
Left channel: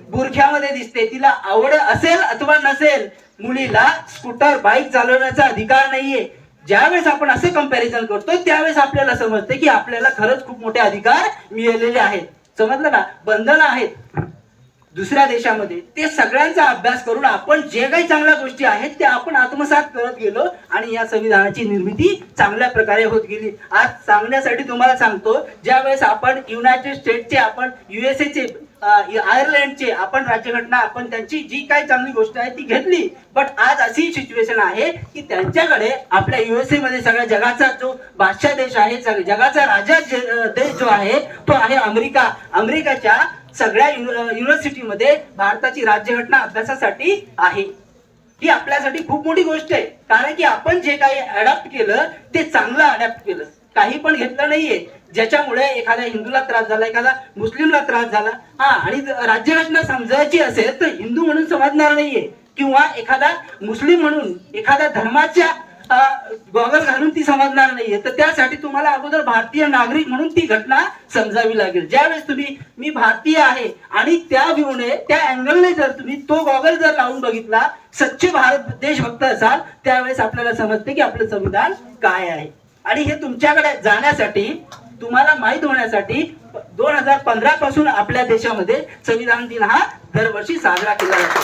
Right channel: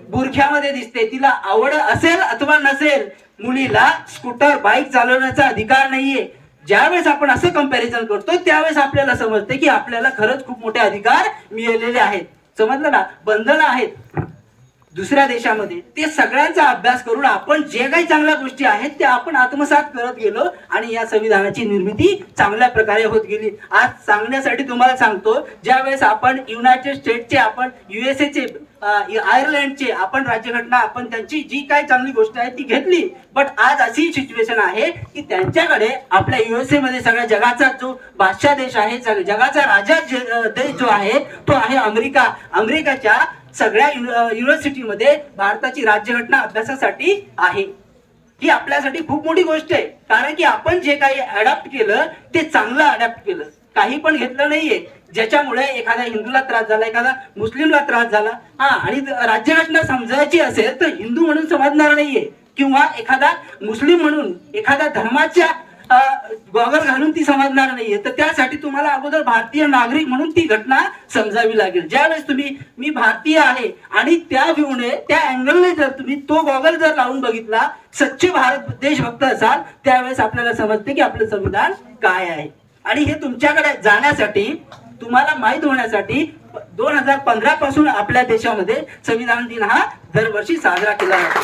बुरख्यामध्ये दिसते. तिला आवड असेल अथवा नसेल, मुलीला स्कूटर बाईक चालवण्याचा अधिकार नाहीये. ज्यावेळेस आपण असं कंपॅरिझन करतो त्यावेळेस आपल्याला समजते की आपल्याला खरंच खूप मोठे अधिकार मिळालेले आहेत. समजलं ना? बंधनं आहेत दुसऱ्या देशामध्ये, ते सगळ्यांचा अभ्यास करून आपण जे काही चांगल्या गोष्टी आहेत त्या आपण आत्मसात करत गेलो आणि या संविधानाची निर्मिती चांगल्या प्रकारे होत गेली. आज सांगण्यासाठी तुम्हाला सांगतो, ज्या वेळेस आपण युनायटेड स्टेटचे, आपण USA चे, आयर्लंडचे आपण राज्यघटना, आपण त्यांची जी काही चांगली गोष्ट आहे ती घेतली. बट आज अशी सिच्युएशन आहे की त्यांच्याकडे आपल्या USA मध्ये सगळ्या जगाचा जो बादशाह देश आहे, जगाचा राजा देश जो आहे तो आहे अमेरिका. अमेरिकाच्या सगळ्या युनिव्हर्सिटीमध्ये भारताची राज्यघटना अभ्यासासाठी आहे. ही आपल्यासाठी खूप मोठी गोष्ट आहे, कारण की आपण जे काही अडॅप्ट केलं ते चांगलं अडॅप्ट केलं, काही पण घेतलं नाहीये ज्याच्यामुळे एखाद्या हिंदूला त्रास झाला, एखादा मुस्लिमला त्रास झाला. आणि राज्यघटना समजायची असेल तर हिंदू म्हणून समजणार नाहीये किंवा एखादा मुस्लिम म्हणून, एखाद्या धर्माच्या गॉगल घालून ती समजणार नाहीये. तर त्यासाठी तुम्हाला अगोदर भारतीय नागरिक म्हणून ती घटना समजावी लागेल. ज्यावेळेस तुम्ही मी भारतीय आहे आणि त्या व्ह्यूने, त्या अँगलने जर तुम्ही तो गॉगल जर लावून बघितला, सच्चे भारत देशभक्त असाल, त्यावेळेस आपल्याला समजते की आपलं संविधान काय आहे. आणि हे तुमच्याकडे जाण्यासाठी, तुम्हाला माहित होण्यासाठी 2015 पासून आपल्या देशामध्ये संविधान दिन हा दरवर्षी साजरा केला जातो.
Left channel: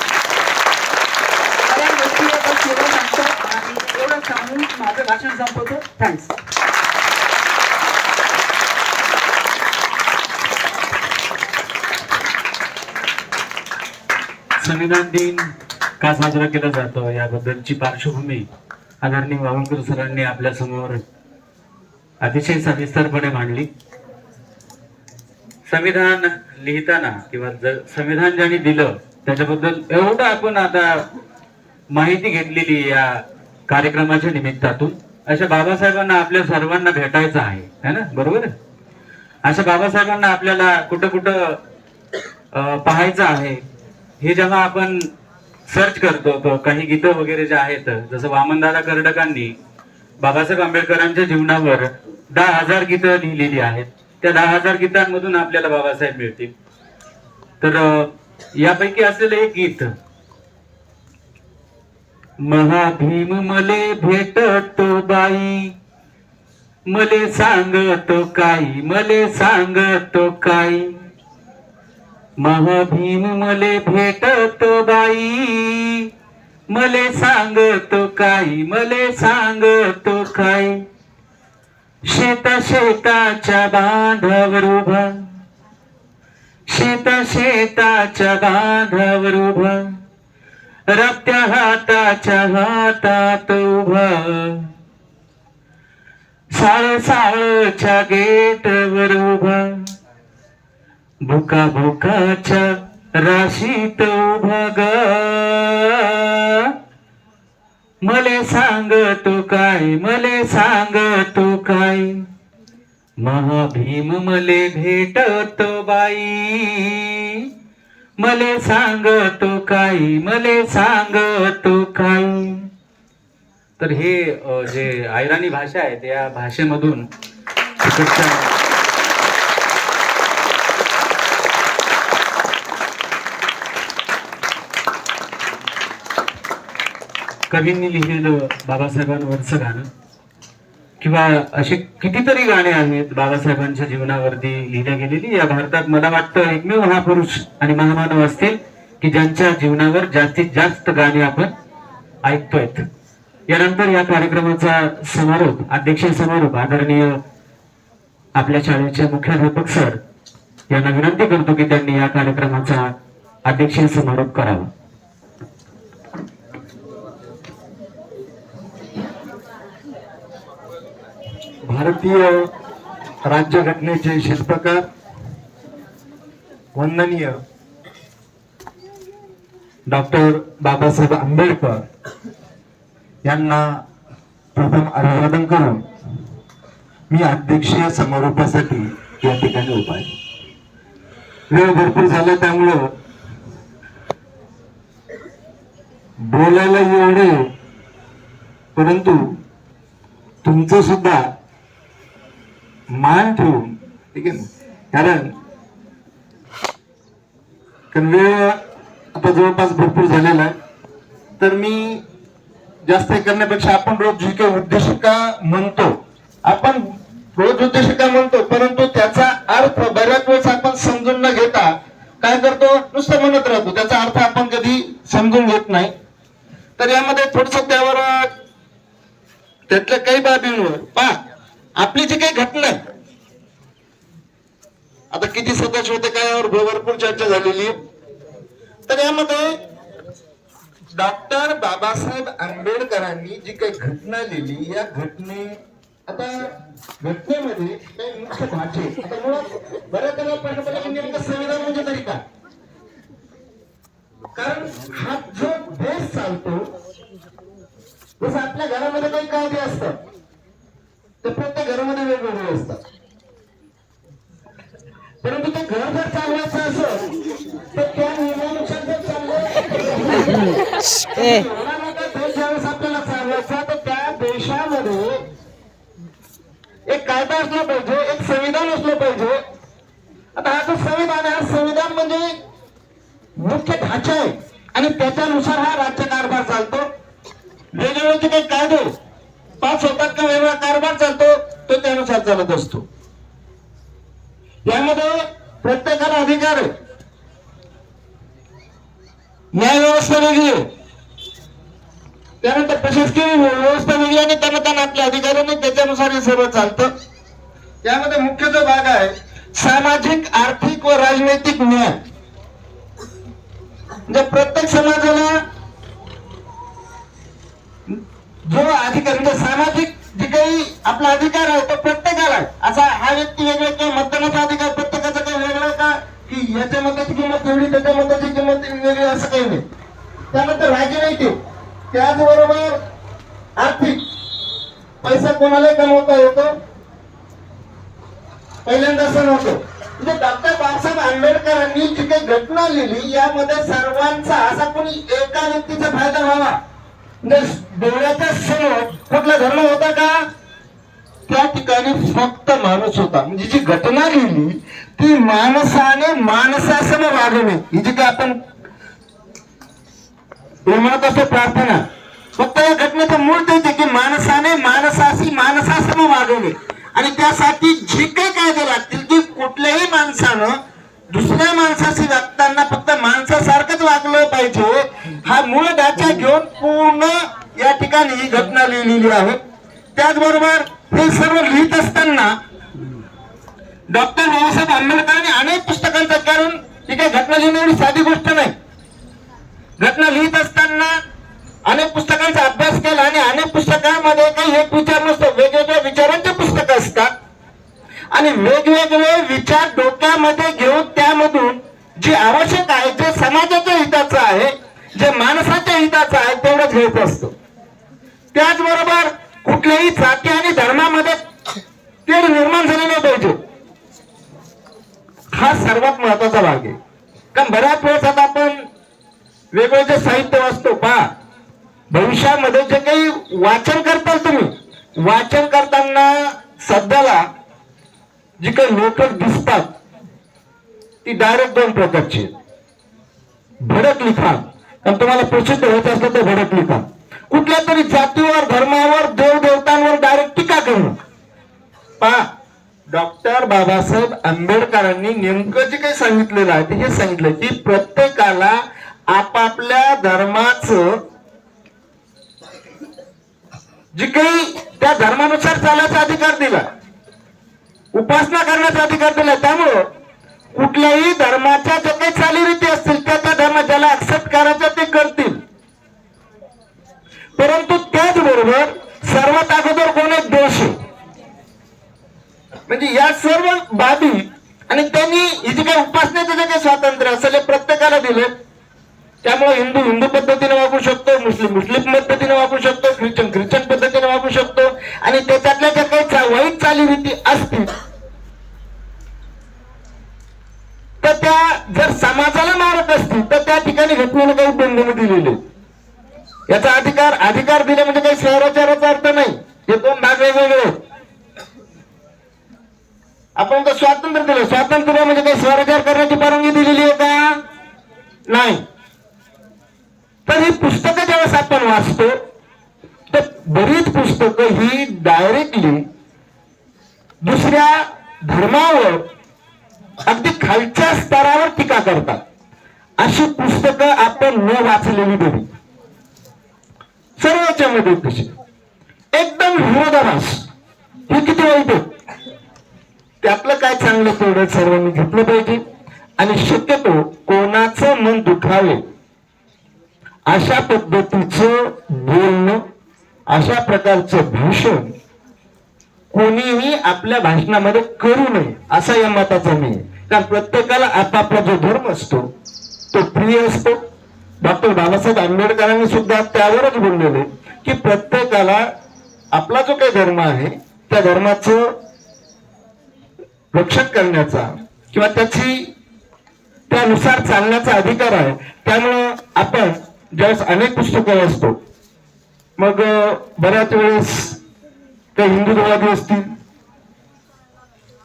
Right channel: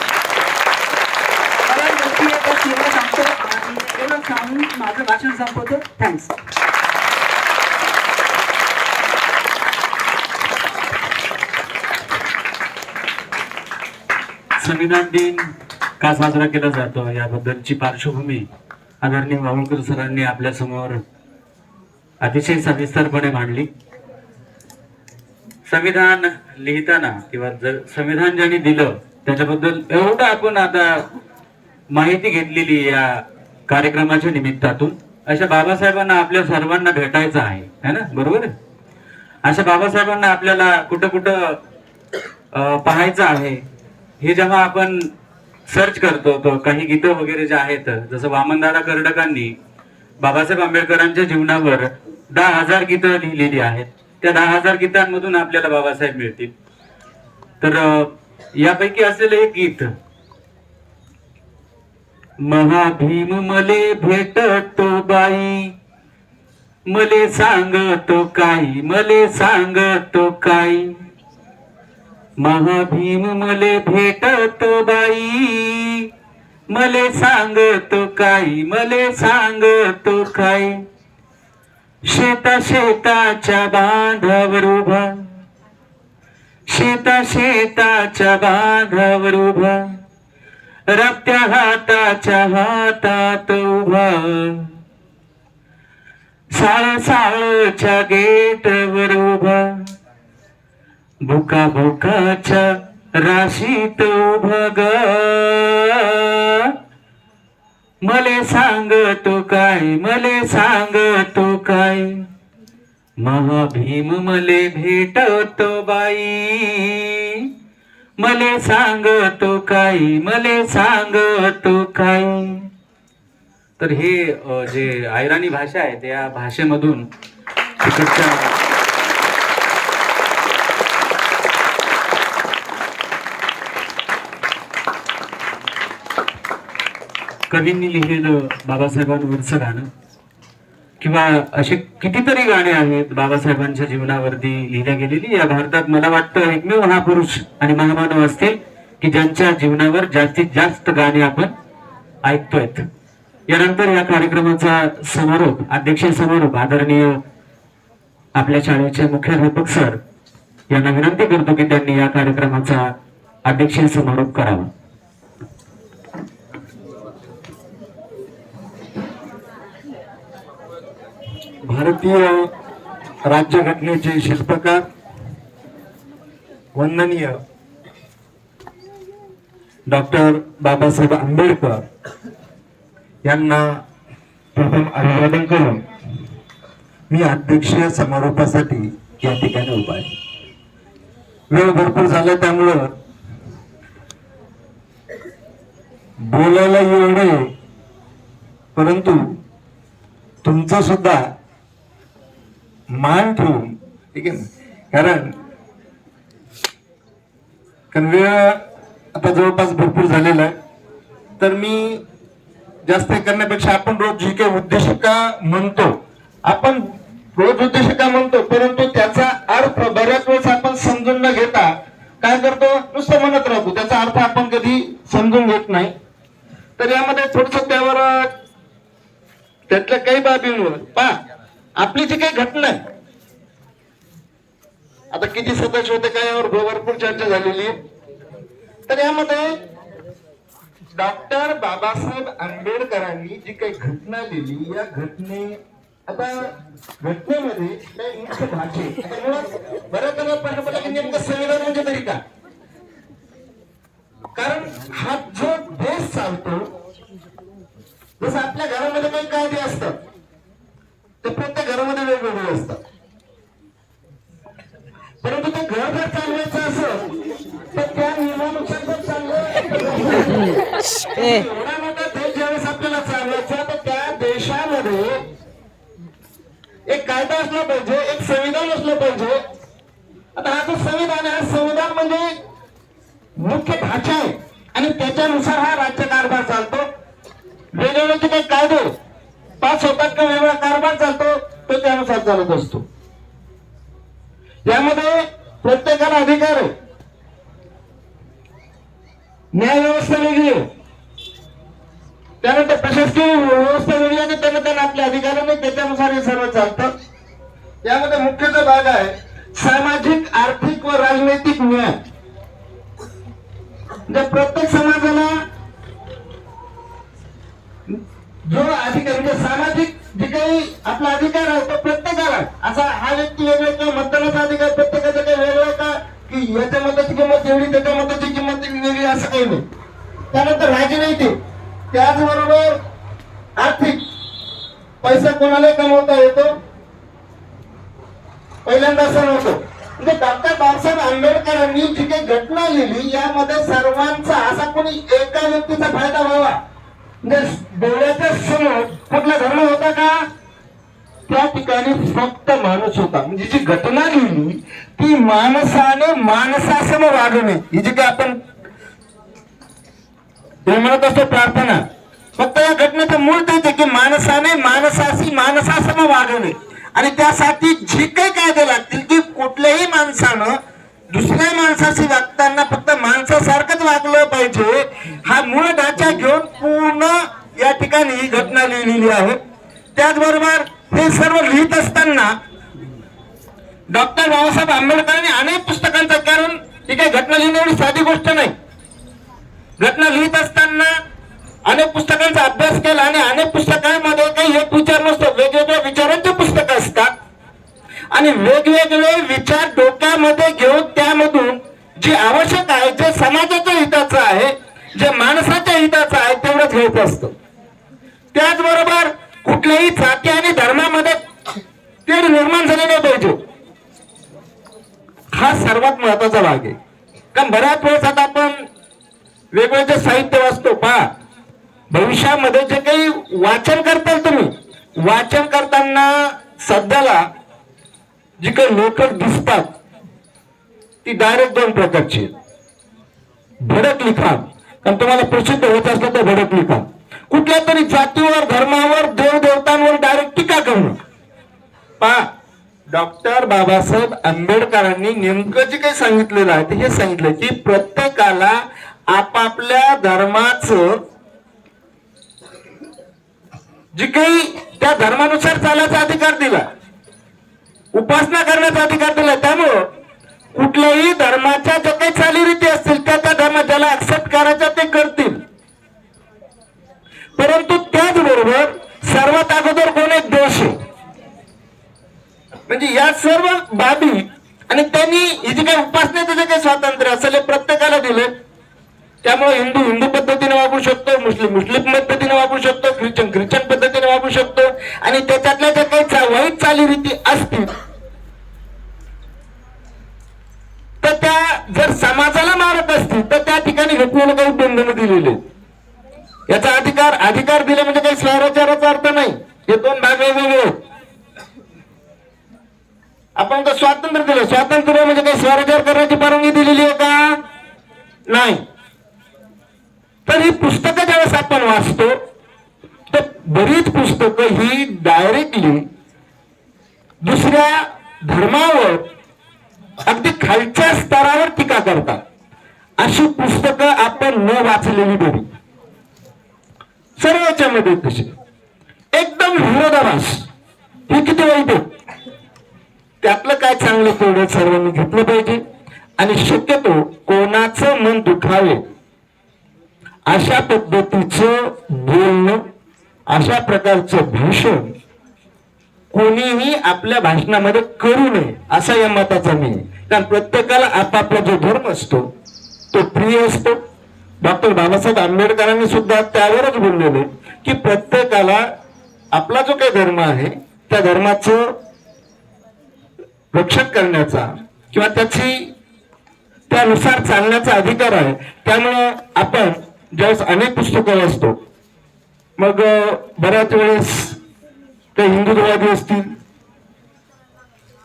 एवढं सांगून माझं भाषण संपवतो. थँक्स. संविधान दिन का साजरा केला जातो याबद्दलची पार्श्वभूमी आदरणीय वावळकर सरांनी आपल्या समोर अतिशय सविस्तरपणे मांडली. संविधान लिहिताना किंवा संविधान ज्यांनी दिलं त्याच्याबद्दल एवढं आपण आता माहिती घेतलेली या कार्यक्रमाच्या निमित्तातून. अशा बाबासाहेबांना आपल्या सर्वांना भेटायचं आहे ना, बरोबर आहे? अशा बाबासाहेबांना आपल्याला कुठं कुठं पाहायचं आहे. हे जेव्हा आपण सर्च करतो तो काही गीतं वगैरे जे आहेत, जसं वामनदादा कर्डकांनी बाबासाहेब आंबेडकरांच्या जीवनावर 10,000 गीतं लिहिलेली आहेत. त्या 10,000 गीतांमधून आपल्याला बाबासाहेब मिळतील. तर यापैकी असलेलं एक गीत, महाभीम मले भेटतो बाई, मले सांगतो काही, मले सांगतो काही, महाभीम मले भेटतो बाई, मले सांगतो काही, मले सांगतो काही, शेताच्या बांधावर उभा, शेताच्या बांधावर उभा, रक्त्या हाताच्या हातात उभा, साळच्या गेटवर उभा, भुकाच्या राशीत उभा ग, मले सांगतो काय, मले सांगतो काय, महाभीम मले भेटतो बाई, मले सांगतो काय, मले सांगतो काय. तर हे जे आयराणी भाषा आहे त्या भाषेमधून तिकडच्या कवींनी लिहिलेलं बाबासाहेबांवरचं गाणं, किंवा असे कितीतरी गाणे आहेत बाबासाहेबांच्या जीवनावरती लिहिल्या गेलेली. या भारतात मला वाटतं एकमेव महापुरुष आणि महामानव असतील की ज्यांच्या जीवनावर जास्तीत जास्त गाणे आपण ऐकतोय. यानंतर या कार्यक्रमाचा समारोप, अध्यक्ष समारोप आदरणीय आपल्या शाळेचे मुख्याध्यापक सर यांना विनंती करतो की त्यांनी या कार्यक्रमाचा अध्यक्ष समारोप करावा. भारतीय राज्यघटनेचे शिल्पकार वंदनीय डॉक्टर बाबासाहेब आंबेडकर यांना प्रथम अभिवादन करून मी अध्यक्षीय समारोपासाठी या ठिकाणी उभा आहे. वेळ भरपूर झाला त्यामुळं बोलायला एवढे, परंतु तुमचं सुद्धा मान ठेवून, ठीक आहे ना, कारण वेळ आता जवळपास भरपूर झालेला आहे. तर मी जास्त करण्यापेक्षा आपण रोज जी काही उद्देशिका म्हणतो, आपण रोज उद्देशिका म्हणतो, परंतु त्याचा अर्थ बऱ्याच वेळेस आपण समजून न घेता काय करतो, नुसतं म्हणत राहतो, त्याचा अर्थ आपण कधी समजून घेत नाही. तर यामध्ये थोडस त्यावर त्यातल्या काही बाबींवर पहा, आपली जी काही घटना आहे, आता किती सदस्य होते काय यावर भरपूर चर्चा झालेली आहे. तर यामध्ये डॉक्टर बाबासाहेब आंबेडकरांनी जी काही घटना लिहिली, या आता घटनेमध्ये काही मुख्य भाषे, आता मुळात बऱ्याच जणांना की नेमकं संविधान म्हणजे तरी काय, कारण हा जो देश चालतो, जसं आपल्या घरामध्ये काही कायदे असतात ते प्रत्येक घरामध्ये वेगवेगळे असतात, परंतु ते घर जर चालवायचं असेल तर त्या नियमानुसार जर चाललं, एवढा मोठा देश ज्यावेळेस आपल्याला चालवायचा तर त्या देशामध्ये एक कायदा असला पाहिजे, एक संविधान असलं पाहिजे. आता हा जो संविधान आहे, संविधान म्हणजे मुख्य ढाचा आहे आणि त्याच्यानुसार हा राज्य कारभार चालतो. वेगवेगळे जे काही कायदे पास होतात किंवा वेगळा कारभार चालतो तो त्यानुसार चालत असतो. यामध्ये प्रत्येकाला अधिकार आहे, न्याय व्यवस्था वेगळी आहे, त्यानंतर प्रशासकीय व्यवस्था वेगळी आणि त्यांना आपल्या अधिकाराने त्याच्यानुसार हे सर्व चालतं. यामध्ये मुख्य जो भाग आहे सामाजिक, आर्थिक व राजनैतिक न्याय, जे प्रत्येक समाजाला जो अधिकार, म्हणजे सामाजिक जे काही आपला अधिकार आहे तो प्रत्येकाला आहे. असा हा व्यक्ती वेगळा किंवा मतदानाचा अधिकार प्रत्येकाचा काही वेगळा का, की याच्या मताची किंमत वेगळी त्याच्या मताची किंमत वेगळी, असं काही नाही. त्यानंतर राजनैतिक, त्याचबरोबर आर्थिक, पैसा कोणाला कमवता येतो? पहिल्यांदा असं नव्हतं. म्हणजे डॉक्टर बाबासाहेब आंबेडकरांनी जी काही घटना लिहिली यामध्ये सर्वांचा, असा कोणी एका व्यक्तीचा फायदा व्हावा म्हणजे डोळ्याच्या समोर कुठला धर्म होता का? त्या ठिकाणी फक्त माणूस होता. म्हणजे जी घटना लिहिली ती माणसाने माणसासमोर वागवणे, ही जी काही आपण म्हणत असतो प्रार्थना, फक्त या घटनेचं मूळ तेच आहे की माणसाने माणसाशी माणसासमोर वागवणे. आणि त्यासाठी जे काही कायदे लागतील की कुठल्याही माणसानं दुसऱ्या माणसाशी वागताना फक्त माणसासारखंच वागलं पाहिजे, हा मूळ ढाचा घेऊन पूर्ण या ठिकाणी ही घटना लिहिलेली आहे. त्याचबरोबर हे सर्व लिहित असताना डॉक्टर बाबासाहेब आंबेडकरांनी अनेक पुस्तकांचं, कारण ही काही घटना लिहिणे एवढी साधी गोष्ट नाही. घटना लिहित असताना अनेक पुस्तकांचा अभ्यास केला आणि अनेक पुस्तकांमध्ये काही एक विचार नसतो, वेगवेगळ्या विचारांचे पुस्तकं असतात आणि वेगवेगळे विचार डोक्यामध्ये घेऊन त्यामधून जे आवश्यक आहे, जे समाजाच्या हिताचं आहे, जे माणसाच्या हिताचं आहे तेवढंच घ्यायचं असतं. त्याचबरोबर कुठल्याही जाती आणि धर्मामध्ये तेढ निर्माण झाले नाही पाहिजे, हा सर्वात महत्वाचा भाग आहे. कारण बऱ्याच वेळेस आता आपण वेगवेगळे जे साहित्य वाचतो पहा, भविष्यामध्ये जे काही वाचन करताल तुम्ही, वाचन करताना सध्याला जी काही लोक दिसतात ती डायरेक्ट दोन प्रकारची, भडक लिखाण, आणि तुम्हाला प्रसिद्ध होत असलं तर भडक लिखाण, कुठल्या तरी जातीवर, धर्मावर, देवदेवतांवर डायरेक्ट टीका करणं. पहा, डॉक्टर बाबासाहेब आंबेडकरांनी नेमकं जे काही सांगितलेलं आहे ते हे सांगितलं की प्रत्येकाला आपापल्या धर्माचं जे काही त्या धर्मानुसार चालायचा अधिकार दिला, उपासना करण्याचा अधिकार दिला. त्यामुळं कुठल्याही धर्माच्या ज्या काही चालीरीती असतील त्या त्या धर्म ज्याला ऍक्सेप्ट करायचं ते करतील. परंतु त्याचबरोबर सर्वात अगोदर कोण एक देश आहे, म्हणजे या सर्व बाबी, आणि त्यांनी ही जी काही उपासनेचं जे काही स्वातंत्र्य असेल हे प्रत्येकाला दिलं. त्यामुळे हिंदू हिंदू पद्धतीने वागू शकतो, मुस्लिम मुस्लिम पद्धतीने वागू शकतो, ख्रिश्चन ख्रिश्चन पद्धतीने वागू शकतो. आणि त्याच्यातल्या ज्या काही वाईट चालीरीती असतील तर त्या जर समाजाला मारत असतील तर त्या ठिकाणी घटनेने काही बंधनं दिलेली. याचा अधिकार दिले म्हणजे काही स्वराज्याचा अर्थ नाही, हे दोन भाग वेगवेगळे आहेत. आपण तर स्वातंत्र्य दिलं, स्वातंत्र्य म्हणजे काही स्वराज्य करण्याची परवानगी दिलेली आहे का? नाही. तर ही पुस्तकं ज्यावेळेस आपण वाचतो तर बरीच पुस्तकं ही डायरेक्टली दुसऱ्या धर्मावर अगदी खालच्या स्तरावर टीका करतात. अशी पुस्तकं आपण न वाचलेली बरी. सर्वच्या मध्ये तशी एकदम विरोधाभास, हे किती वाईट आहे. त्यातलं काय चांगलं तेवढं सर्वांनी घेतलं पाहिजे. आणि शक्यतो कोणाचं मन दुखावे अशा पद्धतीचं बोलणं, अशा प्रकारचं भाषण कोणीही आपल्या भाषणामध्ये करू नये असा या मताचा मी. कारण प्रत्येकाला आपापला जो धर्म असतो तो प्रिय असतो. डॉक्टर बाबासाहेब आंबेडकरांनी सुद्धा त्यावरच बोललेले की प्रत्येकाला आपला जो काही धर्म आहे त्या धर्माचं रक्षण करण्याचा किंवा त्यानुसार चालण्याचा अधिकार आहे. त्यामुळं आपण ज्यावेळेस अनेक पुस्तकं वाचतो, मग बऱ्याच वेळेस ते हिंदुत्ववादी असतील,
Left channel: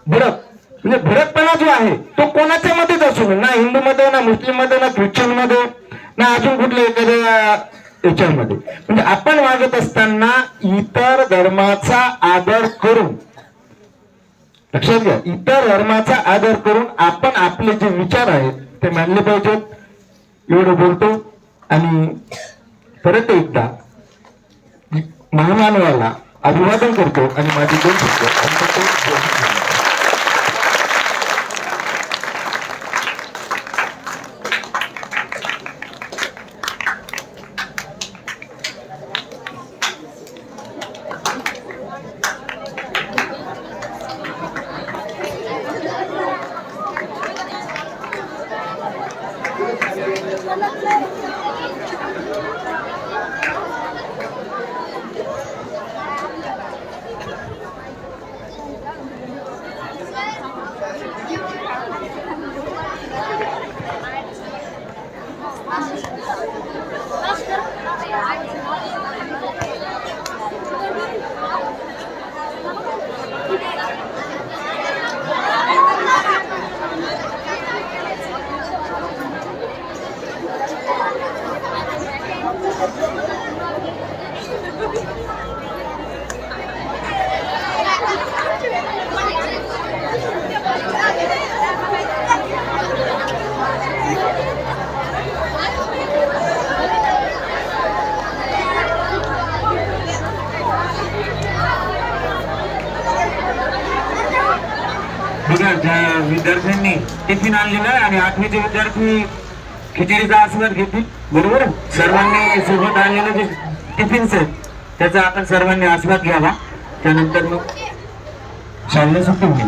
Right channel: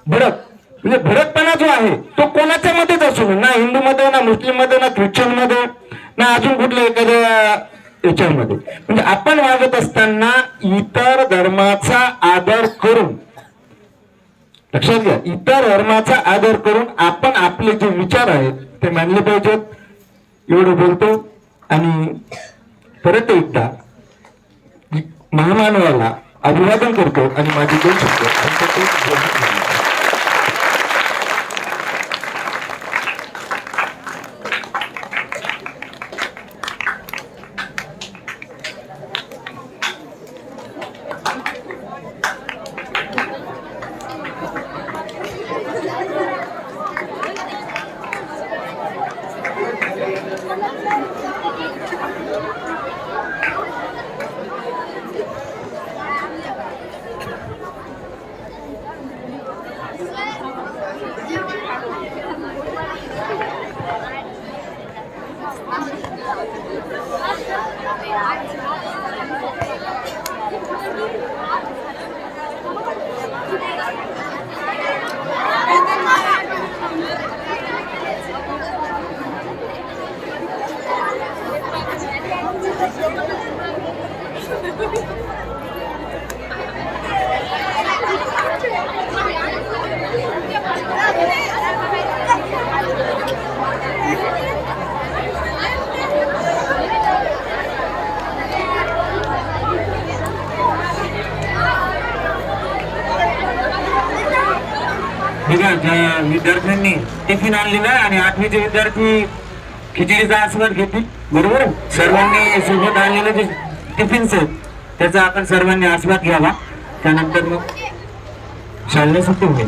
म्हणजे भडकपणा जो आहे तो कोणाच्या मध्येच असू नये, ना हिंदू मध्ये, ना मुस्लिम मध्ये, ना ख्रिश्चन मध्ये, ना अजून कुठल्या एखाद्या याच्यामध्ये. म्हणजे आपण वागत असताना इतर धर्माचा आदर करून, लक्षात घ्या, इतर धर्माचा आदर करून आपण आपले जे विचार आहेत ते मानले पाहिजेत. एवढं बोलतो आणि परत एकदा महामानवाला अभिवादन करतो आणि माझी दोन शब्द बघा ज्या विद्यार्थ्यांनी टिफिन आणलेला आहे आणि 8वीचे विद्यार्थी खिचडीचा आस्वाद घेतील, बरोबर. सर्वांनी सोबत आणलेले जे टिफिन्स आहेत त्याचा आपण सर्वांनी आस्वाद घ्यावा. त्यानंतर मग शाळेला सुट्टी होईल.